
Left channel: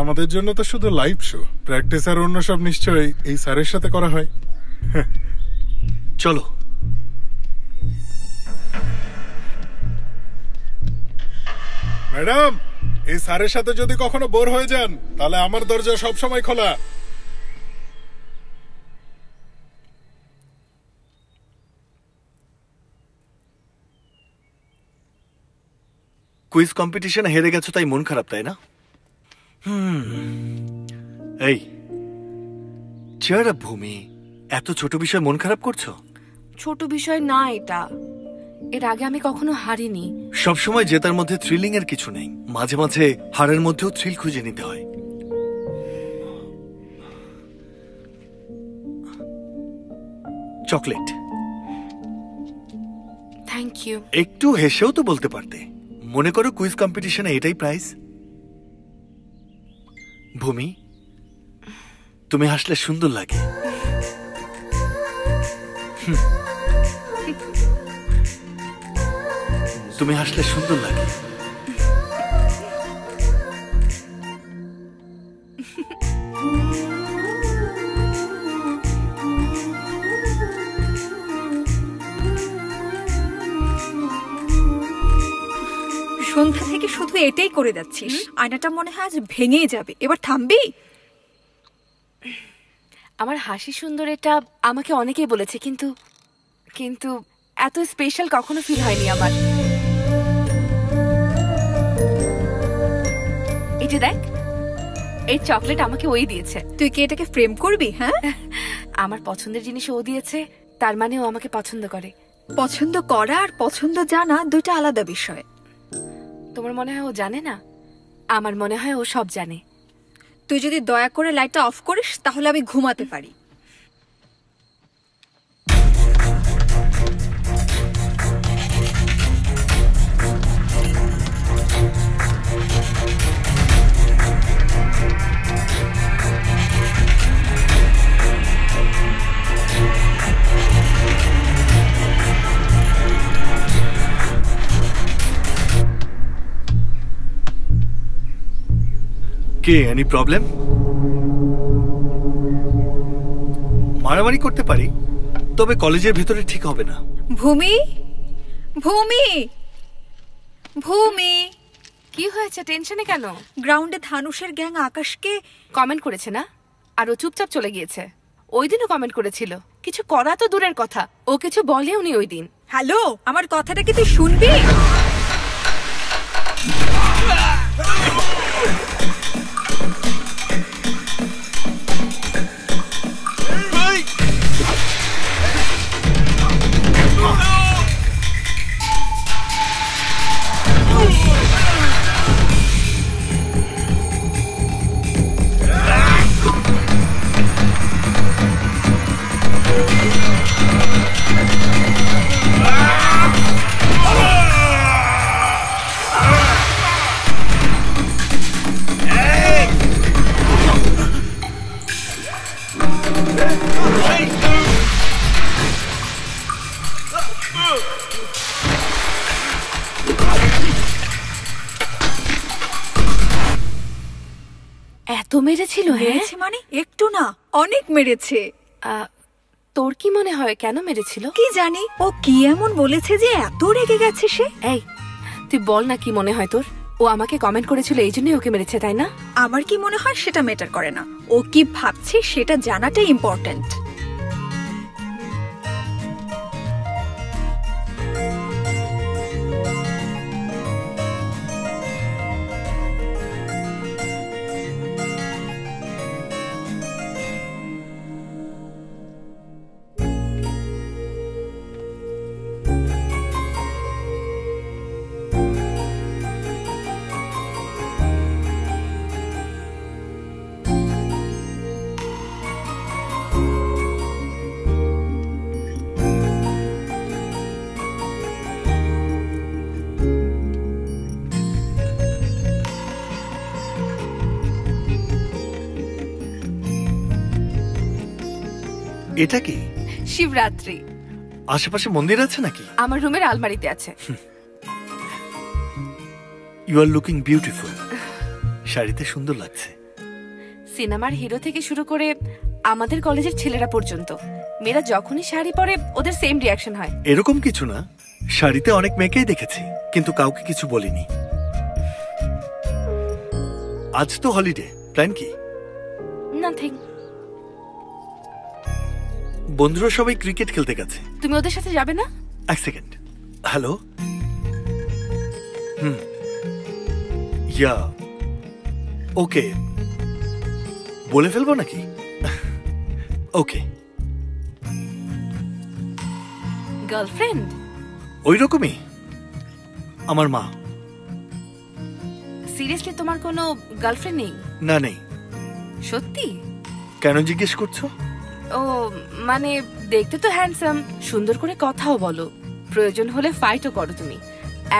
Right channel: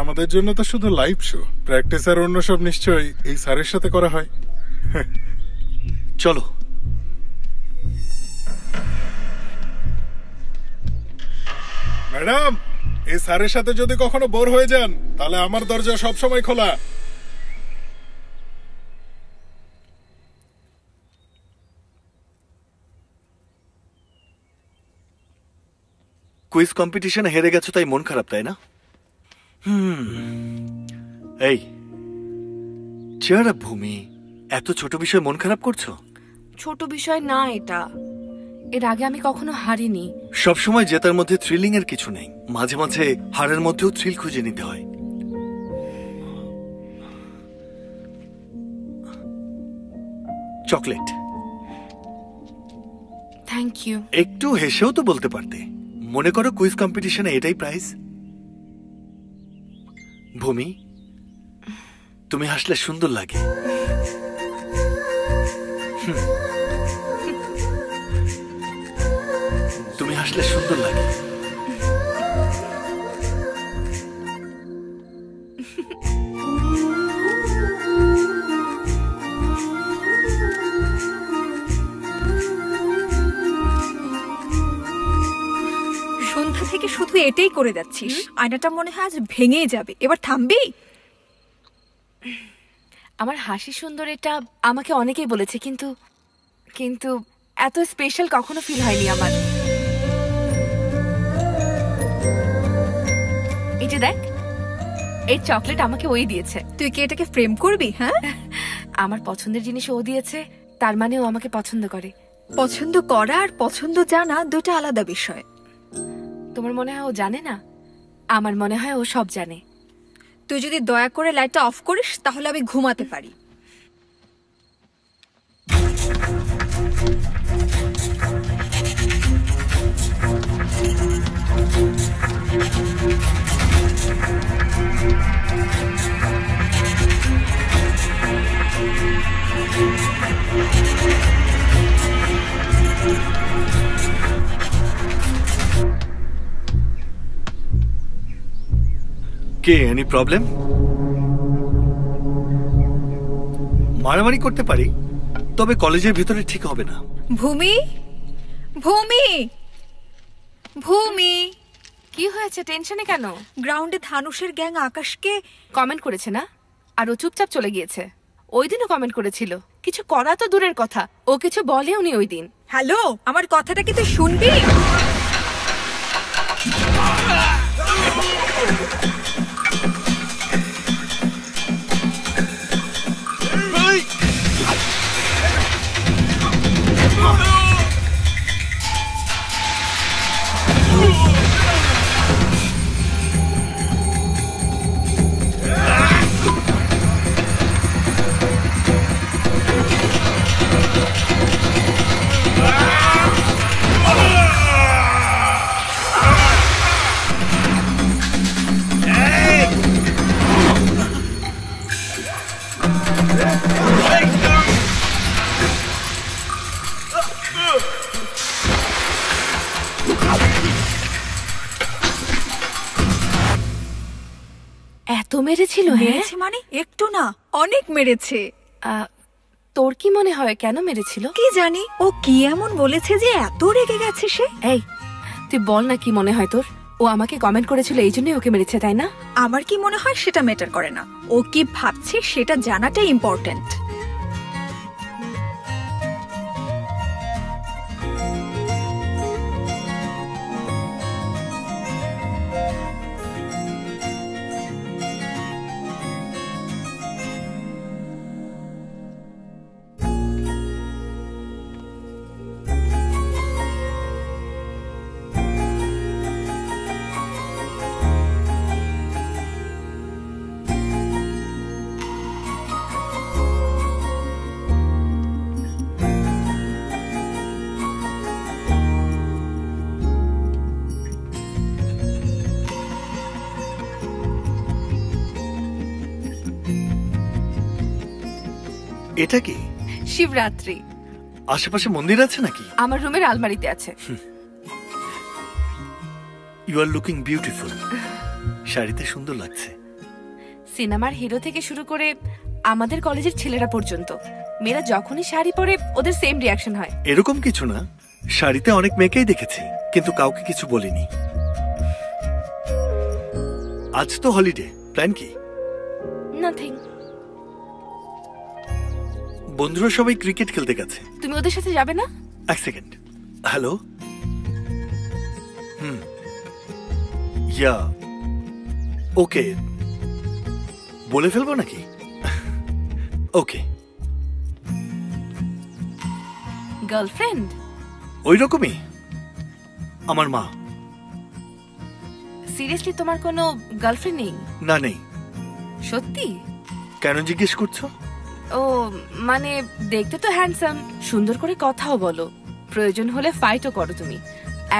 আমাদের জন্য তো শুধু লাইভ শো, প্র্যাকটিস আর অন্য সব নিশ্চয়ই এই স্যারের সাথে করা হয়। চলো। ম্যাডাম, এই স্যারের সাথে যদি কখনো বোর হয়ে যান তাহলে আমার দরজা সবসময় খোলা। কুইজ কম্পিটিশনে হেরে গেছো তাই মন খারাপ, তাই না? এই চেয়ার আপ ভূমি, এত ছোট বিষয় মন খারাপ করছো? ছোট বিষয় না এটা, এর আগে আমি কখনো হারিনি। সবসময় জেতার মধ্যে থ্রিলিং এর কিছু নেই, মাঝে মাঝে হারের মধ্যেও থ্রিল খুঁজে নিতে হয়। চকলেট। Thank you. একটু হেসেও তো বলতে পারতে। মনে করো কুইজ কম্পিটিশনে এটাই প্রাইজ। ভূমি, তুমি হাসলে সুন্দর লাগে। তুমি হাসলে সুন্দর লাগে। সন্ধ্যা থেকে শুধু এটাই করে যাচ্ছিস, আয়নাটা মনে হয় আজ ভেঙেই যাবে, এবার থামবি? আমার হাসি সুন্দর এটা আমাকে অনেকেই বলেছে, কিন্তু কিন্তু এত স্পেশাল কখনো ফিল হয়নি আমার। এই যে দেখ, এই চকলেট আমাকে ওই দিয়েছে। তুই কি এটাকে ফ্রেম করবি? হ্যাঁ, আমার পছন্দের জিনিস ও দিয়েছে, তার মানে ও আমাকে পছন্দ করে। পছন্দ করা আর পছন্দ জানা দুইটা আলাদা বিষয়। তোমার মনে হয় ও জানে না? আমার মনে হয় ও সব জানে। তুই যদি দয়া করে লাইটটা অফ করিস তাহলে আমি ঘুমাতে পারি। কে? Any problem? মারামারি করতে পারি, তবে কলেজের ভিতরে ঠিক হবে না। ভূমি, ভূমি, ভূমি, কি হয়েছে? টেনশনে কেন? গ্রাউন্ডে ধানুষের গ্যাং আকাশকে কমেন্ট করেছে না, আর ও চুপচাপ চলে গিয়েছে। ওই দিনও কমেন্ট করেছিল, কিছু করা তো দূরের কথা, ও কিছু বলেও নি ওই দিন। হ্যালো, আমার কথাটা কি তুই শুনবি? এত মেরেছিল? মেরেছে মানে একটু না, অনেক মেরেছে। তোর কি মনে হয় কেন মেরেছিল? কি জানি, ও কি এমন বলেছে যে এত রেগে গেছে সে? এই তুই বল না, কি মনে হয় তোর? ও আমাকে কমেন্ট করেছিল এই জন্যই ওকে মেরেছে, তাই না? আমার কি মনে হয় সেটা ম্যাটার করে না, ও কি ভাবছে সেটা জানাটাই ইম্পর্টেন্ট। এটা কি? শিবরাত্রি। আশেপাশে মন্দির আছে নাকি? আমার রুমের আলমারিতে আছে। You are looking beautiful. শাড়িতে সুন্দর লাগছে। সিনেমার হিরো থেকে শুরু করে আমাদের কলেজের ছেলেরা পর্যন্ত মেয়েরা যখনই শাড়ি পরে ওদের সেম রিয়াকশন হয়। এরকম কিছু না, শাড়িতে অনেক মেয়েকেই দেখেছি, কিন্তু কাউকে কিছু বলিনি। আজ তো হলিডে, প্ল্যান কি? নাথিং। বন্ধুরা সবাই ক্রিকেট খেলতে গেছে। তুমি ওদের সাথে যাবে না? এক সেকেন্ড। হ্যালো। ইয়া ওকে, বলে ফেলবো নাকি? ওকে। গার্লফ্রেন্ড? ওই রকমই, আমার মা। সিরিয়াসলি তোমার কোনো গার্লফ্রেন্ড নেই? না, নেই। সত্যি? কেন জিজ্ঞেস করছো? ও মানে দেখতে তো হ্যান্ডসাম, সুন্দর করে কথাও বলো, প্রয়োজন হলে ফাইটও করো তুমি।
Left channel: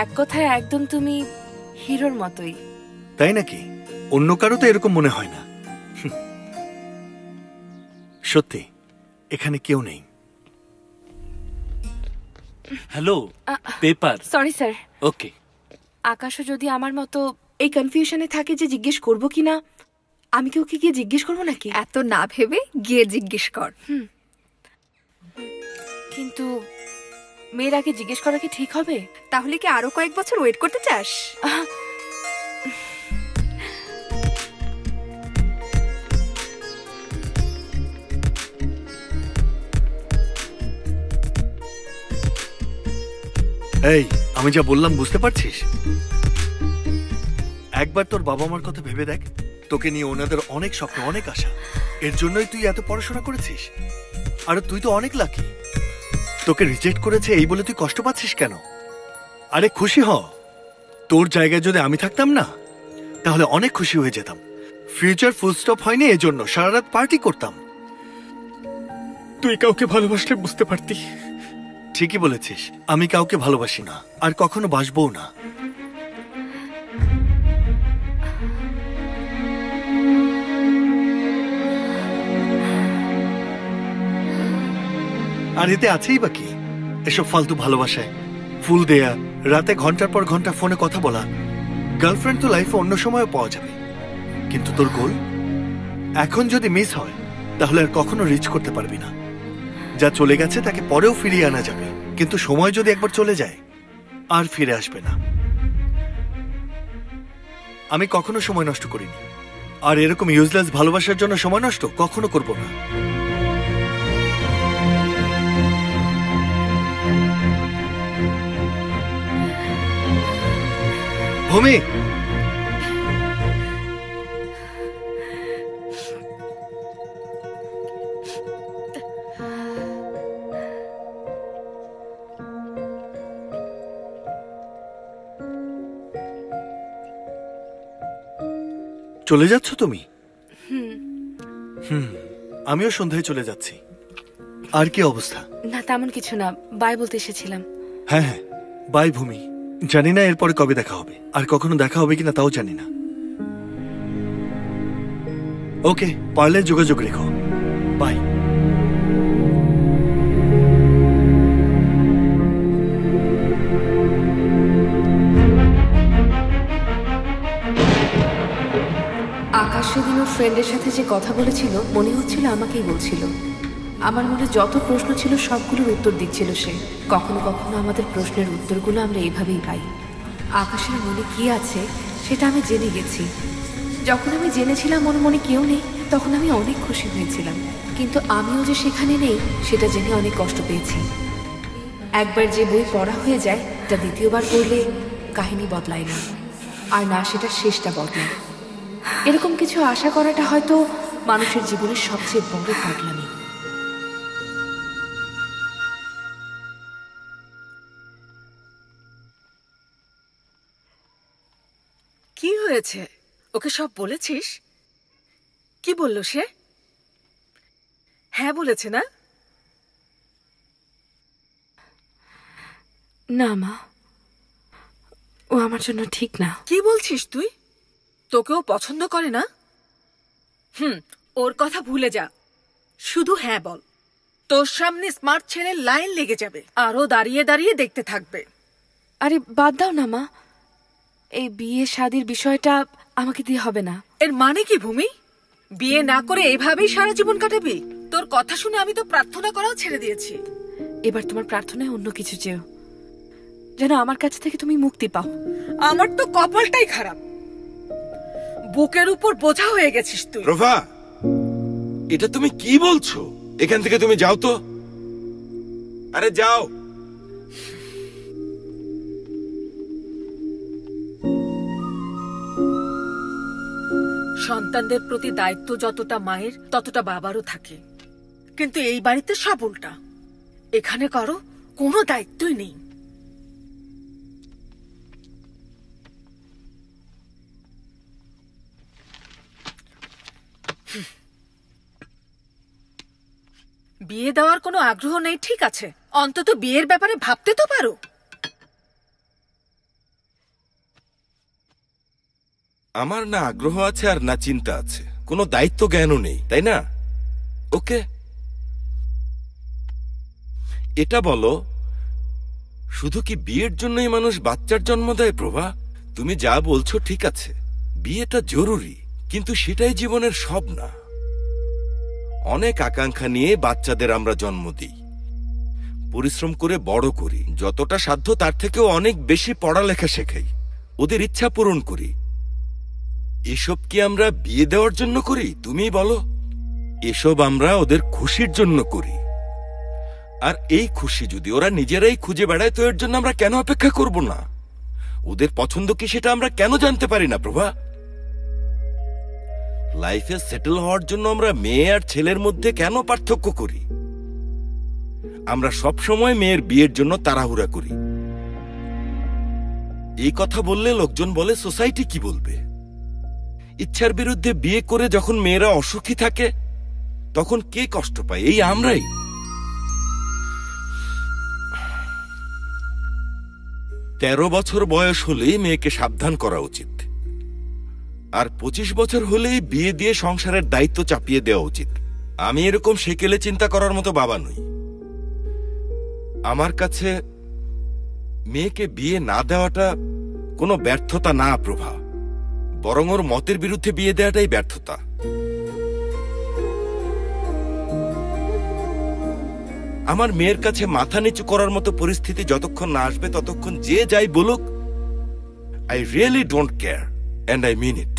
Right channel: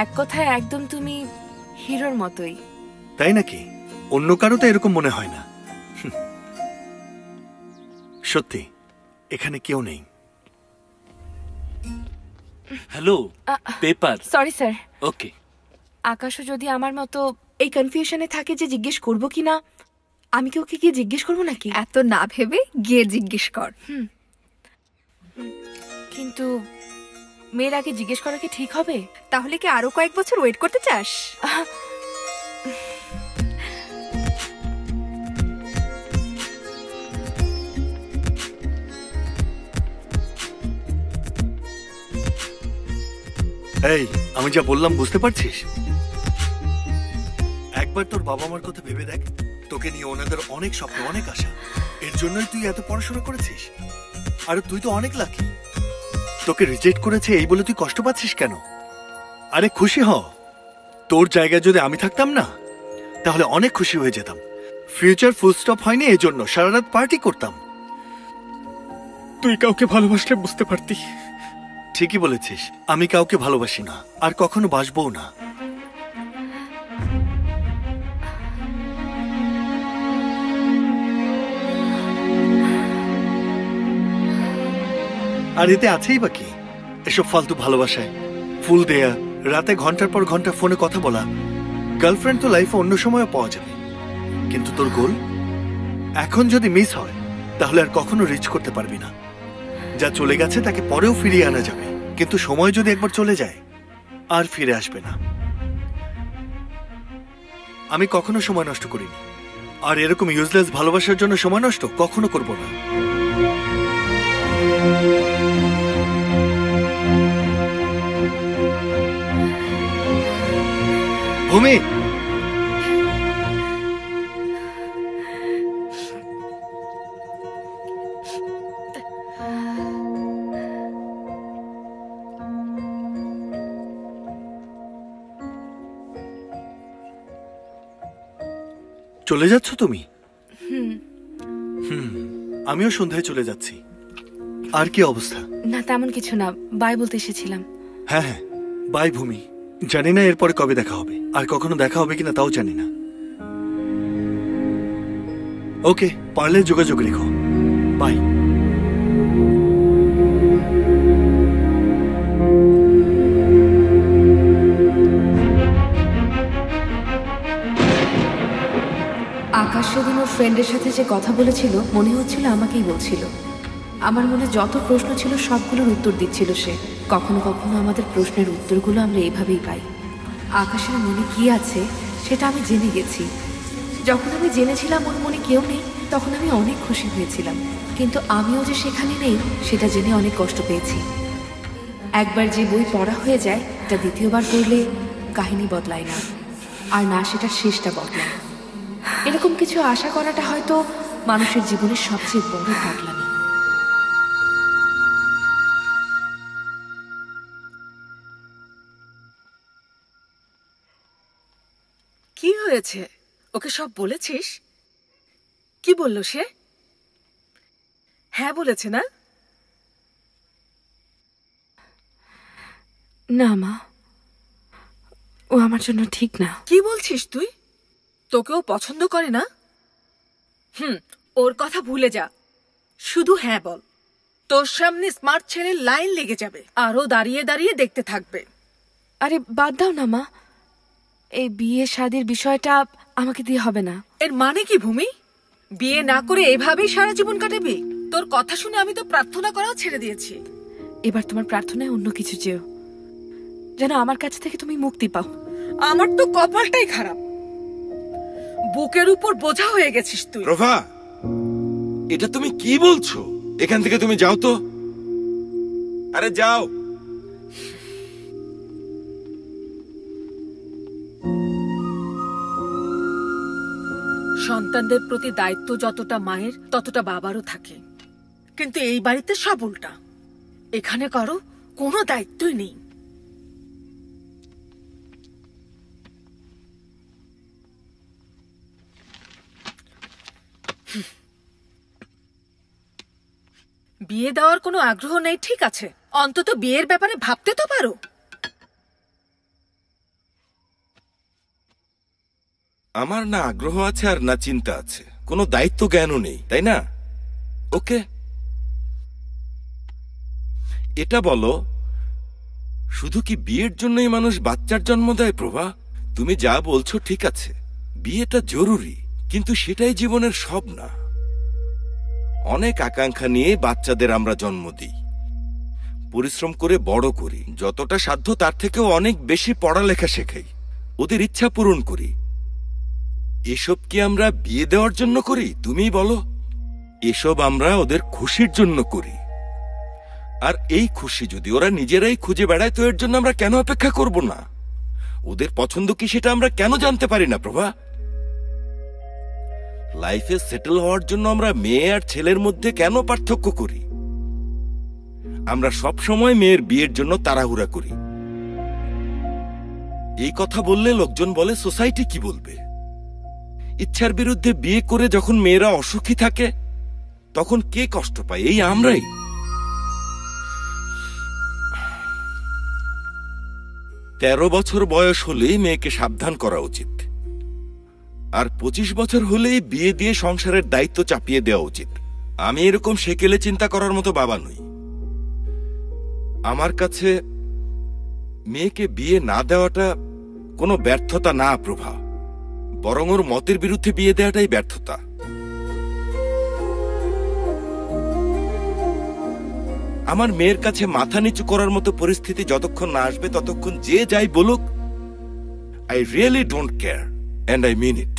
এক কথায় একদম তুমি হিরোর মতোই। তাই নাকি? অন্য কারো তো এরকম মনে হয় না। সত্যি এখানে কেউ নেই। Hello, paper. Sorry sir. Okay. আকাশও যদি আমার মতো এই কনফিউশনে থাকে যে জিজ্ঞেস করব কিনা, আমি কি ওকে গিয়ে জিজ্ঞেস করবো নাকি? এত না ভেবে গিয়ে জিজ্ঞেস কর। কিন্তু মেয়ের আগে জিজ্ঞেস করা কি ঠিক হবে? তাহলে কি আরো কয়েক বছর ওয়েট করতে চাস? এই, আমি যা বললাম বুঝতে পারছিস? একবার তোর বাবা মার কথা ভেবে দেখ। তোকে নিয়ে ওনাদের অনেক স্বপ্ন, অনেক আশা। এর জন্যই তুই এত পড়াশোনা করেছিস। আর তুই তো অনেক লাকি। তোকে রিজেক্ট করেছে এই বলে তুই কষ্ট পাচ্ছিস কেন? আরে খুশি হ। তোর জায়গায় যদি আমি থাকতাম না, তাহলে অনেক খুশি হয়ে যেতাম। ফিউচার ফুল স্টপ হয়নি এজন্য সারা রাত পার্টি করতাম। তুই কাউকে ভালোবাসলে বুঝতে পারতি। ঠিকই বলেছিস, আমি কাউকে ভালোবাসি না, আর কখনো বাসবও না। আর এতে আছেই বা কি? এসব ফালতু ভালোবাসায় ফুল দেয়া, রাতে ঘন্টার পর ঘন্টা ফোনে কথা বলা। গার্লফ্রেন্ড তো লাইফে অন্য সময়ও পাওয়া যাবে, কিন্তু তোর গোল এখন যদি মিস হয় তাহলে আর কখনো রিচ করতে পারবি না। যা চলে গেছে তাকে পরেও ফিরিয়ে আনা যাবে, কিন্তু সময় যদি একবার চলে যায় আর ফিরে আসবে না। আমি কখনো সময় নষ্ট করিনি, আর এরকম ইউজলেস ভালোবাসার জন্য সময় নষ্ট কখনো করব না। ভূমি, চলে যাচ্ছ তুমি? আমিও সন্ধ্যায় চলে যাচ্ছি। আর কি অবস্থা? না তেমন কিছু না, বাই বলতে এসেছিলাম। হ্যাঁ হ্যাঁ, বাই ভূমি। জানি না এরপরে কবে দেখা হবে, আর কখনো দেখা হবে কিনা তাও জানি না। ওকে, পারলে যোগাযোগ রেখো। বাই। আকাশ সেদিন ওর ফ্রেন্ডের সাথে যে কথা বলেছিল মনে হচ্ছিল আমাকেই বলছিল। আমার মনে যত প্রশ্ন ছিল সবগুলোর উত্তর দিচ্ছিল সে। কখনো কখনো আমাদের প্রশ্নের উত্তরগুলো আমরা এইভাবেই পাই। আকাশের মনে কি আছে সেটা আমি জেনে গেছি। যখন আমি জেনেছিলাম ওর মনে কেউ নেই, তখন আমি অনেক খুশি হয়েছিলাম। কিন্তু আমিও যে সেখানে নেই সেটা জেনে অনেক কষ্ট পেয়েছি। একবার যে বই পড়া হয়ে যায় তা দ্বিতীয়বার পড়লে কাহিনী বদলায় না, আর না সেটার শেষটা বদলায়। এরকম কিছু আশা করাটা হয়তো মানুষের জীবনের সবচেয়ে বড় পাগলামি। কি হয়েছে? ওকে সব বলেছিস? কি বলল সে? হ্যাঁ বলেছে না? না মা, ও আমার জন্য ঠিক না। কি বলছিস তুই? তোকেও পছন্দ করে না? ওর কথা ভুলে যা, শুধু হ্যাঁ বল। তোর সামনে স্মার্ট ছেলের লাইন লেগে যাবে, আরো দাঁড়িয়ে দাঁড়িয়ে দেখতে থাকবে। আরে বাদ দাও না মা, এই বিয়ে শাদির বিষয়টা আমাকে দিয়ে হবে না। এর মানে কি ভূমি? বিয়ে না করে এভাবেই সারা জীবন কাটাবি? তোর কথা শুনে আমি তো প্রার্থনা করাও ছেড়ে দিয়েছি। এবার তোমার প্রার্থনায় অন্য কিছু চেয়েও, যেন আমার কাছ থেকে তুমি মুক্তি পাও। আমার তো কপালটাই খারাপ, বুকের উপর বোঝা হয়ে গেছিস তুই। প্রভা, এটা তুমি কি বলছো? এখান থেকে তুমি যাও তো। আরে যাও। সন্তানদের প্রতি দায়িত্ব যতটা মায়ের ততটা বাবারও থাকে, কিন্তু এই বাড়িতে সব উল্টা। এখানে কারো কোনো দায়িত্বই নেই। বিয়ে দেওয়ার কোনো আগ্রহ নেই, ঠিক আছে, অন্তত বিয়ের ব্যাপারে ভাবতে তো পারো। আমার না আগ্রহ আছে আর না চিন্তা আছে, কোনো দায়িত্ব জ্ঞানও নেই, তাই না? ওকে, এটা বলো, শুধু কি বিয়ের জন্যই মানুষ বাচ্চার জন্ম দেয়? প্রভা, তুমি যা বলছো ঠিক আছে, বিয়েটা জরুরি, কিন্তু সেটাই জীবনের সব না। অনেক আকাঙ্ক্ষা নিয়ে বাচ্চাদের আমরা জন্ম দিই, পরিশ্রম করে বড় করি, যতটা সাধ্য তার থেকেও অনেক বেশি পড়ালেখা শেখাই, ওদের ইচ্ছা পূরণ করি। এসব কি আমরা বিয়ে দেওয়ার জন্য করি? তুমি বলো। এসব আমরা ওদের খুশির জন্য করি। আর এই খুশি যদি ওরা নিজেরাই খুঁজে বেড়ায়, তো এর জন্য আমরা কেন অপেক্ষা করব না? ওদের পছন্দ কি সেটা আমরা কেন জানতে পারি না? প্রভা, লাইফে সেটেল হওয়ার জন্য আমরা মেয়ে আর ছেলের মধ্যে কেন পার্থক্য করি? আমরা সব সময় মেয়ের বিয়ের জন্য তাড়াহুড়া করি। এই কথা বললে লোকজন বলে সোসাইটি কি বলবে। ইচ্ছার বিরুদ্ধে বিয়ে করে যখন মেয়েরা অসুখী থাকে, তখন কে কষ্ট পায়? এই আমরাই। তেরো বছর বয়স হলেই মেয়েকে সাবধান করা উচিত, আর 25 বছর হলেই বিয়ে দিয়ে সংসারের দায়িত্ব চাপিয়ে দেওয়া উচিত। আমি এরকম সেকেলে চিন্তা করার মতো বাবা নই। আমার কাছে মেয়েকে বিয়ে না দেওয়াটা কোনো ব্যর্থতা না প্রভা, বরং ওর মতের বিরুদ্ধে বিয়ে দেওয়াটাই ব্যর্থতা। আমার মেয়ের কাছে মাথা নিচু করার মতো পরিস্থিতি যতক্ষণ না আসবে, ততক্ষণ যে যাই বলুক, I really don't care, and I mean it.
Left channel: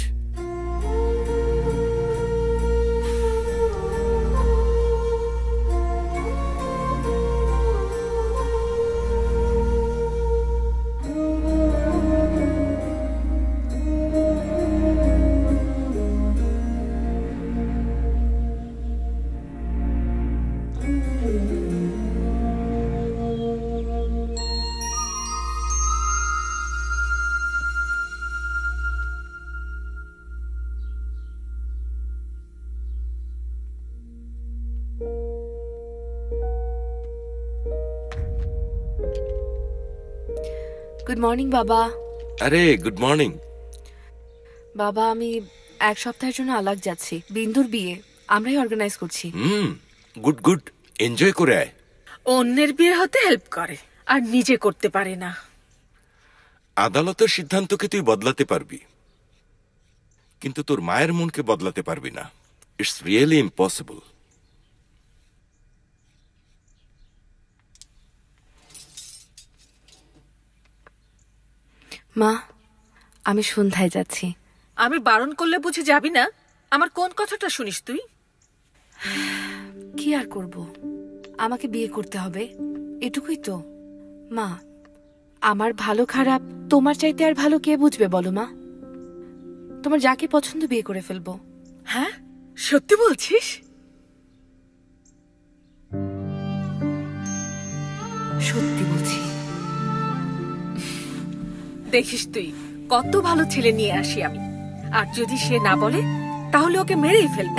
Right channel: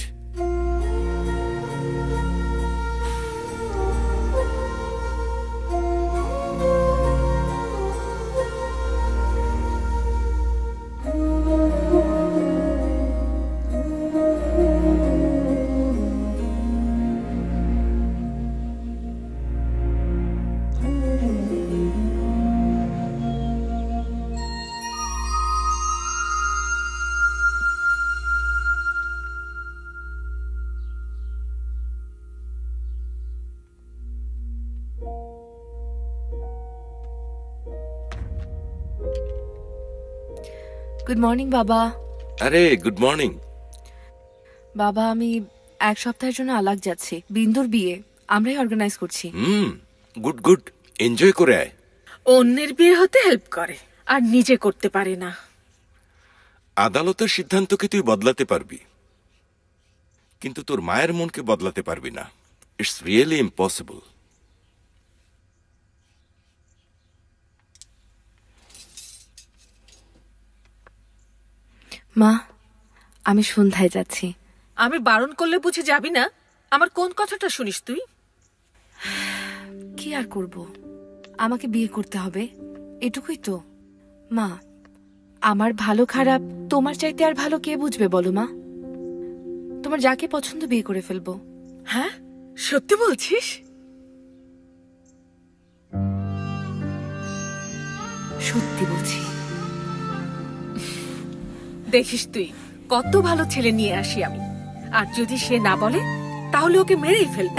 Good morning বাবা। আরে গুড মর্নিং। বাবা, আমি এক সপ্তাহের জন্য আলাগ যাচ্ছি। বিন্দুর বিয়ে আমরাই অর্গানাইজ করছি। গুড গুড, এনজয় করে আয়। অন্যের বিয়ে হতে হেল্প করে আর নিজে করতে পারে না। আদালতের সিদ্ধান্তকে তুই বদলাতে পারবি, কিন্তু তোর মায়ের মনকে বদলাতে পারবি না। It's really impossible. মা, আমি সন্ধ্যায় যাচ্ছি। আমি বারণ করলে বুঝে যাবি না? আমার কোন কথাটা শুনিস তুই? কি আর করব, আমাকে বিয়ে করতে হবে, এটুকুই তো। মা, আমার ভালো খারাপ তোমার চাইতে আর ভালো কে বুঝবে বলো মা? তোমার যাকে পছন্দ বিয়ে করে ফেলবো। হ্যাঁ, সত্যি বলছিস? সত্যি বলছি। দেখিস তুই, কত ভালো ছেলে নিয়ে আসি আমি, আর যদি সে না বলে তাহলে ওকে মেরেই ফেলবো।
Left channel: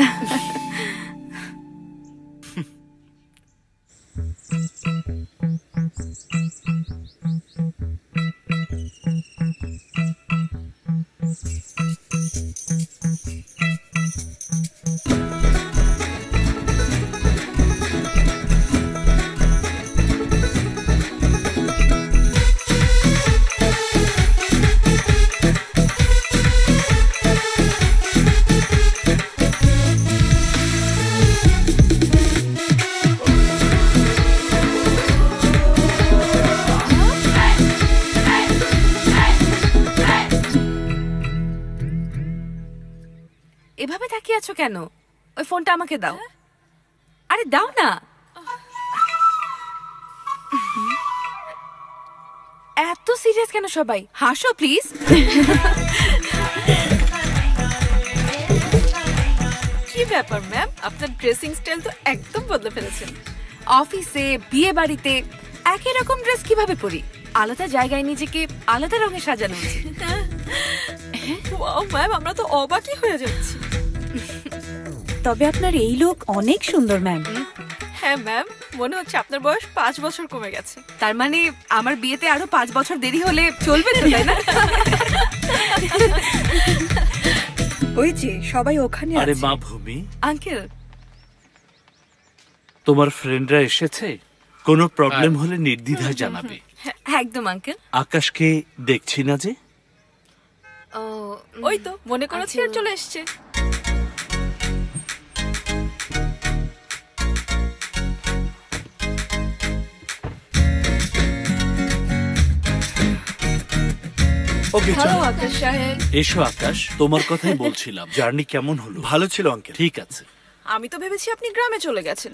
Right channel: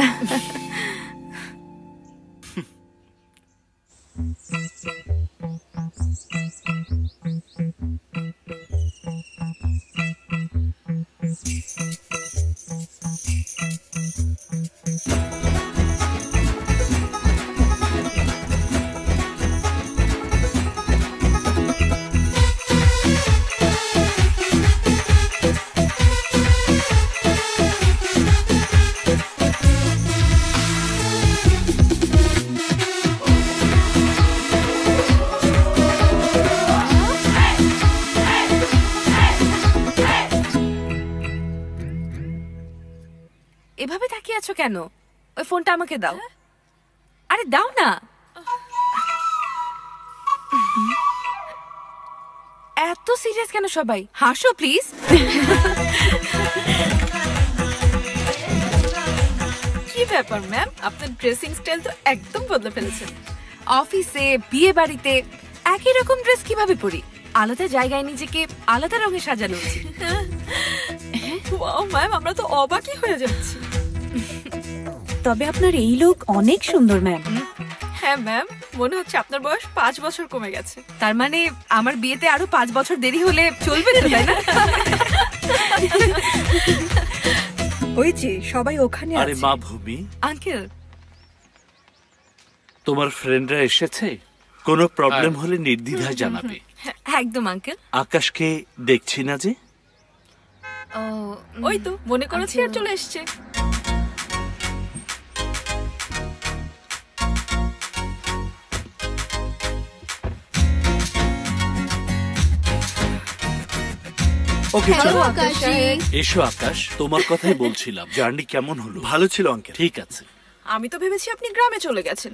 তাকিয়ে আছো কেন? ওই ফোনটা আমাকে দাও। আরে দাও না। এত সিরিয়াস কেন সবাই? হাসো প্লিজ। কি ব্যাপার ম্যাম, আপনার ড্রেসিং স্টাইল তো একদম বদলে ফেলেছেন। অফিসে, বিয়ে বাড়িতে একই রকম ড্রেস কিভাবে পরি? আলাদা জায়গায় নিজেকে আলাদা রঙে সাজানো উচিত। ওয়াও ম্যাম, আমরা তো অবাকই হয়ে যাচ্ছি। তবে আপনার এই লুক অনেক সুন্দর ম্যাম। হ্যাঁ ম্যাম, মনে হচ্ছে আপনার বয়স 5 বছর কমে গেছে। তার মানে আমার বিয়েতে আরো 5 বছর দেরি হলে চলবে তো, তাই না? ওই যে সবাই ওখানে আছে। আরে মা ভূমি, আঙ্কেল, তোমার ফ্রেন্ডরা এসেছে? কোনো প্রবলেম হলে নির্দ্বিধায় জানাবে। একদম আঙ্কেল। আকাশকে দেখছি না যে? ওই তো মনে করেছি আর চলে এসছে। ওকে, চলো। আকাশ সাহেব, এসো আকাশ, তোমার কথাই বলছিলাম। জার্নি কেমন হলো? ভালো ছিল আঙ্কেল। ঠিক আছে। আমি তো ভেবেছি আপনি গ্রামে চলে গেছেন।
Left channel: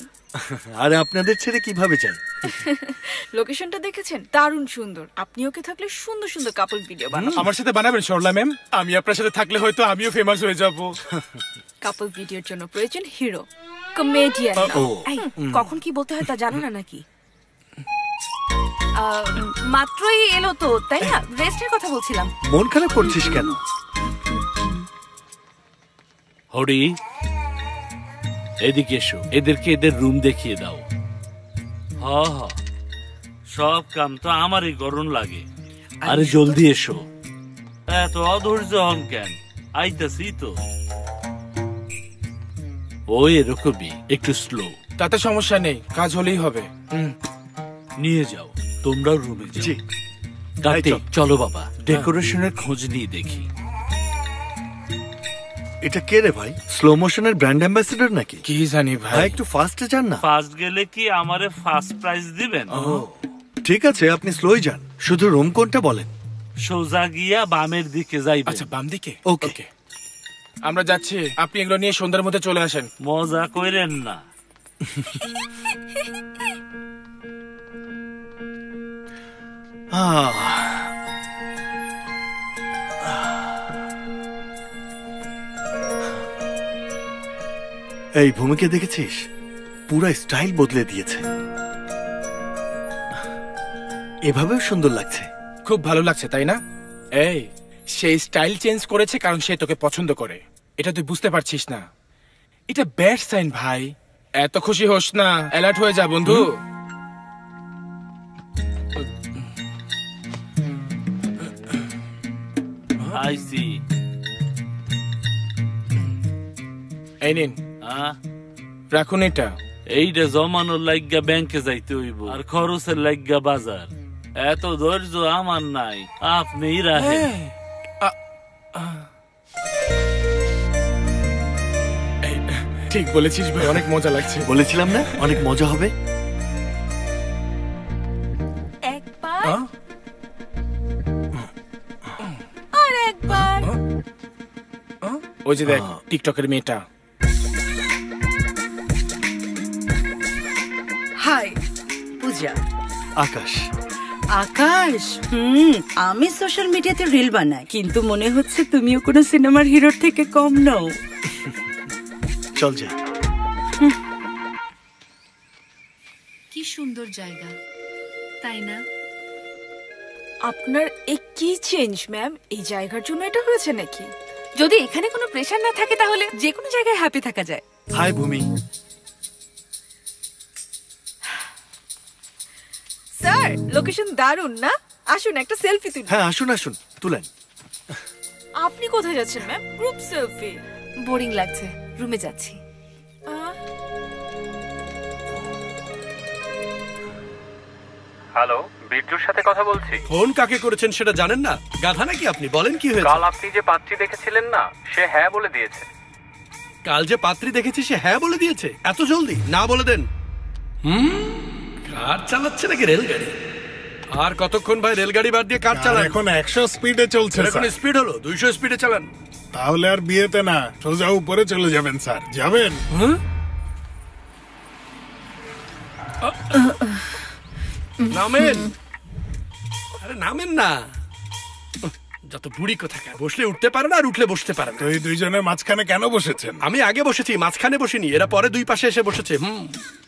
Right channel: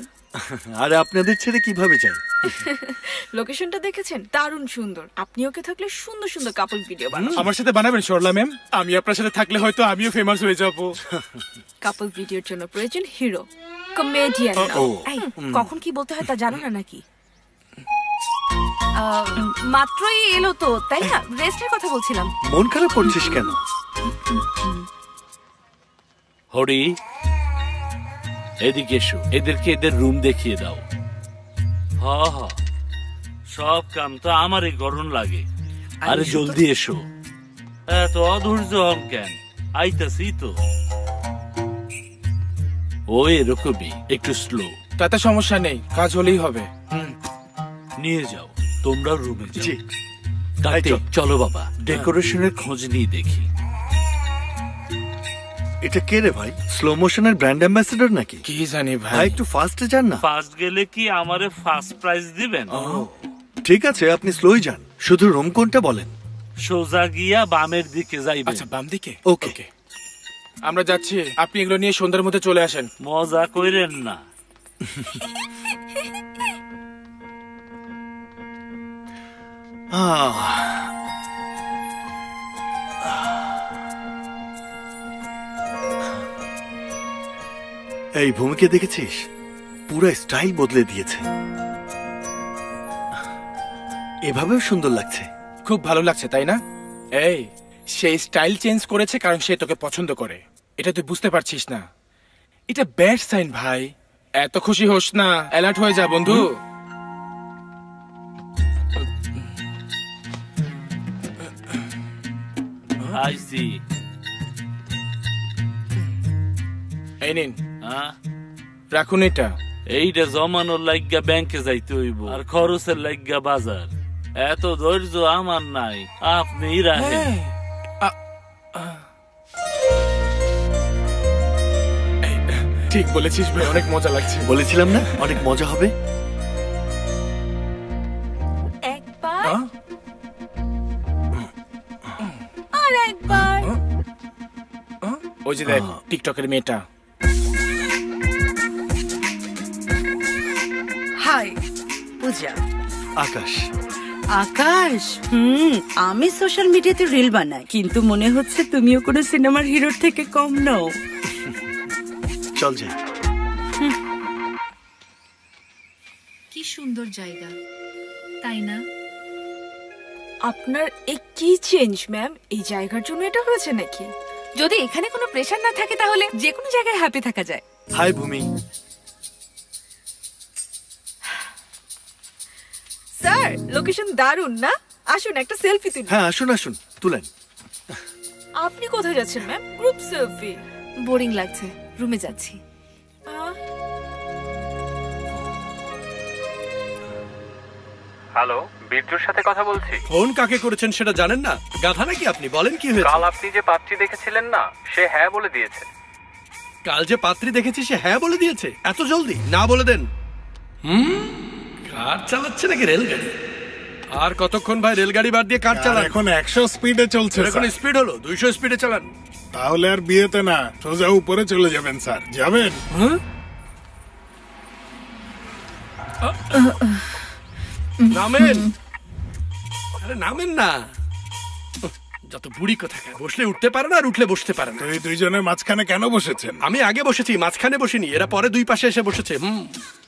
আর আপনাদের ছেড়ে কিভাবে যাই? লোকেশনটা দেখেছেন? দারুণ সুন্দর। আপনি ওকে থাকলে সুন্দর সুন্দর কাপল ভিডিও বানাবেন। আমার সাথে বানাবেন সরলা ম্যাম? আমি আপনার সাথে থাকলে হয়তো আমিও ফেমাস হয়ে যাব। কাপল ভিডিওর জন্য প্রয়োজন হিরো, কমেডিয়ান। এই, কখন কি বলতে হয় তা জানো না নাকি? মাত্রই এলো তো, তাই না? রেস্টের কথা বলছিলাম। মন খারাপ করছিস কেন? হরি, এদিকে এসো, এদেরকে এদের রুম দেখিয়ে দাও। হ হ, সব কাম তো আমারই গরম লাগে। আরে জলদি এসো, এত অধৈর্য হন কেন? আইতাছি তো। ও এরকমই, একটু স্লো। তাতে সমস্যা নেই, কাজ হলেই হবে। নিয়ে যাও, তোমরাও রুমে যাও। কার্তিক, চলো বাবা, ডেকোরেশনের খোঁজ নিয়ে দেখি। এটা কে রে ভাই? স্লো মোশনের ব্র্যান্ড অ্যাম্বাসেডর নাকি? কি জানি ভাই। একটু ফাস্টে যান না। ফার্স্ট গেলে কি আমারে ফার্স্ট প্রাইজ দিবেন? ঠিক আছে, আপনি স্লোই যান। শুধু রুম কোনটা বলেন। সোজা গিয়া বামের দিকে যাইবেন। আচ্ছা, বাম দিকে? ওকে। আমরা যাচ্ছি, আপনি এগুলো নিয়ে সন্ধ্যার মধ্যে চলে আসেন। মজা কইরেন না। এই ভূমিকে দেখেছিস? পুরো স্টাইল বদলে দিয়েছে। এভাবেও সুন্দর লাগছে। খুব ভালো লাগছে, তাই না? এই, সেই স্টাইল চেঞ্জ করেছে কারণ সে তোকে পছন্দ করে। এটা তুই বুঝতে পারছিস না। এটা ব্যাড সাইন ভাই। এত খুশি হোস না, অ্যালার্ট হয়ে যা বন্ধু। আইসি। এই নিন, রাখুন এটা। এইটা জমানোর লাইগা ব্যাংকে যাইতে হইব, আর খরচের লাইগা বাজার। এত ধৈর্য আমার নাই, আপনিই রাখেন। ঠিক বলেছিস ভাই, অনেক মজা লাগছে। বলেছিলাম না অনেক মজা হবে। একবার আর একবার। ওই যে দেখ, টিকটকের মেয়েটা। হাই পূজা। আকাশ। আকাশ, আমি সোশ্যাল মিডিয়াতে রিল বানাই, কিন্তু মনে হচ্ছে তুমিও কোনো সিনেমার হিরোর থেকে কম নও। চল যাই। কি সুন্দর জায়গা, তাই না? আপনার এই কি চেঞ্জ ম্যাম? এই জায়গার জন্য এটা হয়েছে নাকি? যদি এখানে কোনো প্রেশার না থাকে তাহলে যে কোনো জায়গায় হ্যাপি থাকা যায়। হাই ভূমি। স্যার, লোকেশন দারুণ না? আসুন একটা সেলফি তুলি। হ্যাঁ, আসুন আসুন, তুলেন। আপনি কোথায় যাচ্ছেন ম্যাম? Group selfie. বোরিং লাগছে, রুমে যাচ্ছি। হ্যালো, বীরজুর সাথে কথা বলছি। ফোন কাকে করেছেন সেটা জানেন না? গাধা নাকি আপনি? বলেন কি হয়েছে? কাল আপনি যে পাত্রী দেখেছিলেন না, সে হ্যাঁ বলে দিয়েছে। কাল যে পাত্রী দেখেছি সে হ্যাঁ বলে দিয়েছে? এত জলদি? না বলে দেন। কার চালাচ্ছে নাকি রেলগাড়ি? আর কতক্ষণ ভাই রেলগাড়ি বাদ দিয়ে কার চালান? এখন 100 স্পিডে চলছে। এখন স্পিড হলো 200 স্পিডে চালান। তাহলে আর বিয়েতে না, সোজা উপরে চলে যাবেন স্যার। যাবেন? নামেন, আরে নামেন না। যত বুড়ি কোথাকার, বসলে উঠতে পারে না আর উঠলে বসতে পারে না। তো এই দুইজনের মাঝখানে কেন বসেছেন? আমি আগে বসেছি, মাঝখানে বসিনি, এরা পরে দুই পাশে এসে বসেছে।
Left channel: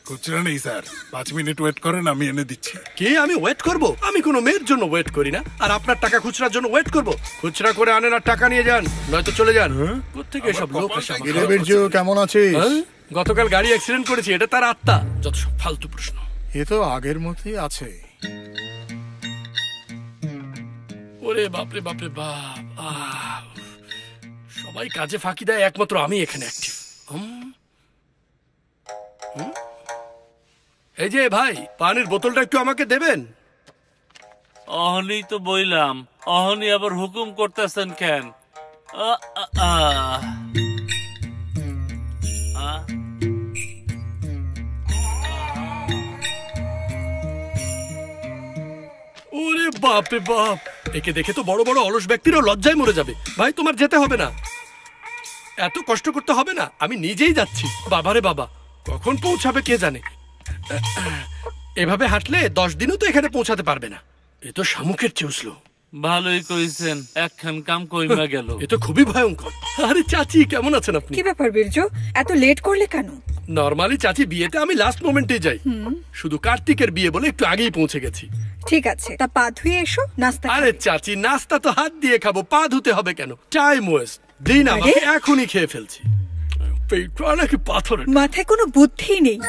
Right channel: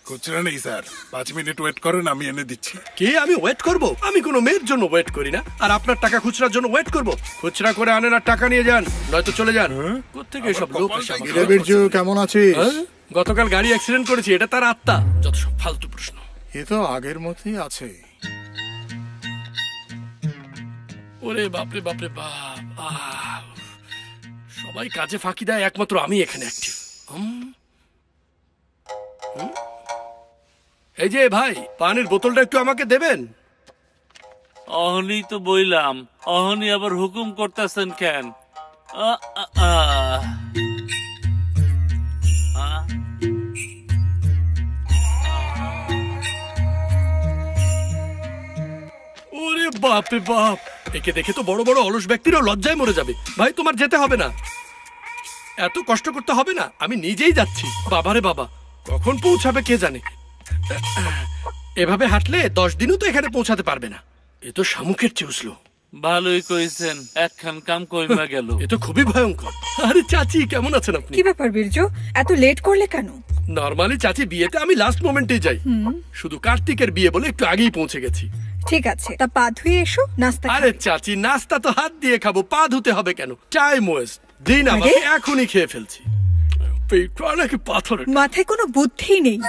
খুচরা নেই স্যার, 5 মিনিট ওয়েট করেন, আমি এনে দিচ্ছি। কে আমি ওয়েট করব? আমি কোনো মেয়ের জন্য ওয়েট করি না। আর আপনার টাকা খুচরার জন্য ওয়েট করব? খুচরা করে আনেন আর টাকা নিয়ে যান, নয়তো চলে যান। কোত্থেকে এসব লোক আসে? বীরজু কেমন আছিস? গতকাল গাড়ি অ্যাক্সিডেন্ট করেছি, এটা তার আত্মা। যত সব ফালতু প্রশ্ন। এ তো আগের মতোই আছে। ওরে বাপরে বাপরে বাপ, সবাই কাজে ফাঁকি দেয়, একমাত্র আমি এখানে অ্যাক্টিভ। এই যে ভাই, পানির বোতলটা একটু আমাকে দেবেন? অহনি তো বইলাম, অহনি আবার হুকুম করতেছেন কেন? ওরে বাপরে বাপ, একে দেখে তো বড় বড় অলস ব্যক্তিরাও লজ্জায় মরে যাবে। ভাই তোমার যেতে হবে না, এত কষ্ট করতে হবে না, আমি নিজেই যাচ্ছি। বাবারে বাবা, কখন পৌঁছাবে কে জানে। এভাবে হাঁটলে 10 দিনও তো এখানে পৌঁছাতে পারবে না। এ তো শামুকের চেউসলো। ভালোই কইছেন, একখান কাম কইমা গেল। এ তো খুবই ভয়ঙ্কর। আরে চাচি, কেমন আছেন আপনি? কি ব্যাপার বীরজু, এত লেট করলে কেন? নরমালি চাচি বিয়েতে আমি লাস্ট মোমেন্টে যাই, শুধু কার্তিকের বিয়ে বলে একটু আগেই পৌঁছে গেছি। ঠিক আছে, তা পা ধুয়ে এসো, নাস্তা। আরে চাচি, নাস্তা তো হাত দিয়ে খাবো, পা ধুতে হবে কেন? Time waste. দিন আমাকে, এখনই খেয়ে ফেলছি। পেটটা নাকি পাথর। মাথায় কোনো বুদ্ধি নেই।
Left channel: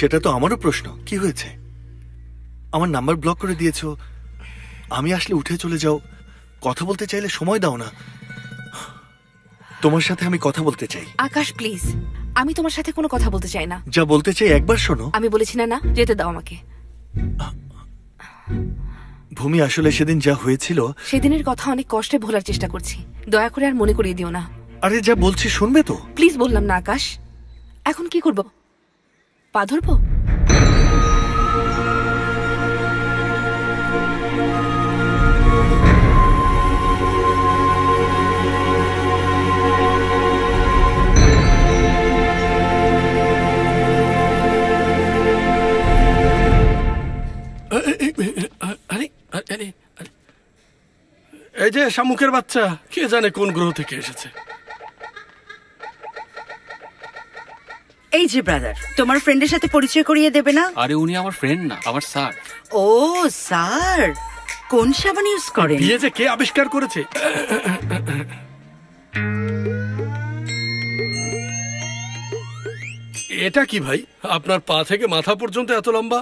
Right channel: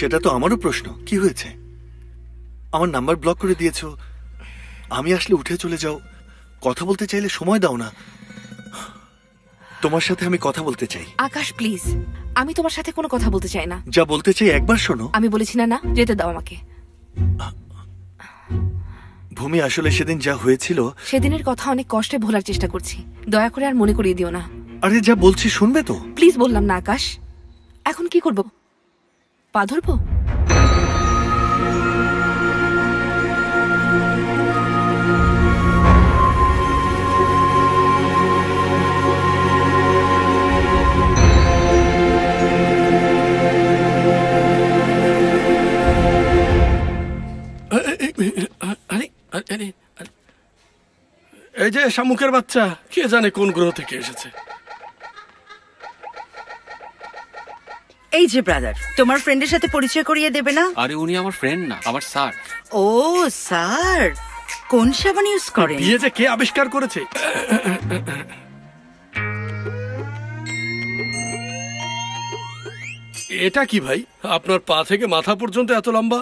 সেটা তো আমারও প্রশ্ন, কি হয়েছে? আমার নাম্বার ব্লক করে দিয়েছো, আমি আসলে উঠে চলে যাও, কথা বলতে চাইলে সময় দাও না। তোমার সাথে আমি কথা বলতে চাই। আকাশ প্লিজ, আমি তোমার সাথে কোনো কথা বলতে চাই না। যা বলতে চাই একবার শোনো। আমি বলেছি না, না যেতে দাও আমাকে। ভূমি, আসলে সেদিন যা হয়েছিল, সেদিনের কথা অনেক কষ্টে ভোলার চেষ্টা করছি, দয়া করে আর মনে করিয়ে দিও না। আরে যা বলছি শুনবে তো? প্লিজ বললাম না আকাশ। এখন কি করব? পা ধরবো? এই যে শামুকের বাচ্চা, কে জানে কোন গ্রহ থেকে এসেছে। এই যে ব্রাদার, তোমার ফ্রেন্ডের সাথে পরিচয় করিয়ে দেবে না? আরে উনি আমার ফ্রেন্ড না, আমার স্যার। ও স্যার, কোন সাবান ইউজ করেন? বিয়ে যে কে আবিষ্কার করেছে? এটা কি ভাই, আপনার পা থেকে মাথা পর্যন্ত এত লম্বা?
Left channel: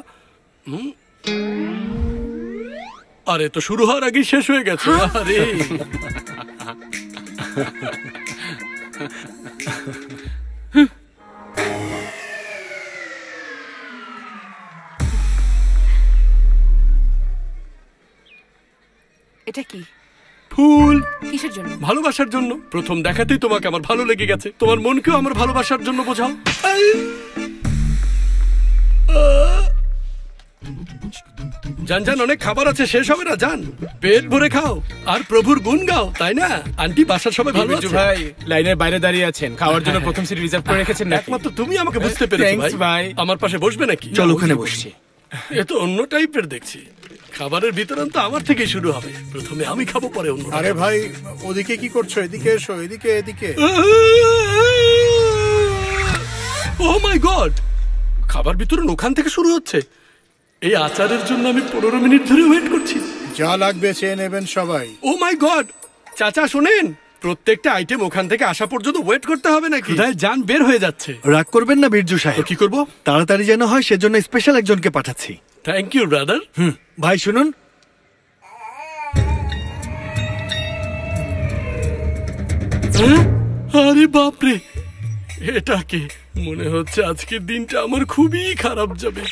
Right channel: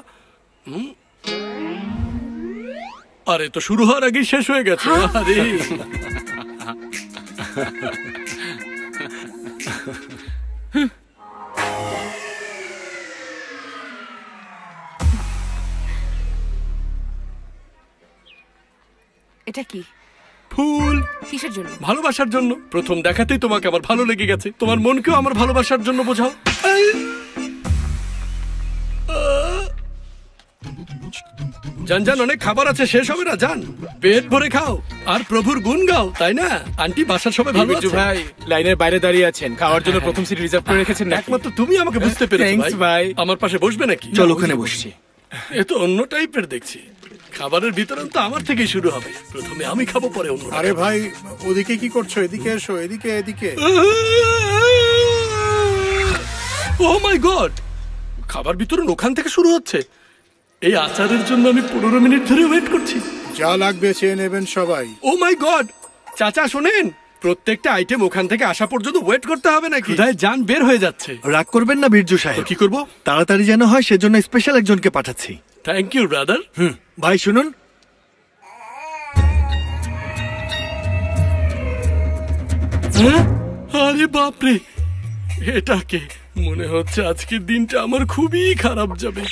আরে তো শুরু হওয়ার আগেই শেষ হয়ে গেছে। আরে এটা কি? ফুল। কিসের জন্য? ভালোবাসার জন্য। প্রথম দেখাতেই তোমাকে আমার ভালো লেগে গেছে, তোমার মনকেও আমার ভালোবাসার জন্য বোঝাও। জান জান, অনেক খাবার আছে, শেষ হবে না, জান পেট ভরে খাও আর প্রভুর গুণ গাও, তাই না? আন্টি, বাসার সবাই ভালো আছে? ভাই লাইনের বাইরে দাঁড়িয়ে আছেন, খাওয়ার জন্য প্রথম সিট রিজার্ভ করে রেখেছেন নাকি? একমাত্র তুমি আমাকে বুঝতে পেরেছো ভাই। আমার পাশে বসবে নাকি? চল ওখানে বসছি। এ তো অন্য টাইপের দেখছি। খাবারের বিতরণ তো আমার থেকেই শুরু হবে, প্রথমে আমি খাবো, পরে অন্য। আরে ভাই, ওদিকে কি করছো? এদিকে এসো, এদিকে এদিকে। ও মাই গড, খাবার বিতরণ ওখান থেকে শুরু হচ্ছে। এই আচারের জন্য আমি 15 মিনিট ধরে ওয়েট করছি। যা লাগবে চেয়ে নেবেন সবাই। ও মাই গড, চাচা শোনেন, প্রত্যেকটা আইটেম ওখান থেকে আসা পর্যন্ত ওয়েট করতে হবে নাকি? ক্ষুধায় জান বের হয়ে যাচ্ছে। রাগ করবেন না বীরজু সাহেব। কি করব? তাড়াতাড়ি যেন হয় সেজন্য স্পেশাল একজনকে পাঠাচ্ছি। Thank you brother. ভাই শুনুন, আরে বাপরে, এটাকে মনে হচ্ছে আজকের দিনটা আমার খুবই খারাপ যাবে।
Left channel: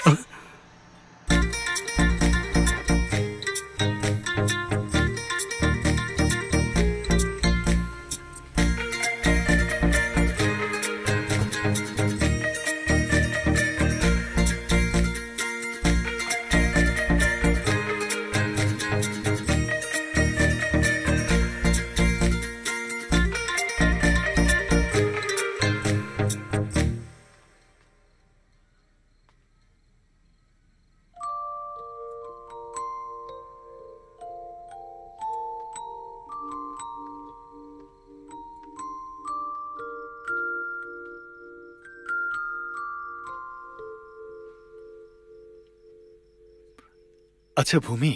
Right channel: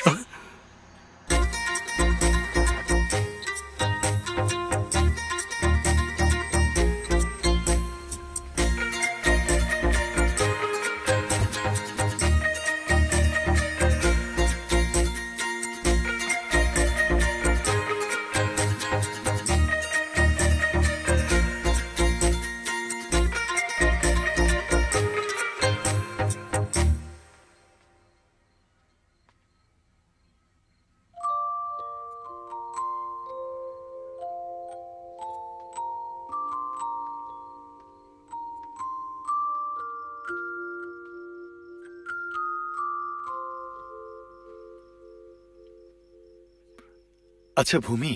আচ্ছা ভূমি,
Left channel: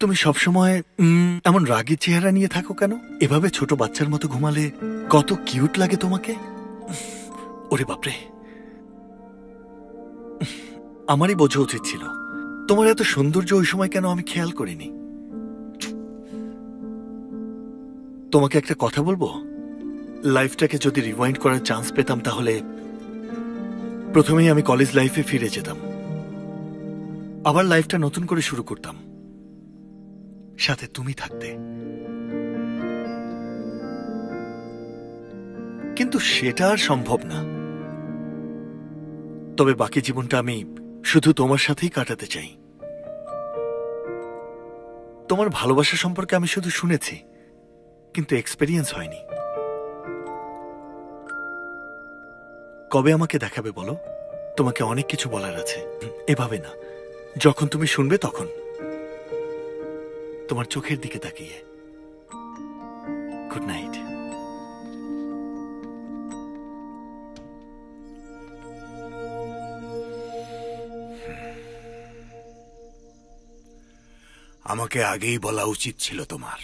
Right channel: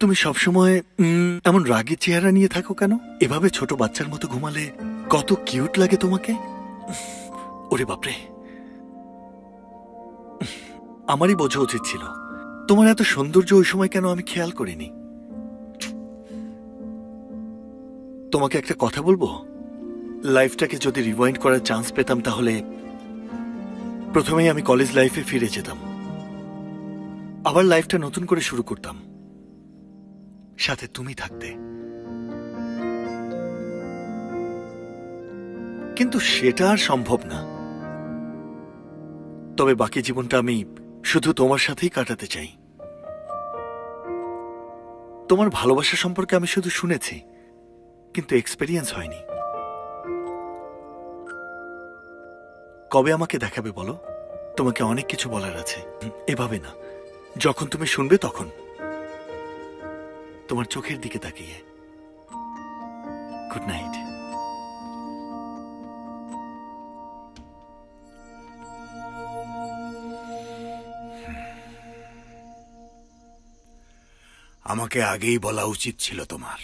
তুমি সবসময় এমন রাগী চেহারা নিয়ে থাকো কেন? এভাবে ছোট বাচ্চার মতো ঘুমালে কত কিউট লাগে তোমাকে। ওরে বাপরে, আমারই বোঝা উচিত ছিল। তোমার এত সৌন্দর্য ওই সময় কেন আমি খেয়াল করিনি। তোমাকে একটা কথা বলবো, লাইফটাকে যদি রিওয়াইন্ড করার চান্স পেতাম তাহলে প্রথমেই আমি কলেজ লাইফে ফিরে যেতাম, আবার লাইফটা নতুন করে শুরু করতাম, সাথে তুমি থাকতে। কিন্তু সেটা আর সম্ভব না। তবে বাকি জীবনটা আমি শুধু তোমার সাথেই কাটাতে চাই। তোমার ভালোবাসা সম্পর্কে আমি শুধু শুনেছি, কিন্তু এক্সপেরিয়েন্স হয়নি। কবে আমাকে দেখাবে বলো? তোমাকে অনেক কিছু বলার আছে। এভাবে না, যখন তুমি শুনবে তখন, তোমার চোখের দিকে তাকিয়ে। Good night. আমাকে আগেই বলা উচিত ছিল তোমার।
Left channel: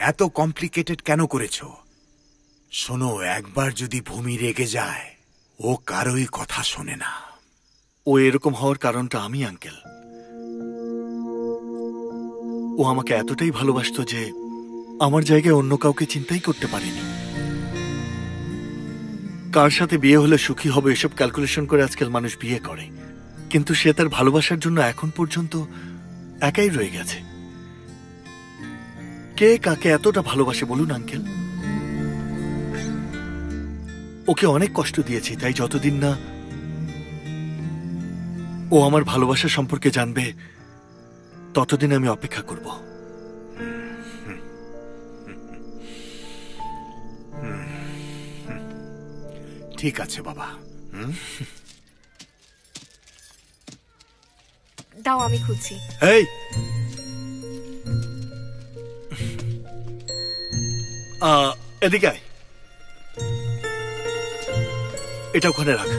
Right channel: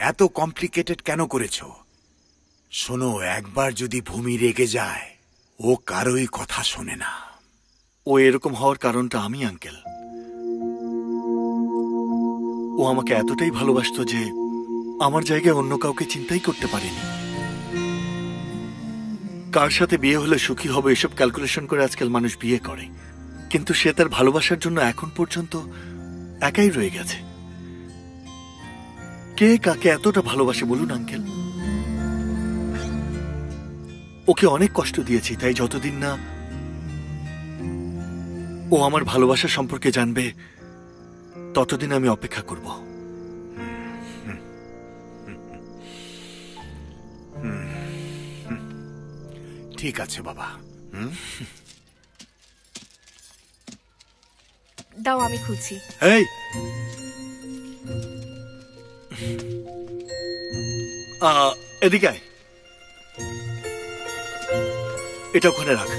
এত কমপ্লিকেটেড কেন করেছো? শোনো, একবার যদি ভূমি রেগে যায়, ও কারোই কথা শোনে না। ও এরকম হওয়ার কারণটা আমি, আঙ্কেল। ও আমাকে এতটাই ভালোবাসতো যে আমার জায়গায় অন্য কাউকে চিন্তাই করতে পারেনি। কার সাথে বিয়ে হলে সুখী হবে এসব ক্যালকুলেশন করে আজকাল মানুষ বিয়ে করে, কিন্তু সে তার ভালোবাসার জন্য এখন পর্যন্ত একাই রয়ে গেছে। কে কাকে এতটা ভালোবাসে বলুন আঙ্কেল? ওকে অনেক কষ্ট দিয়েছি, তাই যতদিন না ও আমার ভালোবাসা সম্পর্কে জানবে ততদিন আমি অপেক্ষা করব। ঠিক আছে বাবা। দাও, আমি খুঁজছি। এই, এদিকে আয়। এটা ওখানে রাখ।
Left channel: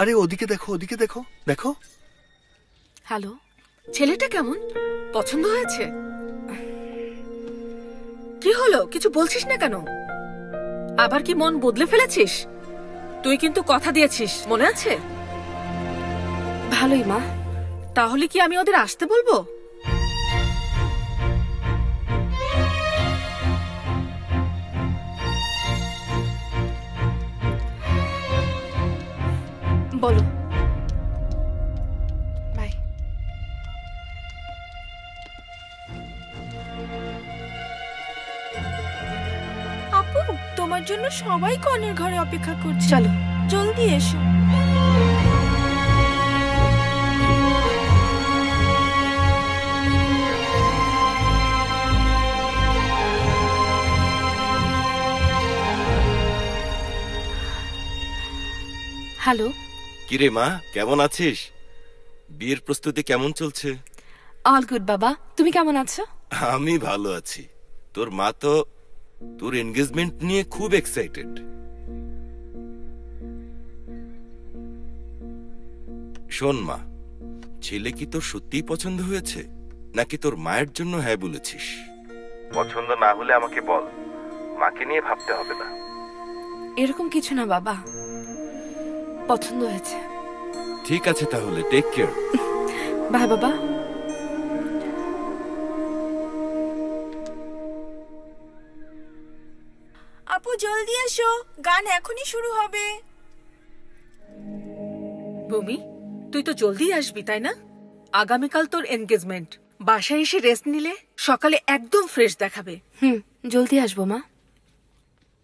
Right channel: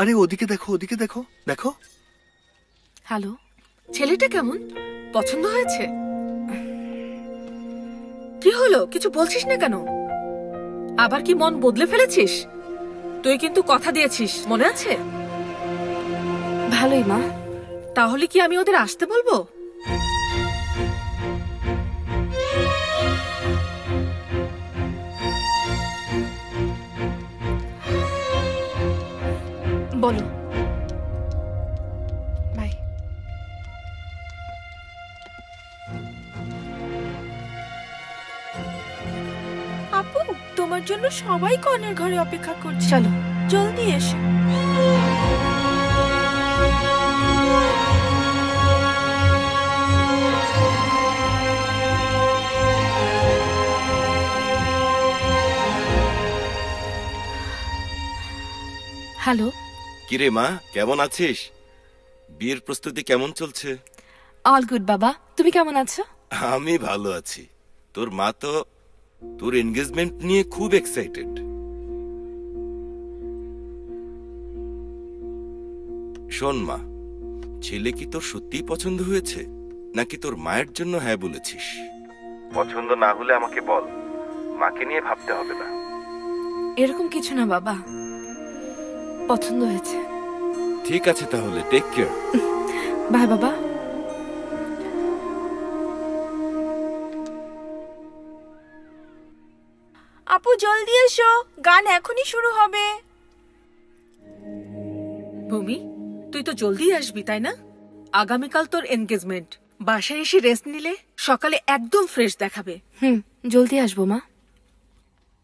আরে ওদিকে দেখো, ওদিকে দেখো, দেখো। হ্যালো, ছেলেটা কেমন? পছন্দ হয়েছে? কি হলো, কিছু বলছিস না কেন? আবার কি মন বদলে ফেলেছিস? তুই কিন্তু কথা দিয়েছিস, মনে আছে? ভালোই মা। তাহলে কি আমি ওদের আসতে বলবো? বলো। বাই। আপু, তোমার জন্য সবাই কনের ঘরে অপেক্ষা করছে। চলো, জলদি এসো। হ্যালো। কিরে মা, কেমন আছিস? বিয়ের প্রস্তুতি কেমন চলছে? অল গুড বাবা, তুমি কেমন আছো? আমি ভালো আছি। তোর মা তো তোর এনগেজমেন্ট নিয়ে খুব এক্সাইটেড। শোন মা, ছেলে কি তোর সত্যিই পছন্দ হয়েছে, নাকি তোর মায়ের জন্য হ্যাঁ বলেছিস? পছন্দ না হলে আমাকে বল, মাকে নিয়ে ভাবতে হবে না। এরকম কিছু না বাবা, পছন্দ হয়েছে। ঠিক আছে তাহলে, টেক কেয়ার। বাই বাবা। আপু জলদি এসো, গান এখনই শুরু হবে। ভূমি, তুই তো জলদি আসবি তাই না? আগামীকাল তোর এনগেজমেন্ট। বাসায় এসে রেস্ট নিলে সকালে একদম ফ্রেশ দেখাবে। জলদি আসবো মা।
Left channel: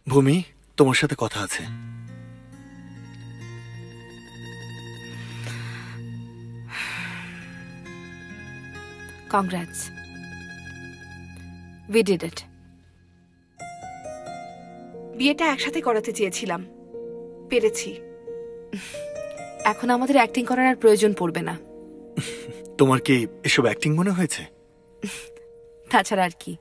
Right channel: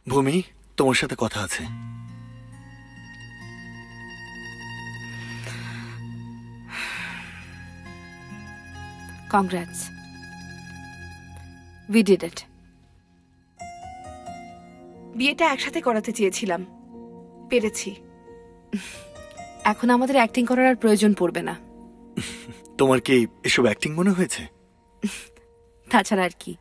ভূমি, তোমার সাথে কথা আছে। Congrats, we did it. বিয়েটা একসাথে করাতে চেয়েছিলাম, পেরেছি। এখন আমাদের অ্যাক্টিং করার আর প্রয়োজন পড়বে না। তোমার কি এসব অ্যাক্টিং মনে হয়েছে? তাছাড়া আর কি।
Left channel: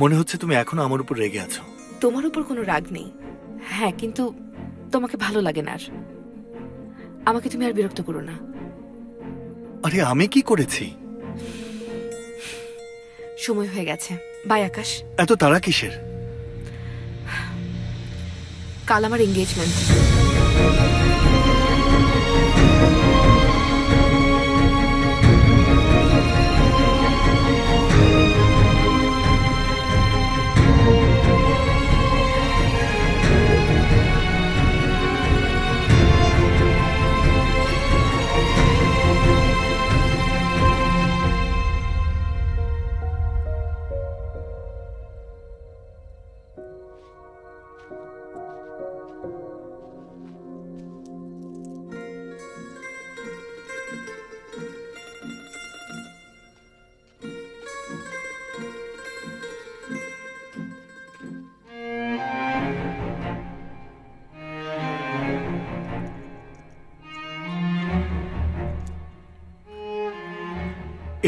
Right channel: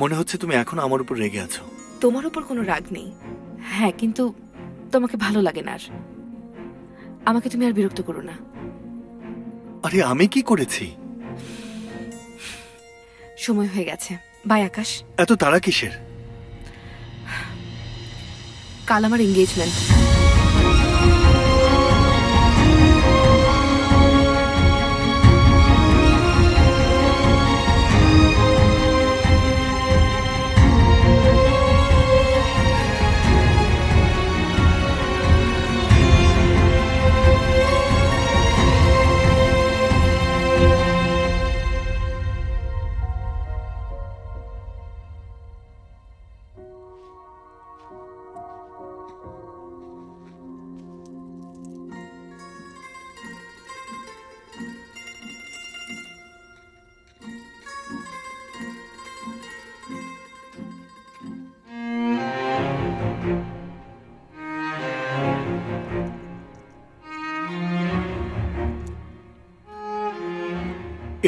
মনে হচ্ছে তুমি এখনো আমার উপর রেগে আছো। তোমার উপর কোনো রাগ নেই, হ্যাঁ, কিন্তু তোমাকে ভালো লাগে না। আর আমাকে তুমি আর বিরক্ত করো না। আরে আমি কি করেছি? সময় হয়ে গেছে। বাই আকাশ। এত তাড়া কিসের? কাল আমার এঙ্গেজমেন্ট।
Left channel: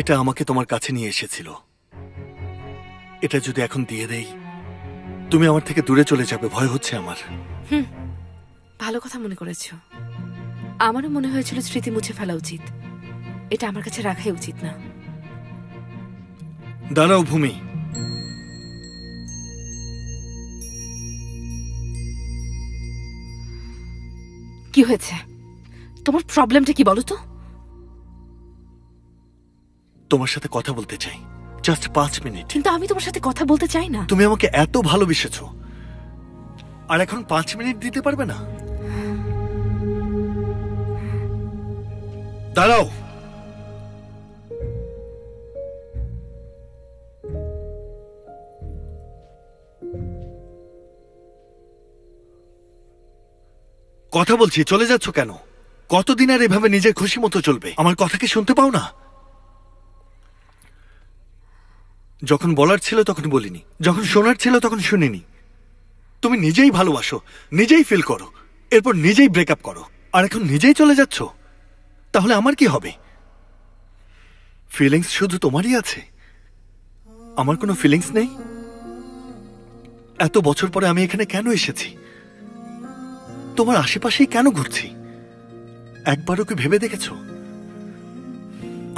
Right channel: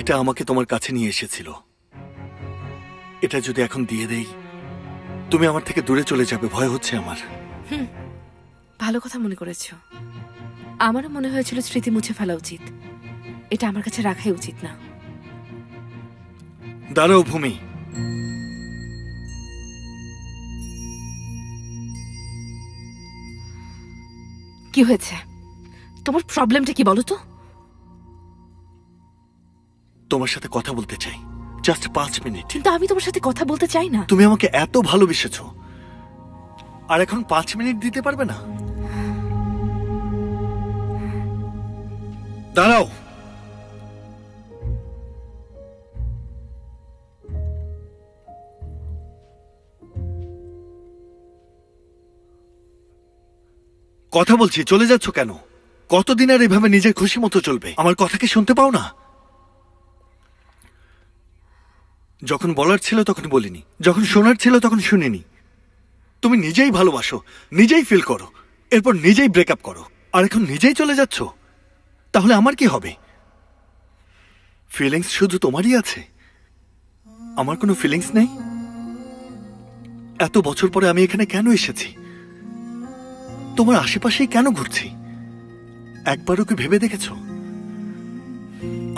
এটা আমাকে তোমার কাছে নিয়ে এসেছিল। এটা যদি এখন দিয়ে দেই, তুমি আমার থেকে দূরে চলে যাবে, ভয় হচ্ছে আমার। ভালো কথা মনে করেছ। আমারও মনে হয়েছিল স্মৃতি মুছে ফেলা উচিত, এটা আমার কাছে রাখাই উচিত না। দাঁড়াও ভূমি, কি হয়েছে? তোমার প্রবলেমটা কি বলো তো? তোমার সাথে কথা বলতে চাই, জাস্ট 5 মিনিট। কিন্তু আমি তোমার সাথে কথা বলতে চাই না। তুমি আমাকে এত ভালোবেসেছো, আর এখন 5 মিনিট দিতে পারবে না? দাঁড়াও। কথা বলছি, চলে যাচ্ছ কেন? কতদিন আর এভাবে নিজের খুশি মতো চলবে? আমার কথা কি শুনতে পাও না? যখন বলার ছিল তখন বলিনি, যখন শোনার ছিল তখন শুনিনি। তুমি নিজেই ভালোবাসো, নিজেই ফিল করো, এরপর নিজেই ব্রেকআপ করো, আর এখন নিজেই চলে যাচ্ছ। তাহলে আমার কি হবে? ফিলিংস শুধু তোমারই আছে, আমার কোনো ফিলিংস নেই? এত বছর পরে আমি এখানে কেন এসেছি? তোমার আশেপাশেই কেন ঘুরছি? একবারও কি ভেবে দেখেছ?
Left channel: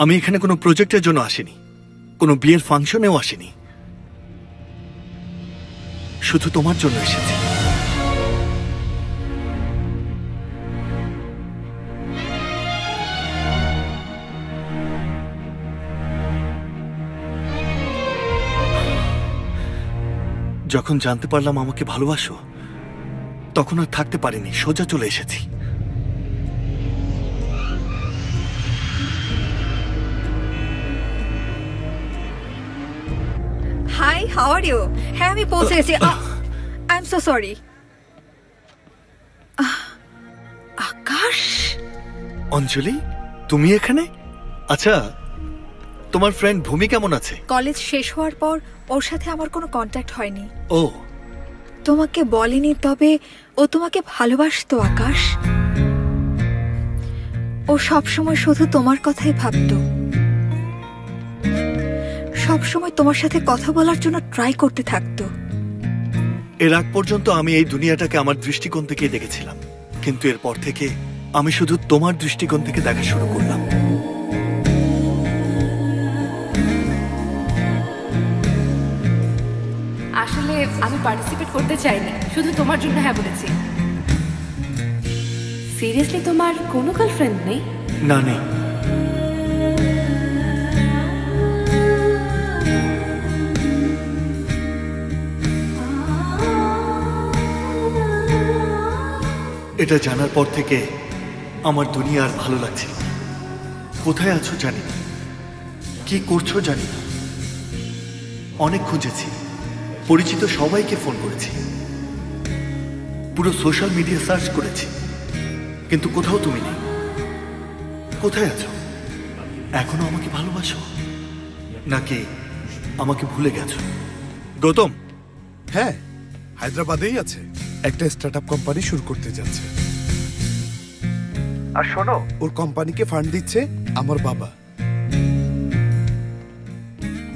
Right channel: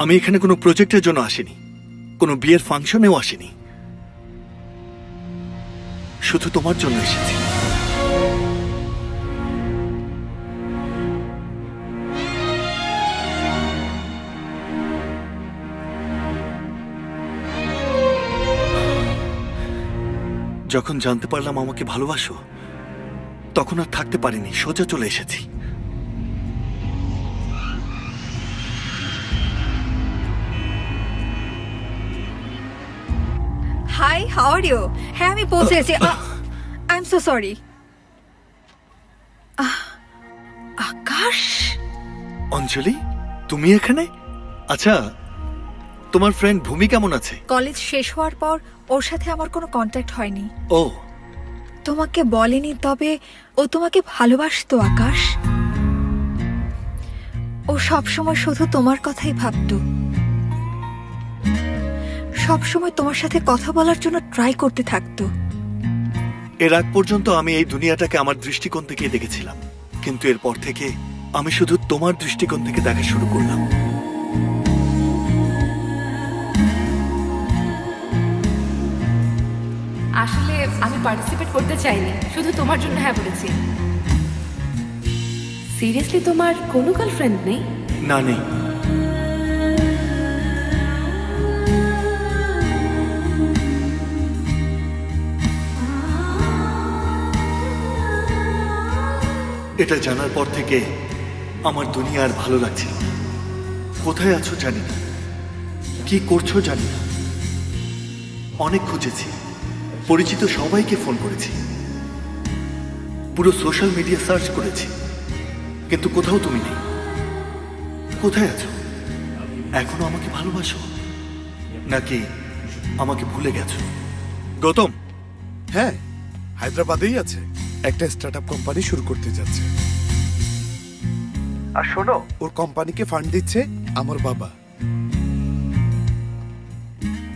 আমি এখানে কোনো প্রজেক্টের জন্য আসিনি, কোনো বিয়ের ফাংশনেও আসিনি, শুধু তোমার জন্য এসেছি। যখন জানতে পারলাম আমাকে ভালোবাসো, তখন আর থাকতে পারিনি, সোজা চলে এসেছি। Hi, how are you? হ্যাঁ, আমি পৌঁছে গেছি। I am so sorry. Akash, Anjali, তুমি এখানে? আচ্ছা, তোমার ফ্রেন্ড ভূমি কেমন আছে? কলেজ শেষ হওয়ার পর ওর সাথে আমার কোনো কন্ট্যাক্ট হয়নি। ও, তোমাকে বলেনি, তবে ও তোমাকে ভালোবাসতো আকাশ। ও সবসময় শুধু তোমার কথাই ভাবতো, সবসময় তোমার সাথে কথা বলার জন্য ট্রাই করতে থাকতো। এর আগ পর্যন্ত আমি এই দুনিয়াটাকে আমার দৃষ্টিকোণ থেকে দেখেছিলাম, কিন্তু এরপর থেকে আমি শুধু তোমার দৃষ্টিকোণ থেকে দেখা শুরু করলাম। আসলে আমি পার্টিসিপেট করতে চাইনি, শুধু তোমার জন্য হ্যাঁ বলেছি। সিরিয়াসলি তোমার কোনো গার্লফ্রেন্ড নেই? না, নেই। এটা জানার পর থেকে আমার দুনিয়া আর ভালো লাগছিল না। কোথায় আছো জানি না, কি করছো জানি না। অনেক খুঁজেছি, পরিচিত সবাইকে ফোন করেছি, পুরো সোশ্যাল মিডিয়া সার্চ করেছি, কিন্তু কোথাও তুমি নেই। কোথায় আছো? এখনো আমাকে ভালোবাসো নাকি আমাকে ভুলে গেছো? গৌতম? হ্যাঁ, হায়দ্রাবাদেই আছে, একটা স্টার্টআপ কোম্পানি শুরু করতে যাচ্ছে। আর শোনো, ওর কোম্পানিকে ফান্ড দিচ্ছে আমার বাবা।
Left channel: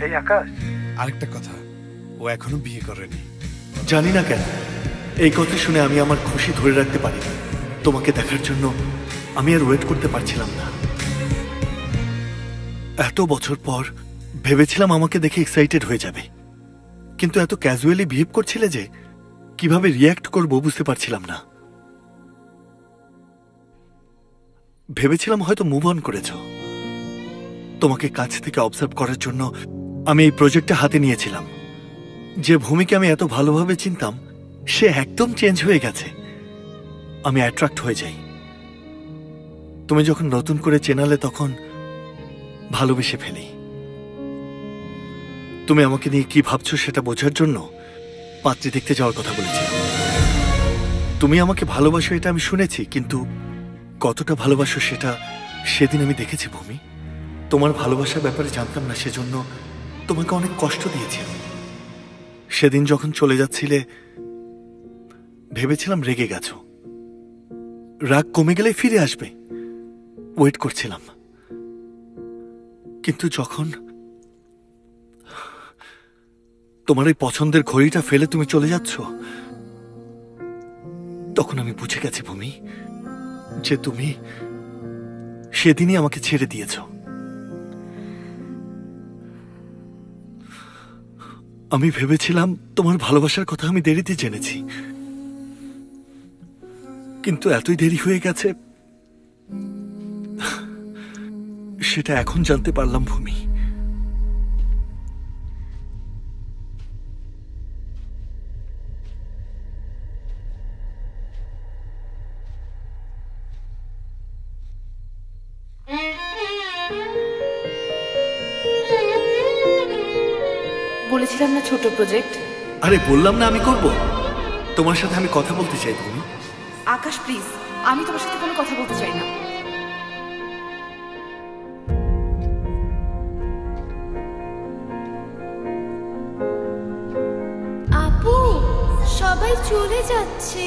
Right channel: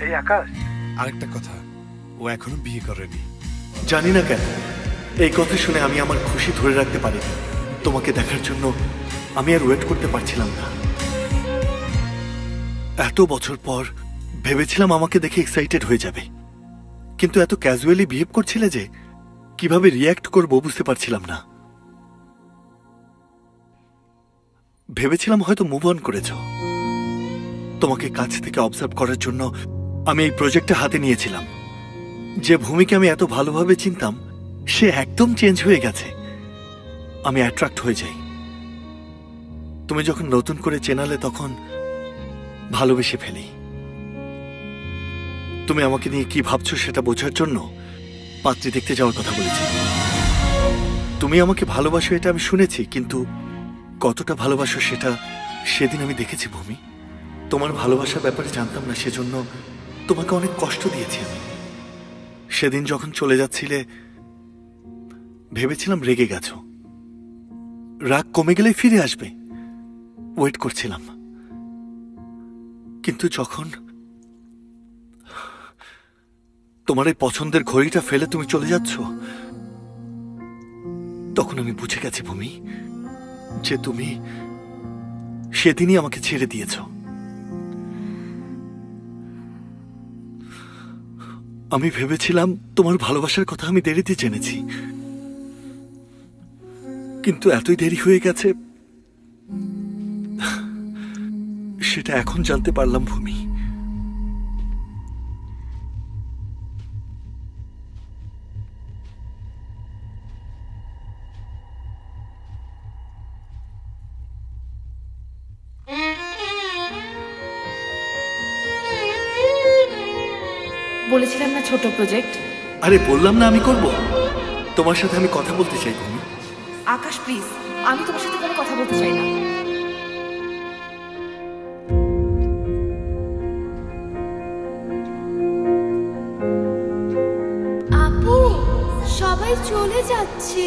এই আকাশ, আরেকটা কথা, ও এখনো বিয়ে করেনি। জানি না কেন এই কথা শুনে আমি আমার খুশি ধরে রাখতে পারিনি। তোমাকে দেখার জন্য আমি আর ওয়েট করতে পারছিলাম না। এত বছর পর ভেবেছিলাম আমাকে দেখে এক্সাইটেড হয়ে যাবে, কিন্তু এত ক্যাজুয়ালি বিহেভ করছিলে যে কিভাবে রিয়্যাক্ট করব বুঝতে পারছিলাম না। ভেবেছিলাম হয়তো মুভ অন করেছ। তোমাকে কাছ থেকে অবজার্ভ করার জন্য আমি এই প্রজেক্টটা হাতে নিয়েছিলাম। যে ভূমিকে আমি এত ভালোভাবে চিনতাম সে একদম চেঞ্জ হয়ে গেছে। আমি অ্যাট্রাক্ট হয়ে যাই। তুমি যখন নতুন করে চেনালে তখন ভালোবেসে ফেলি। তুমি আমাকে নিয়ে কি ভাবছো সেটা বোঝার জন্য পাত্রী দেখতে যাওয়ার কথা বলেছিলাম। তুমি আমাকে ভালোবাসো এটা আমি শুনেছি, কিন্তু কতটা ভালোবাসো সেটা সেদিন আমি দেখেছি ভূমি। তোমার ভালোবাসার ব্যাপারে জানতাম না, সেজন্য তোমাকে অনেক কষ্ট দিয়েছি আমি। সেদিন যখন চলে যাচ্ছিলে ভেবেছিলাম রেগে গেছো, রাগ কমে গেলে ফিরে আসবে, ওয়েট করছিলাম। কিন্তু যখন তোমার এই পছন্দের ঘড়িটা ফেলে তুমি চলে যাচ্ছ, তখন আমি বুঝে গেছি ভূমি যে তুমি সেদিনই আমাকে ছেড়ে দিয়েছ। আমি ভেবেছিলাম তোমার ভালোবাসার কথা আমি দেরিতে জেনেছি, কিন্তু এতই দেরি হয়ে গেছে সেটা এখন জানতে পারলাম ভূমি। বলেছিলাম না ছোট প্রজেক্ট। আরে বললাম না আমি করব। তোমার সাথে আমি কথা বলতে চাই ভূমি। আকাশ প্লিজ, আমি তোমার সাথে কোনো কথা বলতে চাই না। আপু, সবাই চলে যাচ্ছে।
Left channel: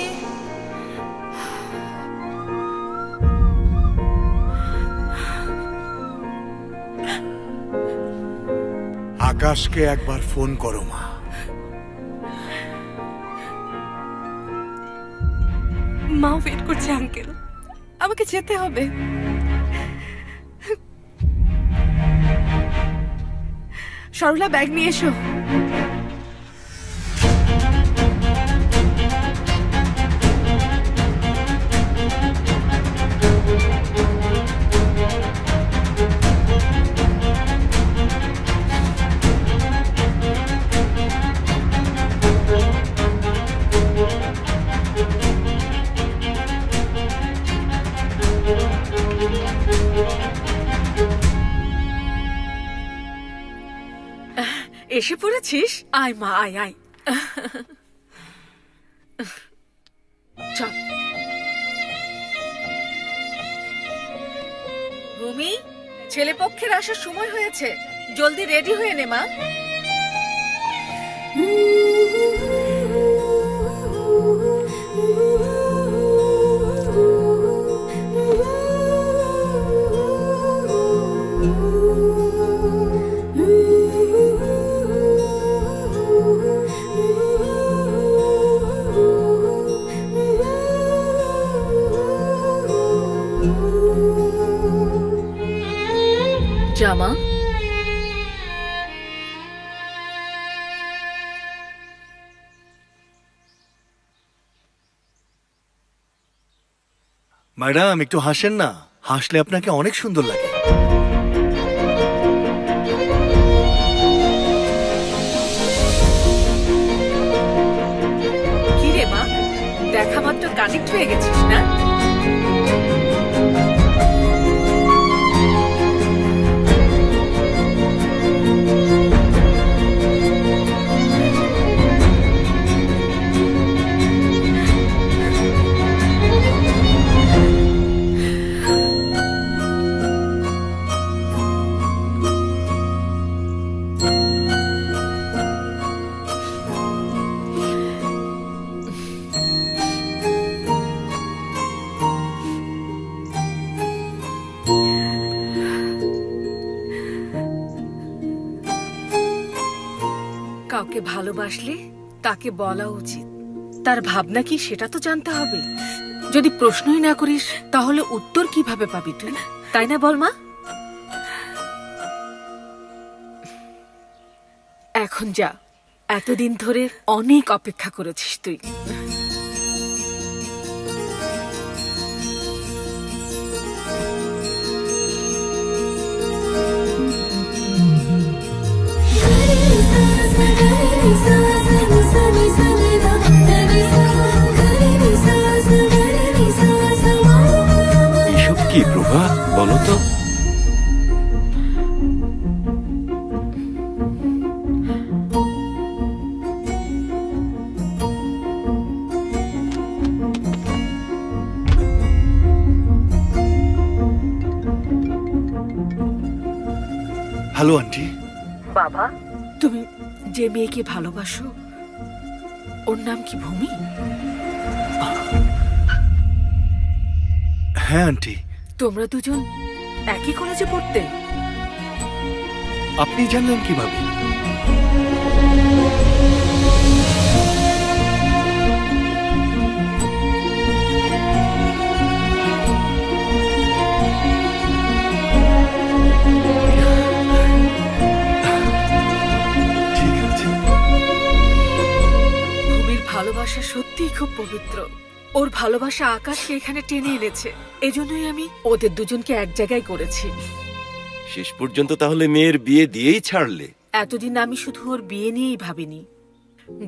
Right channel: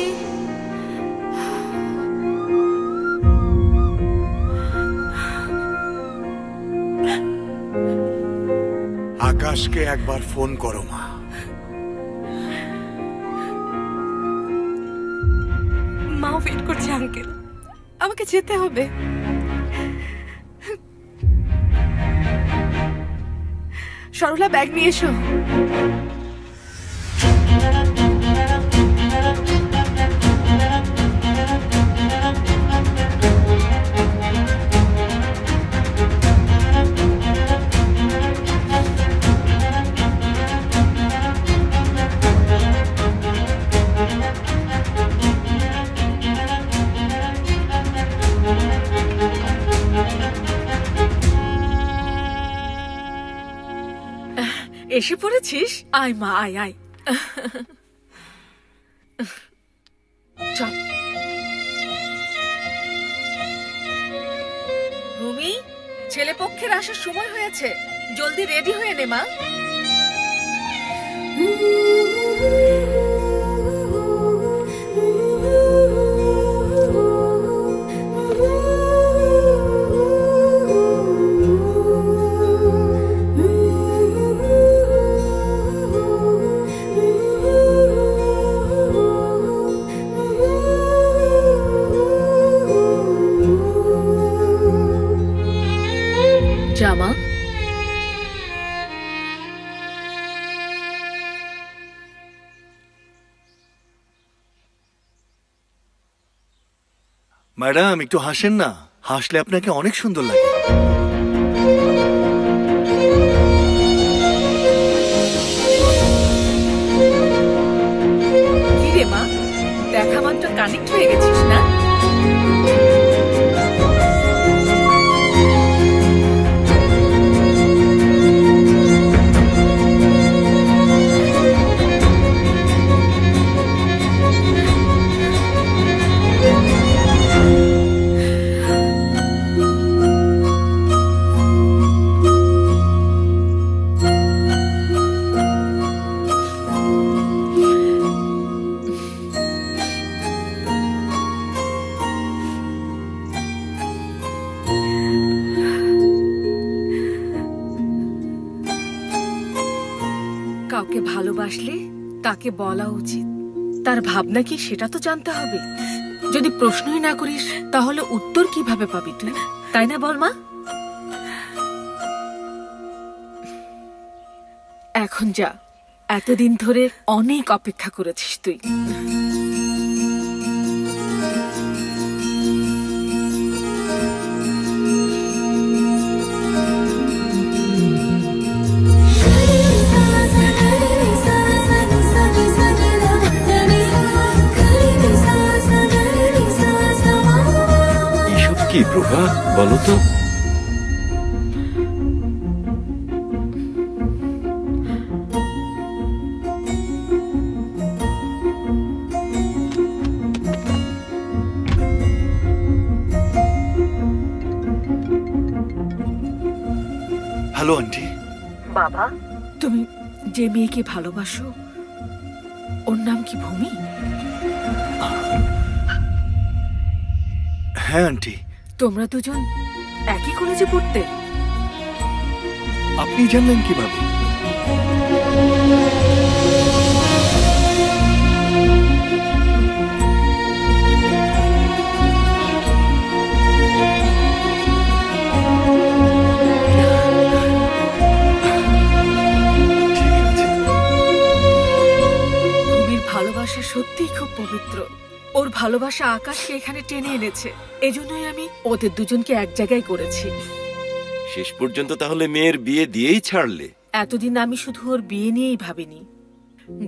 আকাশকে একবার ফোন করো মা। মা ওয়েট করছে আঙ্কেল, আমাকে যেতে হবে। সরলা ব্যাগ নিয়ে এসো। এসে পড়েছিস? আয় মা, আয় আয়। চল ভূমি, ছেলে পক্ষের আসার সময় হয়েছে, জলদি রেডি হয়ে নে মা। জামা ম্যাডাম একটু হাসেন না, হাসলে আপনাকে অনেক সুন্দর লাগে। কি রে মা, দেখা মাত্র কানেক্ট হয়ে গেছিস না? কাউকে ভালোবাসলে তাকে বলা উচিত, তার ভাবনা কি সেটা তো জানতে হবে। যদি প্রশ্নই না করিস তাহলে উত্তর কিভাবে পাবি তুই, তাই না বল মা? এখন যা, এতদিন ধরে অনেক অপেক্ষা করেছিস তুই। এসব কি প্রভা, বলো তো? Hello aunty. বাবা, তুমি যে মেয়েকে ভালোবাসো ওর নাম কি ভূমি? হ্যাঁ আন্টি। তোমরা দুজন একই কলেজে পড়তে? আপনি জানলেন কিভাবে? ভূমির ভালোবাসা সত্যিই খুব পবিত্র। ওর ভালোবাসা আকাশকে এখানে টেনে এনেছে, এজন্যই আমি ওদের দুজনকে এক জায়গায় করেছি। শেষ পর্যন্ত তাহলে মেয়ের বিয়ে দিয়েই ছাড়লে? এতদিন আমি শুধু ওর বিয়ে নিয়েই ভাবিনি,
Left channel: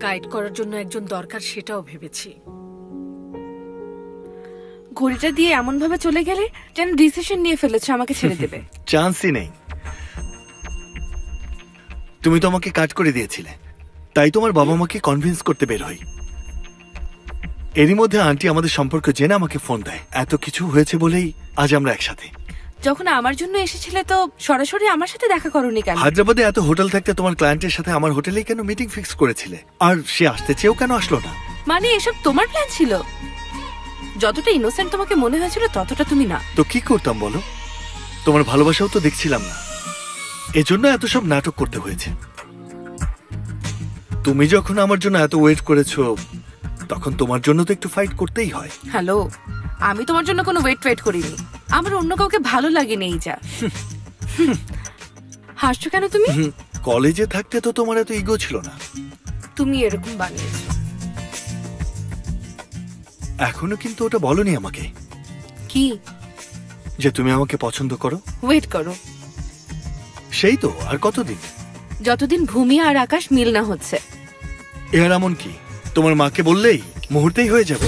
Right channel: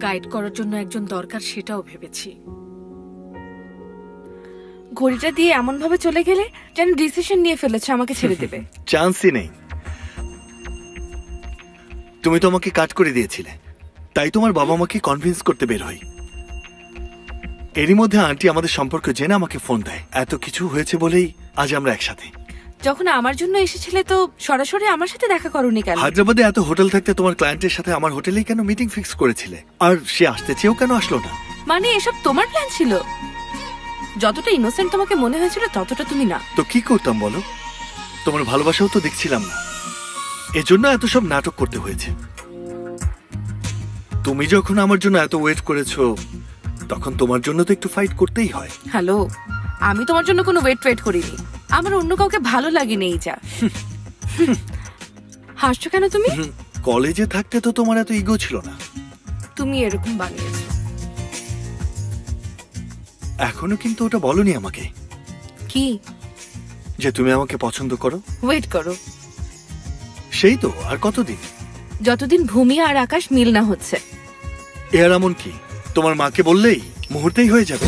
গাইড করার জন্য একজন দরকার সেটাও ভেবেছি। ঘড়িটা দিয়ে এমন ভাবে চলে গেলে যেন ডিসিশন নিয়ে ফেলেছে আমাকে ছেড়ে দেবে। চান্সই নেই। তুমি তো আমাকে কাট করে দিয়েছিলে, তাই তোমার বাবা মাকে কনভিন্স করতে বের হই। এরই মধ্যে আন্টি আমাদের সম্পর্ক জেনে আমাকে ফোন দেয়। এত কিছু হয়েছে বলেই আজ আমরা একসাথে। যখন আমার জন্য এসেছিলে তো সরাসরি আমার সাথে দেখা করোনি কেন? হায়দ্রাবাদে এত হোটেল থাকতে তোমার ক্লায়েন্টের সাথে আমার হোটেলেই কেন মিটিং ফিক্স করেছিলে? আর সে আসতে চেয়েও কেন আসলো না? মানে এসব তোমার প্ল্যান ছিল? যতটা ইনোসেন্ট তোমাকে মনে হয়েছিল ততটা তুমি না। তো কি করতাম বলো? তোমার ভালোবাসাও তো দেখছিলাম না, এজন্য এত সব নাটক করতে হয়েছে। তুমি যখন আমার জন্য এত ওয়েট করেছো তখন তোমার জন্য তো একটু ফাইট করতেই হয়। হ্যালো, আমি তোমার জন্য কোনো ওয়েট করিনি। আমার অন্য কাউকে ভালো লাগেনি। এই যা হাসছো কেন তুমি? কলেজে থাকতে তো তোমার এত ইগো ছিল না। তুমি এরকম বানিয়েছো। এখনো কিন্তু ওটা বলনি আমাকে। কি? যে তুমি আমাকে পছন্দ করো। ওয়েট করো। সেই তো, আর কতদিন? যতদিন ভূমি আর আকাশ মিল না হচ্ছে। এর এমন কি? তোমার মাকে বললেই মুহূর্তেই হয়ে যাবে।